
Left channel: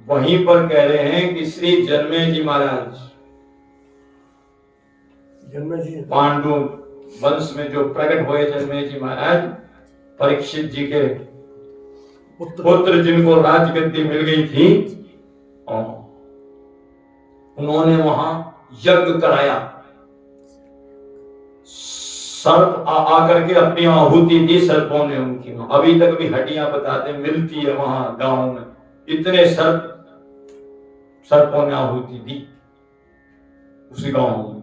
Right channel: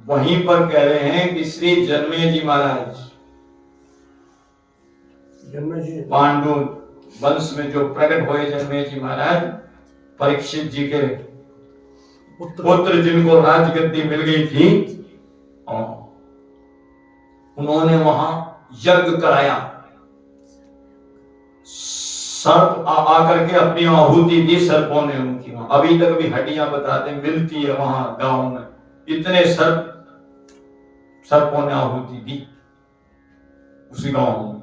वहीं पर कह रहे हैं कि श्री जन्मे जी महाराज पांडु वंश में जो प्रकट हुए जन्मे जी महाराज, परीक्षित जी के पुत्र जिनको राजगद्दी मिल गई थी, और उन्होंने वहां यज्ञ कराया। सर्प आकर के अपनी आहुति दी सर्पों ने उनकी, वहां अभी तक भी हड्डियां बताते मिलती है वहां गांव में, इतने सर्पों ने आहुति दी उसी गांव में।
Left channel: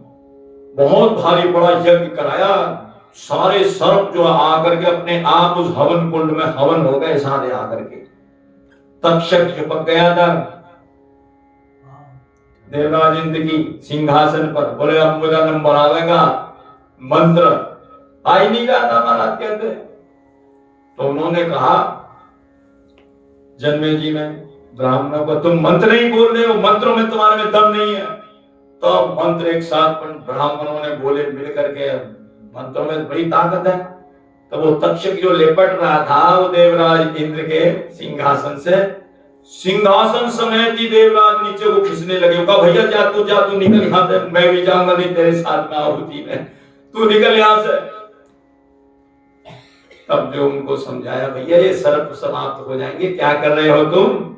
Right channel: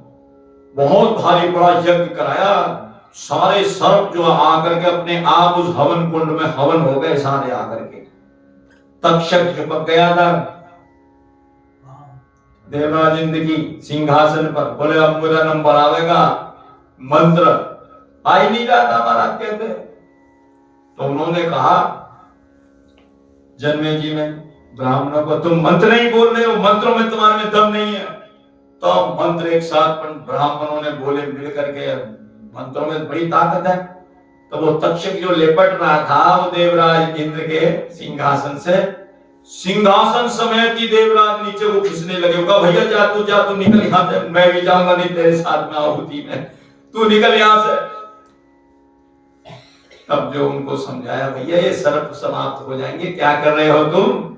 बहुत भारी बड़ा यज्ञ कराया, सारे सर्प जो आकर के अपने आप उस हवन कुंड में हवन हो गए सारे आकर के। तक्षक चिपक गया था देवराज इंद्र की सिंहासन पर, बोले अब मेरा नंबर आवेगा, मंत्र आ ही नहीं रहा था महाराज कहते। तो उन्होंने कहा जन्मे जी ने ब्राह्मणों को, तुम मंत्र नहीं बोल रहे हो, मंत्रों में तुम्हारे में दम नहीं है। तो मंत्र एक साथ ब्राह्मणों ने बोले मिल करके, मंत्रों में बड़ी ताकत है। तो वो तक्षक जो लेपट रहा था वो देवराज इंद्र के सिंहासन से, सिंहासन समेत ही देवराज नीचे को खींचने लगे। कहा भैया जा तू निकल यहां से, मैं भी जाऊंगा नहीं तेरे साथ में आहुति में, तू निकल यहां से। तब जो उनको समझाया, भैया ये सर्प समाप्त हो जाएंगे, क्या कर रहे हो तुम?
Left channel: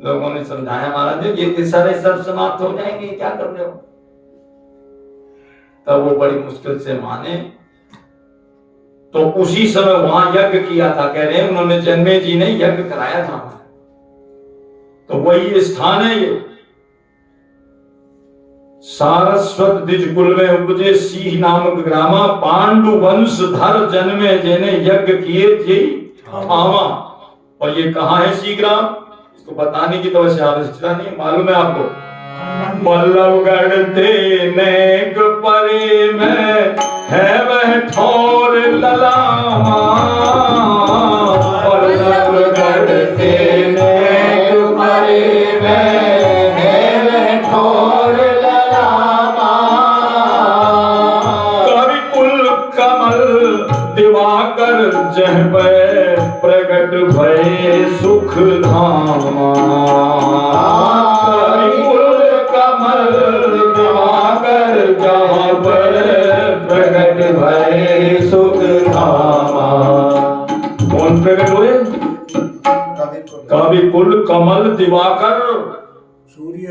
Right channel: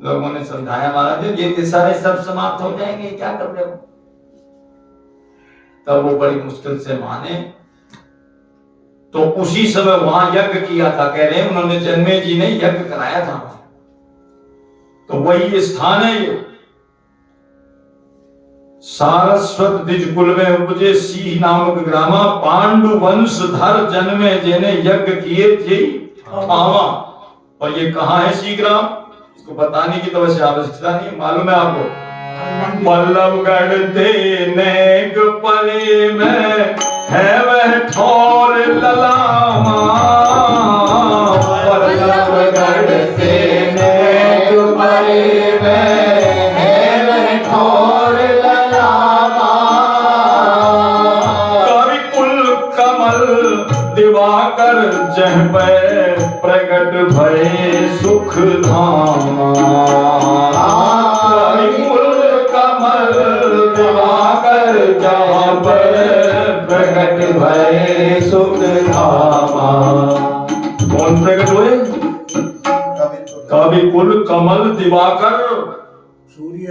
लोगों ने समझाया महाराज ये सारे सर्प समाप्त हो जाएंगे, क्या कर रहे हो? तब वो बड़ी मुश्किल से माने। तो उसी समय वहां यज्ञ किया था, कह रहे हैं उन्होंने, जन्मे जी ने यज्ञ कराया था। तो वही स्थान है ये, सारस्वत द्विज कुल में उपजे सिंह नामक ग्रामा, पांडु वंश धर जन्मे जेने यज्ञ किए जे ठावा। और ये कहाँ है सी ग्राम? इसको बताने की तो वैसे आवश्यकता नहीं, मालूम है आपको। बल्लभगढ़ नेक परे में है वह ठौर ललामा, बल्लभगढ़ नेक परे में है वह ठौर ललामा। कवि कुल कमल दिवाकर जह पे प्रगट भये सुख धामा। कवि कुल कमल दिवाकर जहाँ पर प्रगट भये सुख धामा। कौन प्रकट हुए? कवि कुल कमल दिवाकर सूर्य।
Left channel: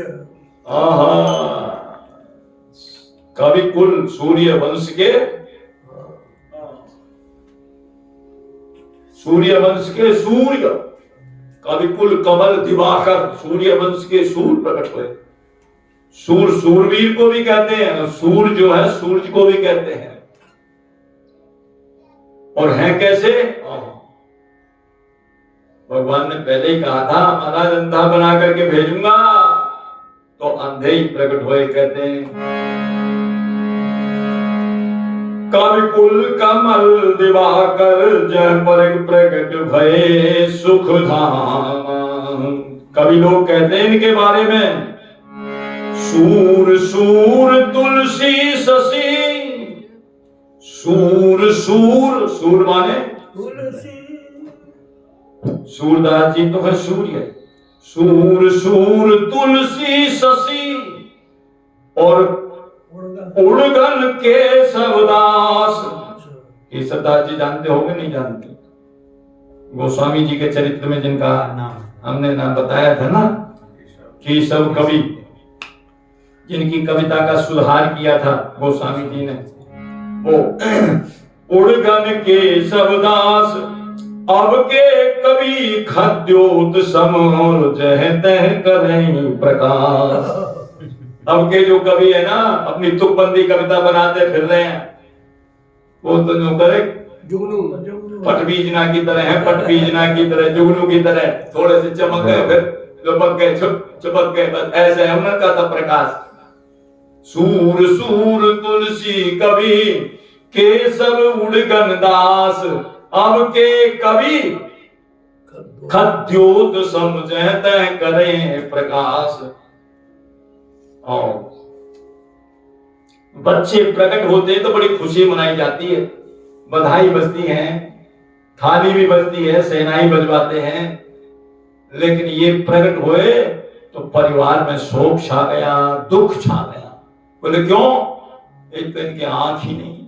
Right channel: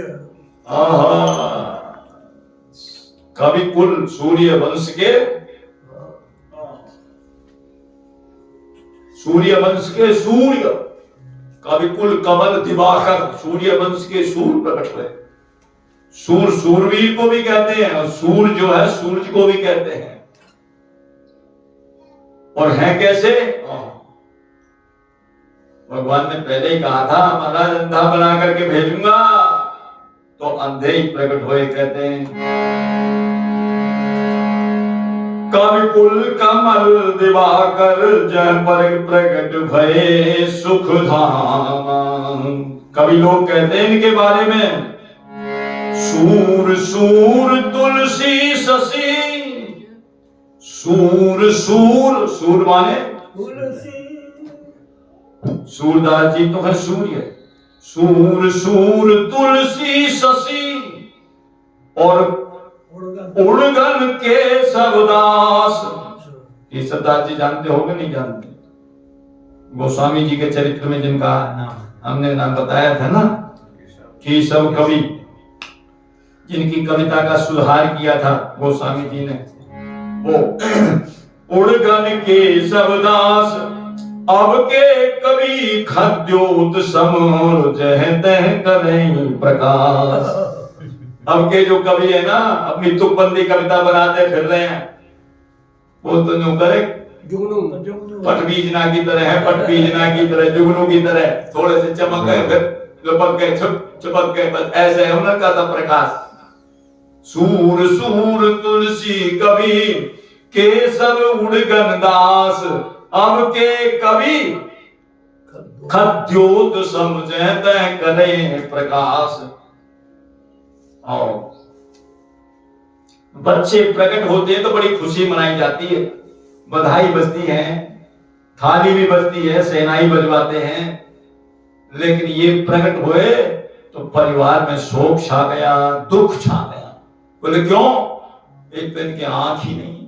कवि कुल सूर्य वंश के, सूर्य वंश के सूर्य, कवि कुल कमल दिवाकर, सूर्य वंश के सूर्य प्रकट हुए। सूर सूरवीर को भी कहते हैं, और सूर जो है सूरज को भी कहते हैं। और हैं कैसे? भगवान ने पहले ही कहा था, महाराज अंधा बना करके भेजूंगा, तो अंधे ही प्रकट हुए कहते हैं। कवि कुल कमल दिवाकर जय पर प्रकट भये सुख धाम। कवि लोग कहते हैं इनके बारे में, सूर सूर तुलसी शशि। सूर सूर, सूर माने सूरदास जी तो है सूर्य। सूर सूर तुलसी शशि और उड़गन केशवदास। केशवदास जी जानते होंगे, नहीं जानते? गोस्वामी जी के चरित्र में जिनका हमने नाम बताया था ना, केशव कवि, जिनकी कविता का सुधार किया था गोस्वामी जी ने, वो उड़गन केशवदास। अब के कवि खद्योत समोर जह तह करें प्रकाश। अब के जो कवि है ना, अपनी तुकबंदी कविता बनाते फिर रहे हैं, वो तो जो करे पटबीजना की तरह है, पटबीजना की तरह, जुगनू की तरह, थोड़े से चमक गए फिर लपक गए, चुपक गए, बस ऐसे है उनका तो प्रकाश। सूर सूर तुलसी कवि केशव उड़गन दास। अब के कवि खद्योत समझत करें प्रकाश। और बच्चे प्रकट होते हैं तो बड़ी खुशी मनाई जाती है, बधाई बजती है, थाली भी बजती है, शहनाई बजवाते हैं। लेकिन ये प्रकट हुए तो परिवार में शोक छा गया, दुख छा गया। बोले क्यों? एक तो इनकी आंख ही नहीं,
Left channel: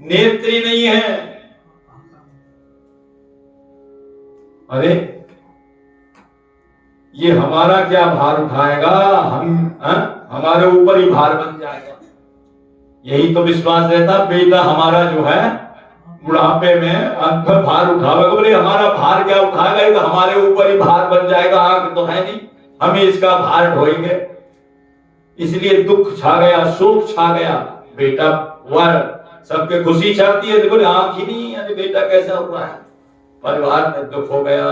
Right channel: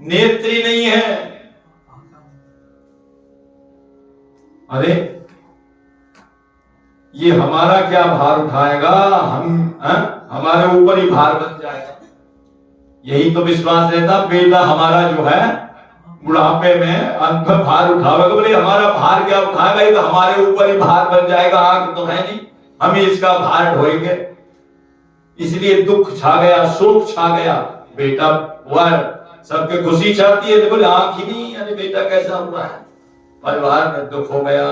नेत्र ही नहीं है। अरे ये हमारा क्या भार उठाएगा? हमारे ऊपर ही भार बन जाएगा। यही तो विश्वास रहता, बेटा हमारा जो है बुढ़ापे में अंत में भार उठावेगा। बोले हमारा भार क्या उठाएगा? ये तो हमारे ऊपर ही भार बन जाएगा। आंख तो है नहीं, हमें इसका भार ढोएंगे। इसलिए दुख छा गया, शोक छा गया। बेटा हुआ, सबके खुशी चाहती है, तो बोले आंख ही नहीं, अरे बेटा कैसा हुआ है? परिवार में दुख हो गया।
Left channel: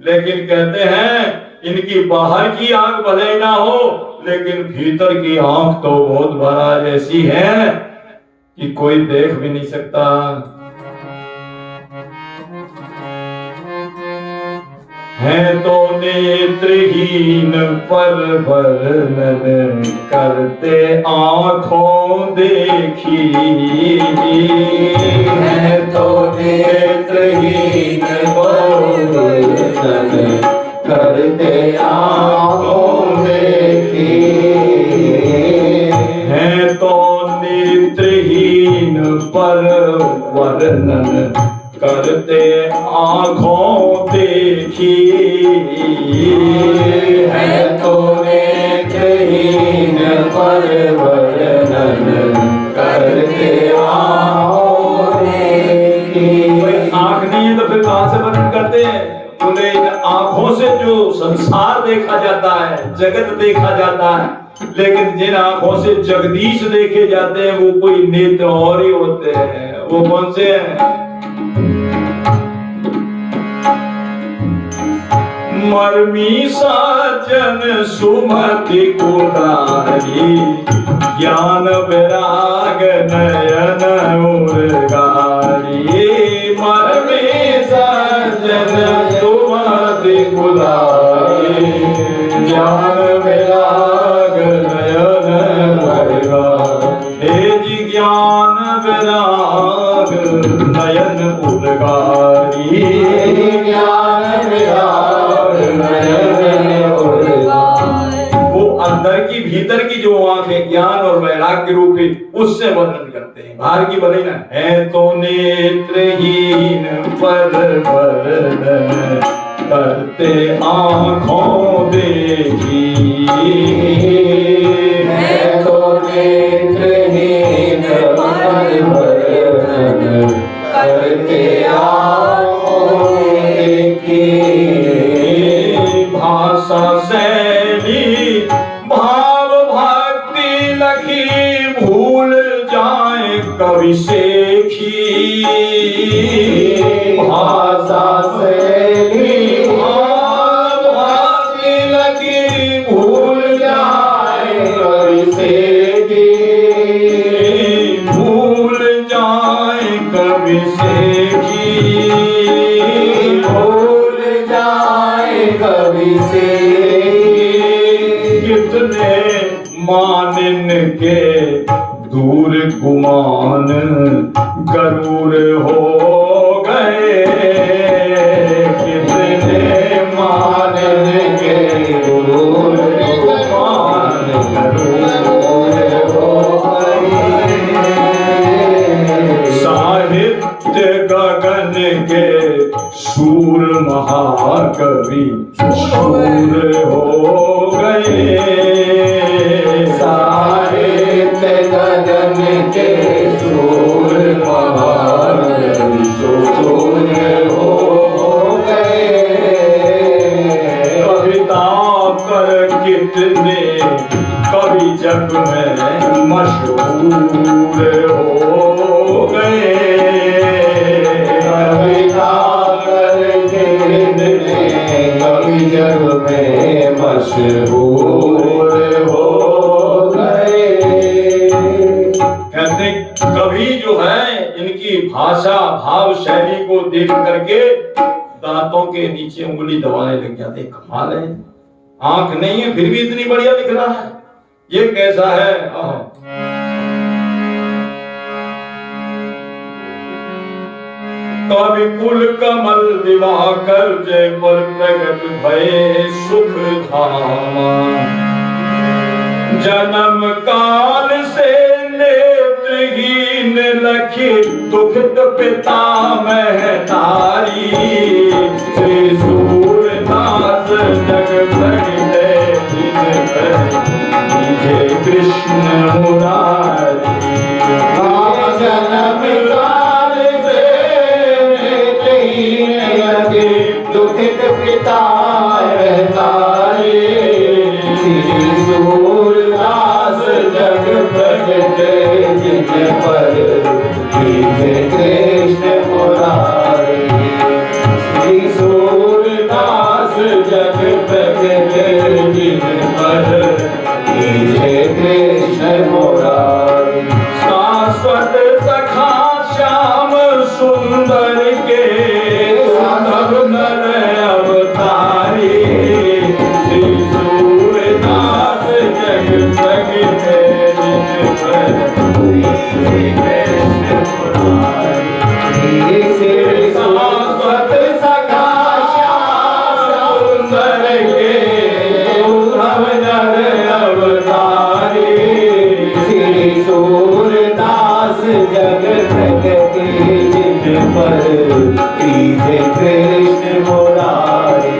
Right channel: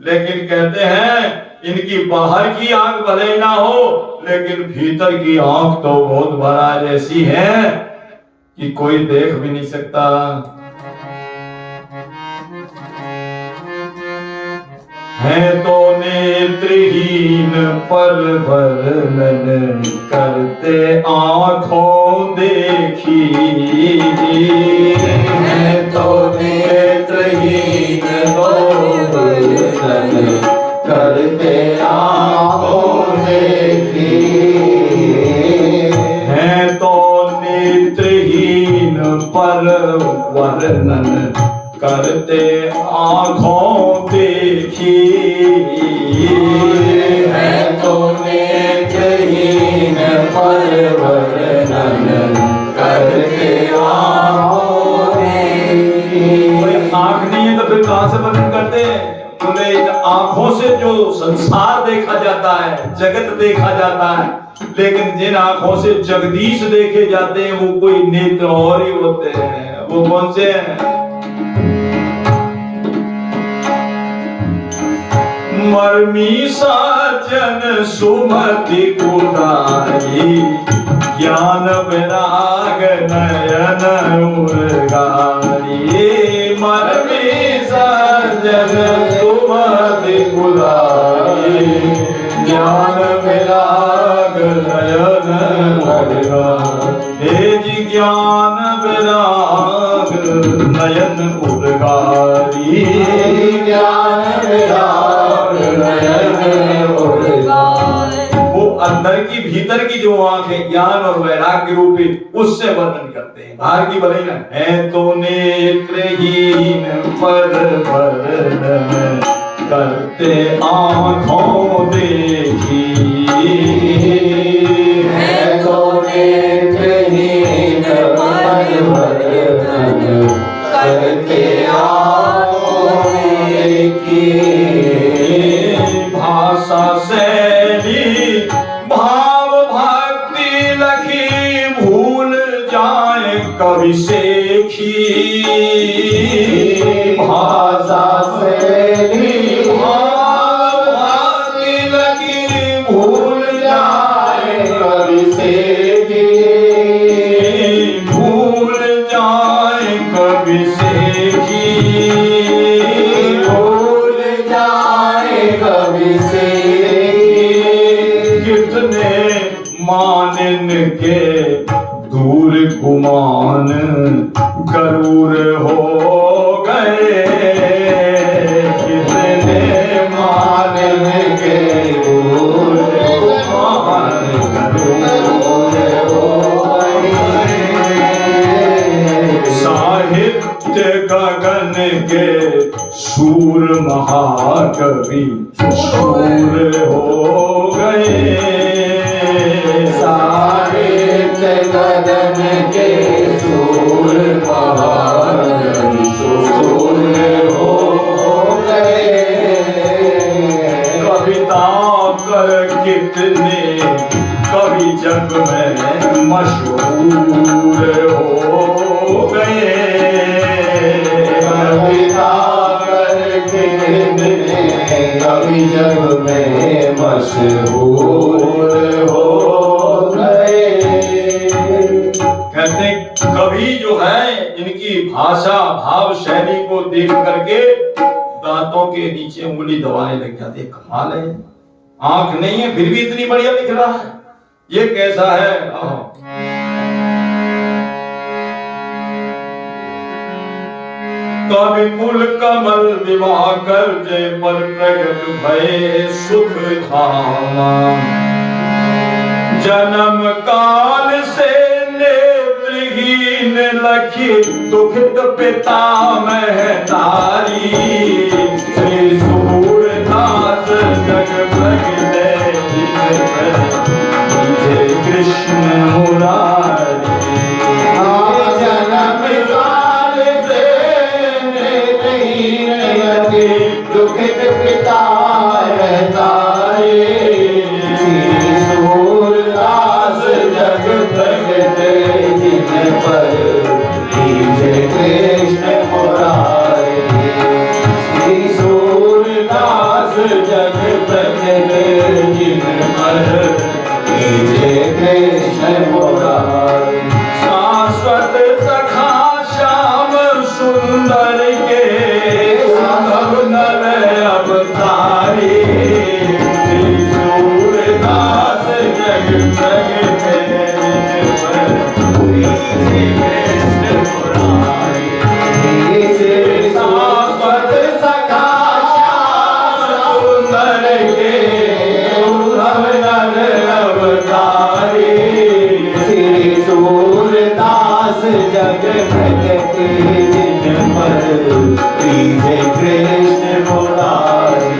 लेकिन कहते हैं इनकी बाहर की आंख भले ना हो, लेकिन भीतर की आंख तो बहुत बड़ा जैसी है कि कोई देख भी नहीं सकता। है तो नेत्रहीन पर वर्णन करते आंखों देखी। है तो नेत्रहीन पर वर्णन करते आंखों देखी। है तो नेत्रहीन पर वर्णन करते आंखों देखी। है तो नेत्रहीन पर वर्णन करते आंखों देखी। आंख नहीं है तो फिर कहां से वर्णन करते हैं? बोले इन आंखों से जो संसार देखा जाता है, जगत देखा जाता है, लेकिन जिन आंखों से जगदीश देखे जाते हैं वो कोई नेत्र और ही होते हैं। वो कौन से हैं? मर्मी साजन सुमति कुदारी, ज्ञान विराग नयन उर्गारी। मर्मी साजन सुमति कुदारी, ज्ञान विराग नयन उर्गारी। हे जी ज्ञान विराग नयन उर्गारी। ज्ञान विराग वो अंदर की भीतर की जो आंख है, ज्ञान और वैराग्य रूपी, उससे वर्णन करते हैं। बाहर की भले ना। है तो नेत्रहीन पर वर्णन करते आंखों देखी। है तो नेत्रहीन पर वर्णन करते आंखों देखी। भाषा शैली भाव भक्ति लखी, भूल जाए कवि सेखी। भाषा शैली भाव भक्ति लखी, भूल जाए कवि सेखी। भूल जाए कवि सेखी। भूल जाए कवि सेखी। कितने मानिन के दूर गुमान गरूर हो गए। कितने मानन के दूर गुमान गरूर हो गए। साहित्य गगन के शूर महाकवि शूर हो गए। साहित्य गगन के शूर महाकवि शूर हो गए। कविता कर कितने कवि जग में मशहूर हो गए। कविता कर कितने कवि जग में मशहूर हो गए। कहते कवि जो है इनकी भाषा भाव शैली को देख करके दांतों के नीचे उंगली दबाने लग जाते। कमाल है, आंख नहीं है फिर भी इतनी बढ़िया दिख रहा है, ये कैसा है? कवि कुल कमल विवाह कर जय पर प्रगट भय सुख धाम। जन्म काल से नेत्रहीन लखी दुखित पिता महतारी। श्री सूरदास जग प्रगटे जय कृष्ण मुरारी। जन्म काल से नेत्रहीन लगे दुखित पिता महतारी। श्री सूरदास जग प्रगटे जिन पर जय कृष्ण मुरारी। श्री सूरदास जग प्रगटे जिन पर जय कृष्ण मुरारी। शाश्वत सखा श्याम सुंदर के साधव नर अवतारी। श्री सूरदास जग प्रगटे जिन पर जय कृष्ण मुरारी। शाश्वत सखा श्याम सुंदर के साधव नर अवतारी। श्री सूरदास जग प्रगटे जिन पर जय कृष्ण मुरारी।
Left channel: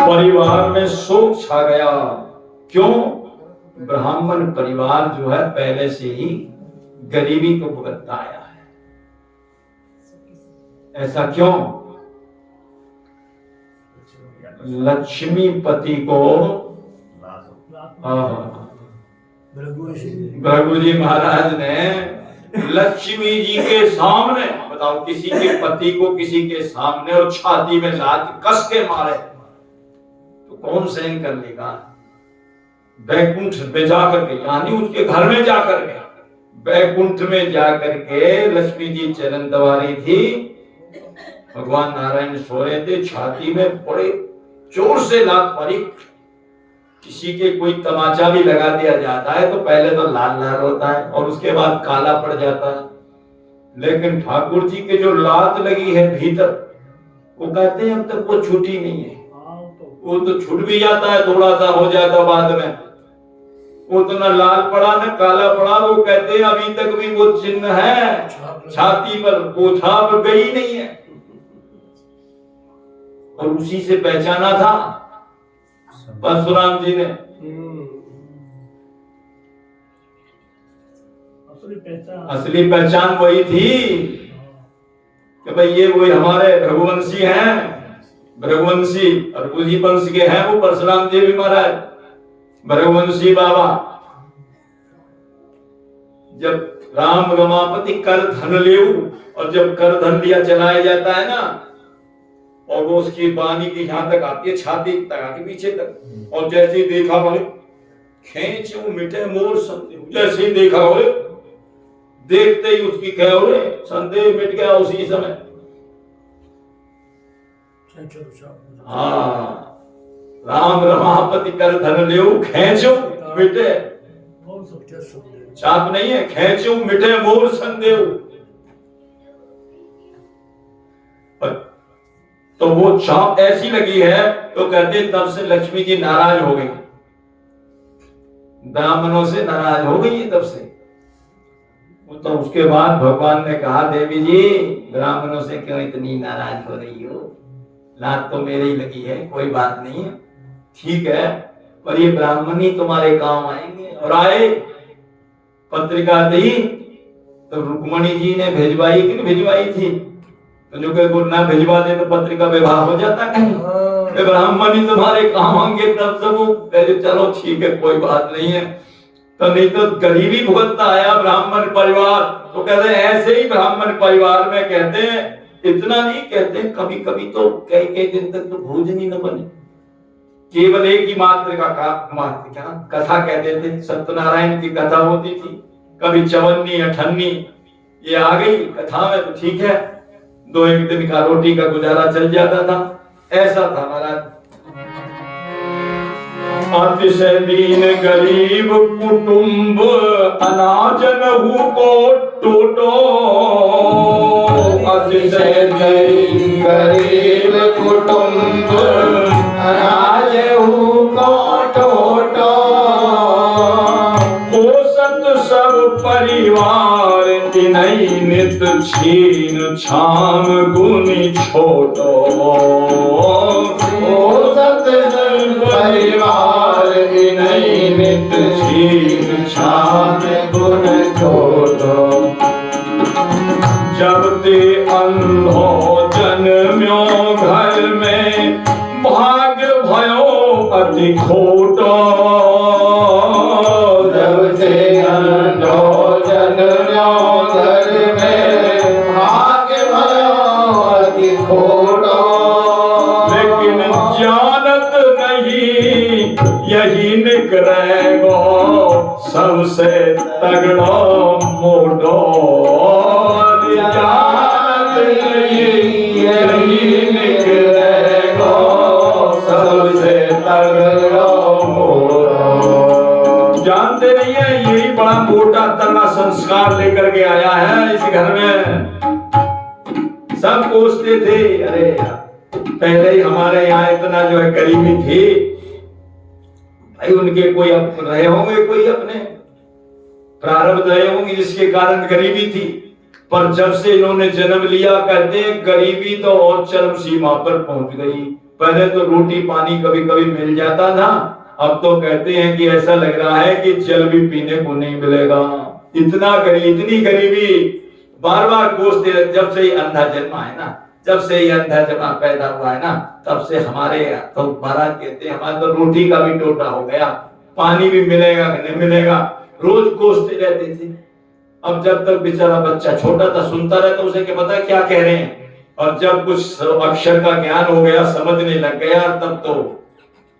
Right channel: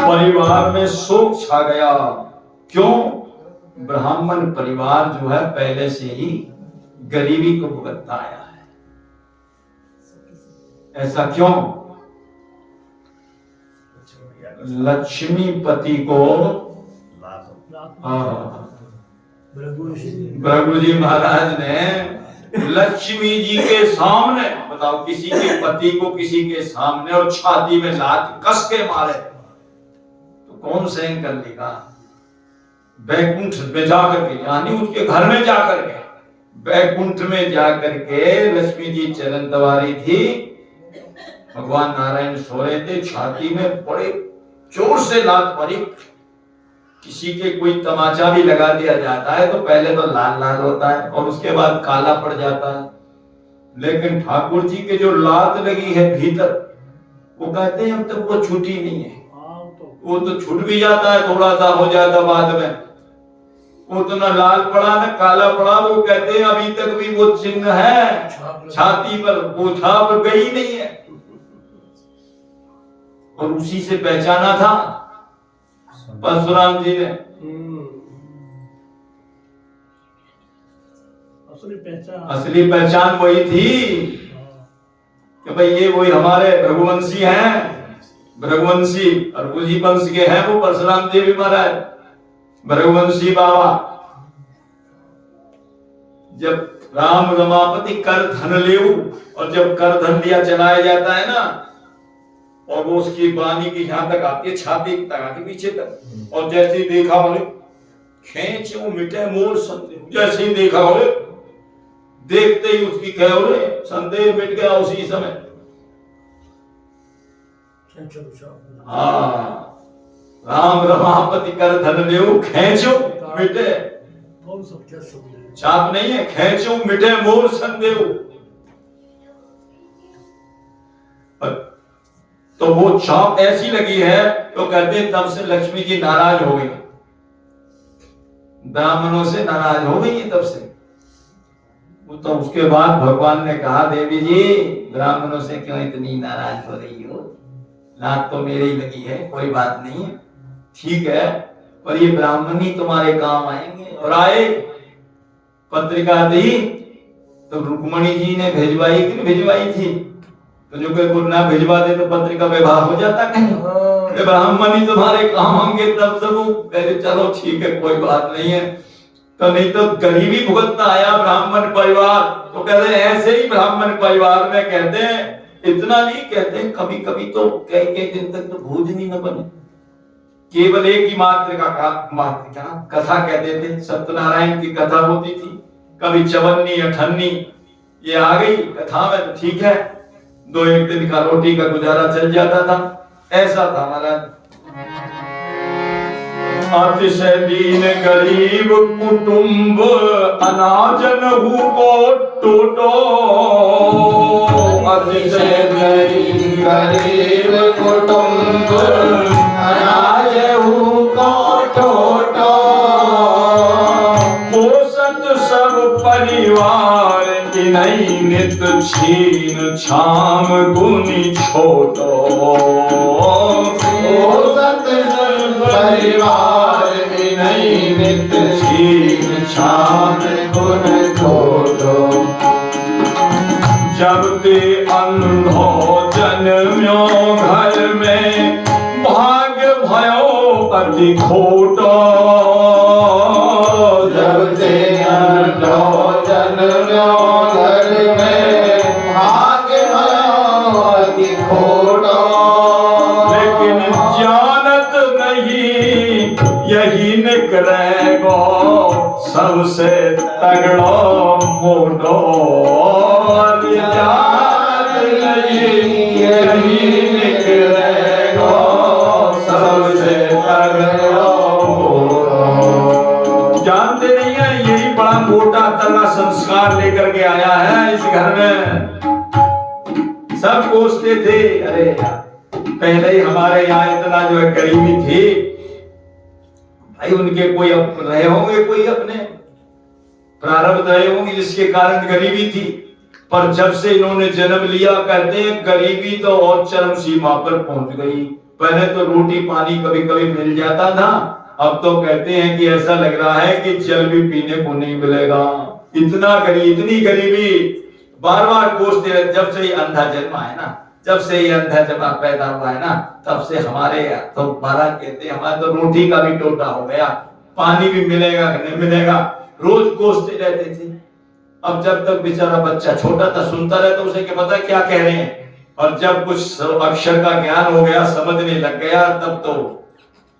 परिवार में शोक छा गया। क्यों? ब्राह्मण परिवार जो है पहले से ही गरीबी को भुगतता आया है। ऐसा क्यों? लक्ष्मीपति को भृगु जी महाराज ने लक्ष्मी जी के सामने, बताओ, किसी के पति को किसी के सामने और छाती में लात कस के मारे तो कौन सहन कर लेगा? बैकुंठ में जाकर के, यानी उसके घर में जाकर के, बैकुंठ में जाकर के लक्ष्मी जी चरण दबारी थी। भगवान नारायण सो रहे थे, छाती में बड़े जोर से लात मारी। किसी के कोई तमाचा भी लगा दिया जाता है तो पहले तो लाल लाल होता है और उसके बाद काला पड़ जाता है, लेकिन ठाकुर जी के जो लात लगी है भीतर, वो कहते हैं अब तक वो छूटी नहीं है। वो तो छूट भी जाता है, थोड़ा सा हो जाता बाद में, वो तो न लाल पड़ा न काला पड़ा। वो कहते हैं अभी तक भी वो चिन्ह है छाती पर, वो छाप गई नहीं है। और उसी से पहचाना था परशुराम जी ने। असली पहचान वही थी कि भाई ये वही हमारे भृगुवंशी हैं, भृगुवंशी और उसी वंश के हैं वो परशुराम देवी महाराज, भृगुवंशी बाबा। जब राम रमापति कर धन लेऊ, और जब कर धन लिया चलाया जाता है ना, और वो उसकी बानी की यहां तक आती है, छाती तक आती पीछे तक, और जैसे ही देखा बोले खेच मिटे मोर संदेह, जैसे ही देखा बोले देखते ही उसकी क्या बोले संदेह मिट गया उसी समय। हाँ, राम रमापति कर धन लेऊ खेचो मिटे, चाप नहीं है, खेचो मिटे मोर संदेह। तो वो चाप ऐसी लगी है तो कहते तब से लक्ष्मी जी नाराज हो गई, ब्राह्मणों से नाराज हो गई तब से। तो उसके बाद भगवान ने कहा देवी जी ब्राह्मणों से क्यों इतनी नाराज हो रही हो, लात तो मेरी ही लगी है, कोई बात नहीं, ठीक है, पर ये ब्राह्मण ही तुम्हारे काम आएंगे। और आए, पत्रिका दी तो रुक्मणी जी ने भेजवाई कि नहीं भेजवाई थी, तो जो कोई गुरु ना भिजवा दे तो पत्रिका व्यवहार हो जाता कहीं, ब्राह्मण ही तुम्हारे काम होंगे तब सब वो चलो ठीक है कोई बात नहीं है। तो नहीं तो गरीबी भुगतता आया ब्राह्मण परिवार, तो कहते हैं ऐसे ही ब्राह्मण परिवार में कहते हैं, इतना नहीं कहते हैं, कभी कभी तो कई दिन तक तो भोजन ही न बने, केवल एक ही मात्र कथा कहते थे। सत्यनारायण की कथा होती थी, कभी चवन्नी अठन्नी, ये आ गई कथा में तो ठीक है, 2-1 दिन का रोटी का गुजारा चल जाता था। ऐसा था महाराज। अतिशय दीन गरीब कुटुंब अनाज नहु को टोटो। अतिशय गरीब कुटुंब अनाज नहु को टोटो। पोषत सब परिवार इनई नित छीन छाम गुनी छोटो। पोषत सब परिवार इनई नित छीन छाम गुनी छोटो। जब ते अंधो जन्म्यो घर में भाग्य भयो अति खोटो। जब से अंधो जन्म्यो घर में भाग्य भयो अति खोटो। लेकिन जानत नहीं यही निकलेगो सबसे तगड़ो मोटो। जानत नहीं यही निकलेगो सबसे तगड़ो मोटो। जानते नहीं है यही बड़ा मोटा तगड़ा संस्कार लेकर के आया है इस घर में। सब कोसते थे, अरे यार पहले ही हमारे यहाँ इतना जो है गरीबी थी भाई, उनके कोई रहे होंगे, कोई अपने प्रारब्ध रहे होंगे जिसके कारण गरीबी थी। पर जब से इन्होंने जन्म लिया कहते हैं गरीबी तो और चरम सीमा पर पहुंच गई। पहले तो रोटी पानी कभी कभी मिल जाता था, अब तो कहते हैं कि ऐसा लग रहा है कि जल भी पीने को नहीं मिलेगा। इतनी गरीबी बार बार कोसते रहे। जब से ही अंधा जन्मा है ना, जब से ही अंधा जन्मा पैदा हुआ है ना, तब से हमारे तो महाराज कहते हैं हमारा तो रोटी का भी टोटा हो गया, पानी भी मिलेगा कि नहीं मिलेगा, रोज कोसते रहते थे। अब जब तक बेचारा बच्चा छोटा था सुनता रहता उसे क्या पता क्या कह रहे हैं, और जब कुछ अक्षर का ज्ञान हो गया समझने लग गया तब तो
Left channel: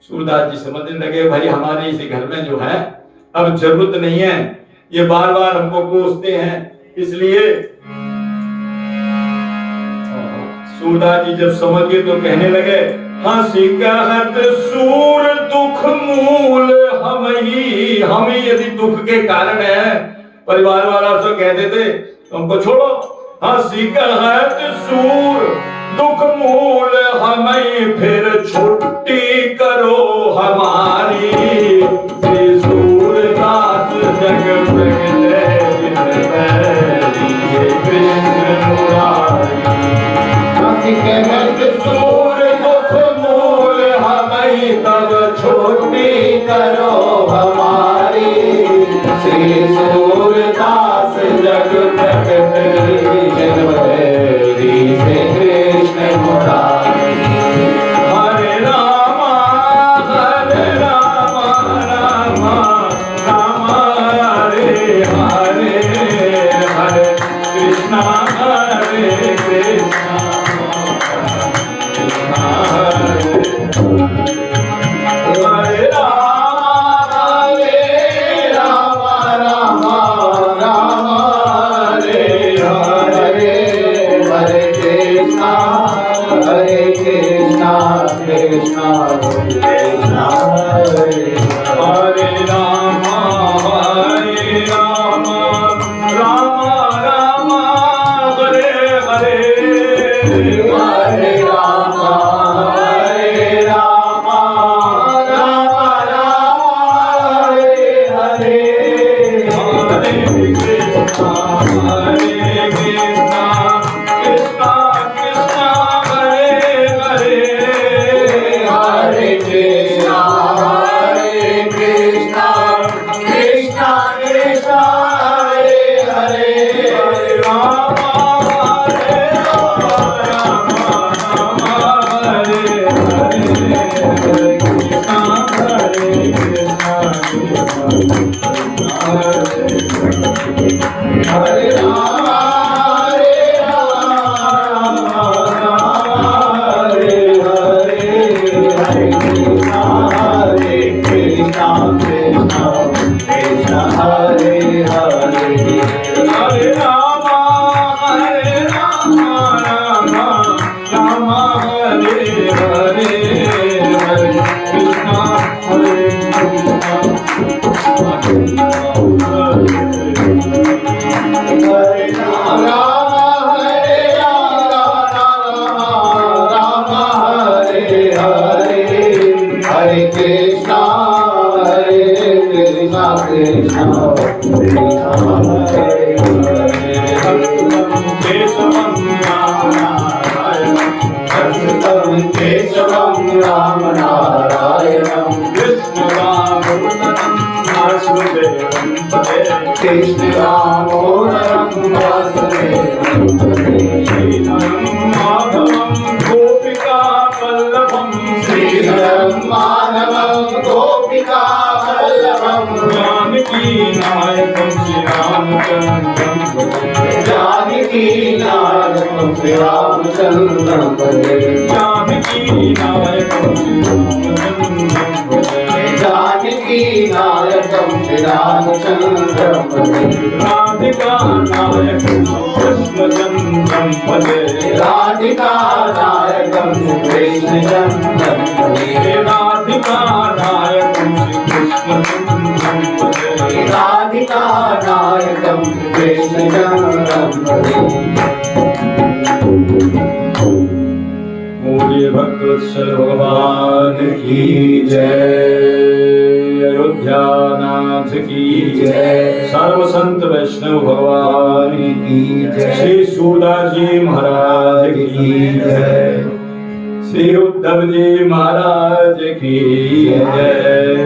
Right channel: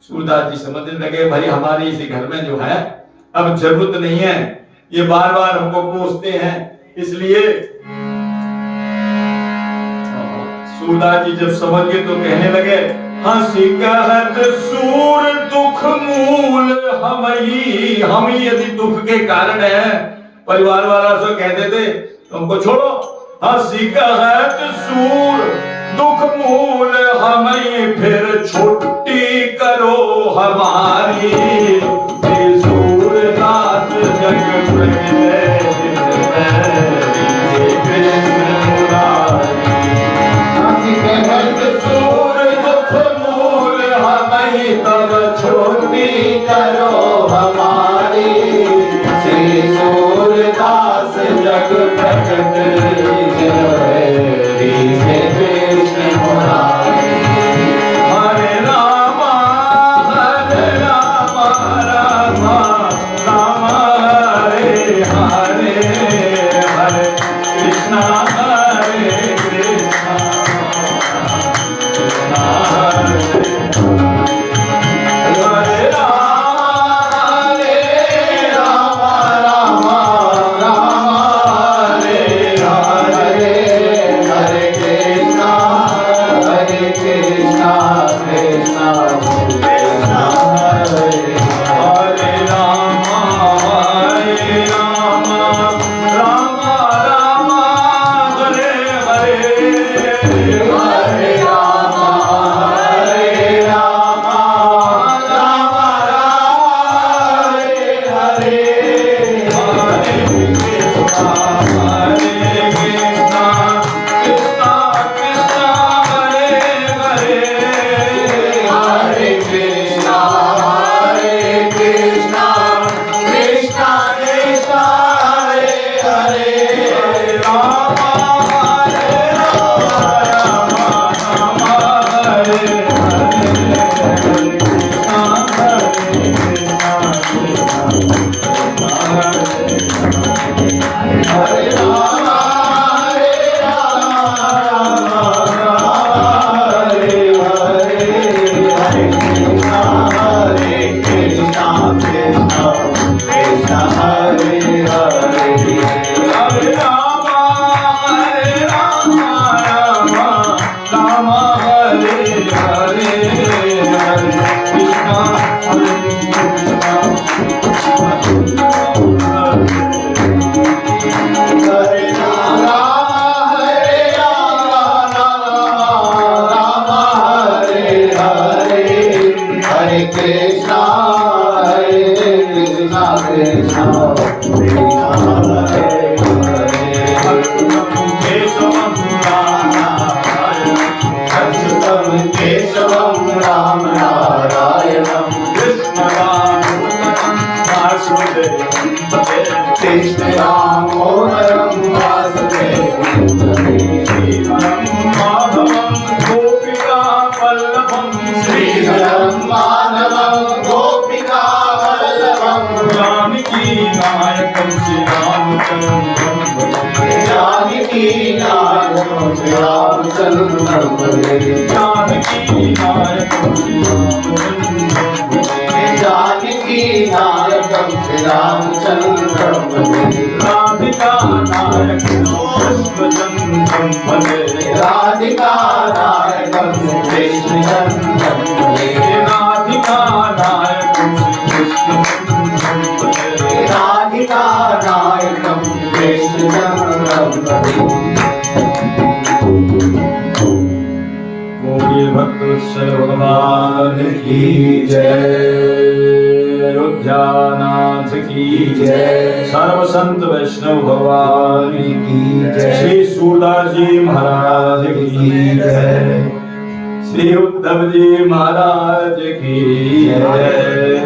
सूरदास जी समझने लगे भाई हमारे इसी घर में जो है अब जरूरत नहीं है, ये बार बार हमको कोसते हैं। इसलिए सूरदास जी जब समझ गए तो कहने लगे हंसी कहत सूर दुख मूल हम ही यदि दुख के कारण है। परिवार वाला से कहते थे तुमको छोड़ो। हंसी कहत सूर दुख मूल हम फिर छुट्टी करो हमारी। सूरदास जग कृष्ण मुरारी। सूर दुख मूल हमें तब छुट्टी करो हमारी। श्री सूरदास जग प्रकट कृष्ण मुरारी। हरे राम राम राम हरे हरे हरे कृष्णा हरे कृष्णा कृष्णा हरे राम राम राम हरे हरे हरे कृष्णा कृष्णा कृष्णा हरे हरे राम राम राम हरे हरे हरे राम हरे राम राम राम हरे हरे। हरे कृष्णा कृष्णा कृष्णा हरे हरे। हरे कृष्णा कृष्णा कृष्णा हरे हरे। राम राम हरे हरे कृष्णा हरे कृष्णा हरे राम हरे राम राम हरे हरे हरे कृष्णा कृष्णा हरे केशवं राम नारायणं कृष्ण दामोदरं वासुदेवं श्रीधरं माधवं गोपिका वल्लभं जानकी नायकं श्री रामचंद्रं जानकी नायकं श्री रामचन्द्रं भजे जानकी नायकं श्री रामचंद्रं जानकी नायकं श्री रामचन्द्रं भजे राधिका नायकं कृष्णचन्द्रं भजे राधिका नायकं कृष्णचन्द्रं भजे राधिका नायकं कृष्णचन्द्रं भजे राधिका नायकं कृष्णचन्द्रं भजे गौरी भक्तवत्सल भगवान की जय अयोध्यानाथ की जय सर्व संत वैष्णव भगवान की जय श्री सूरदास जी महाराज की जय श्री उद्धव जी महाराज की जय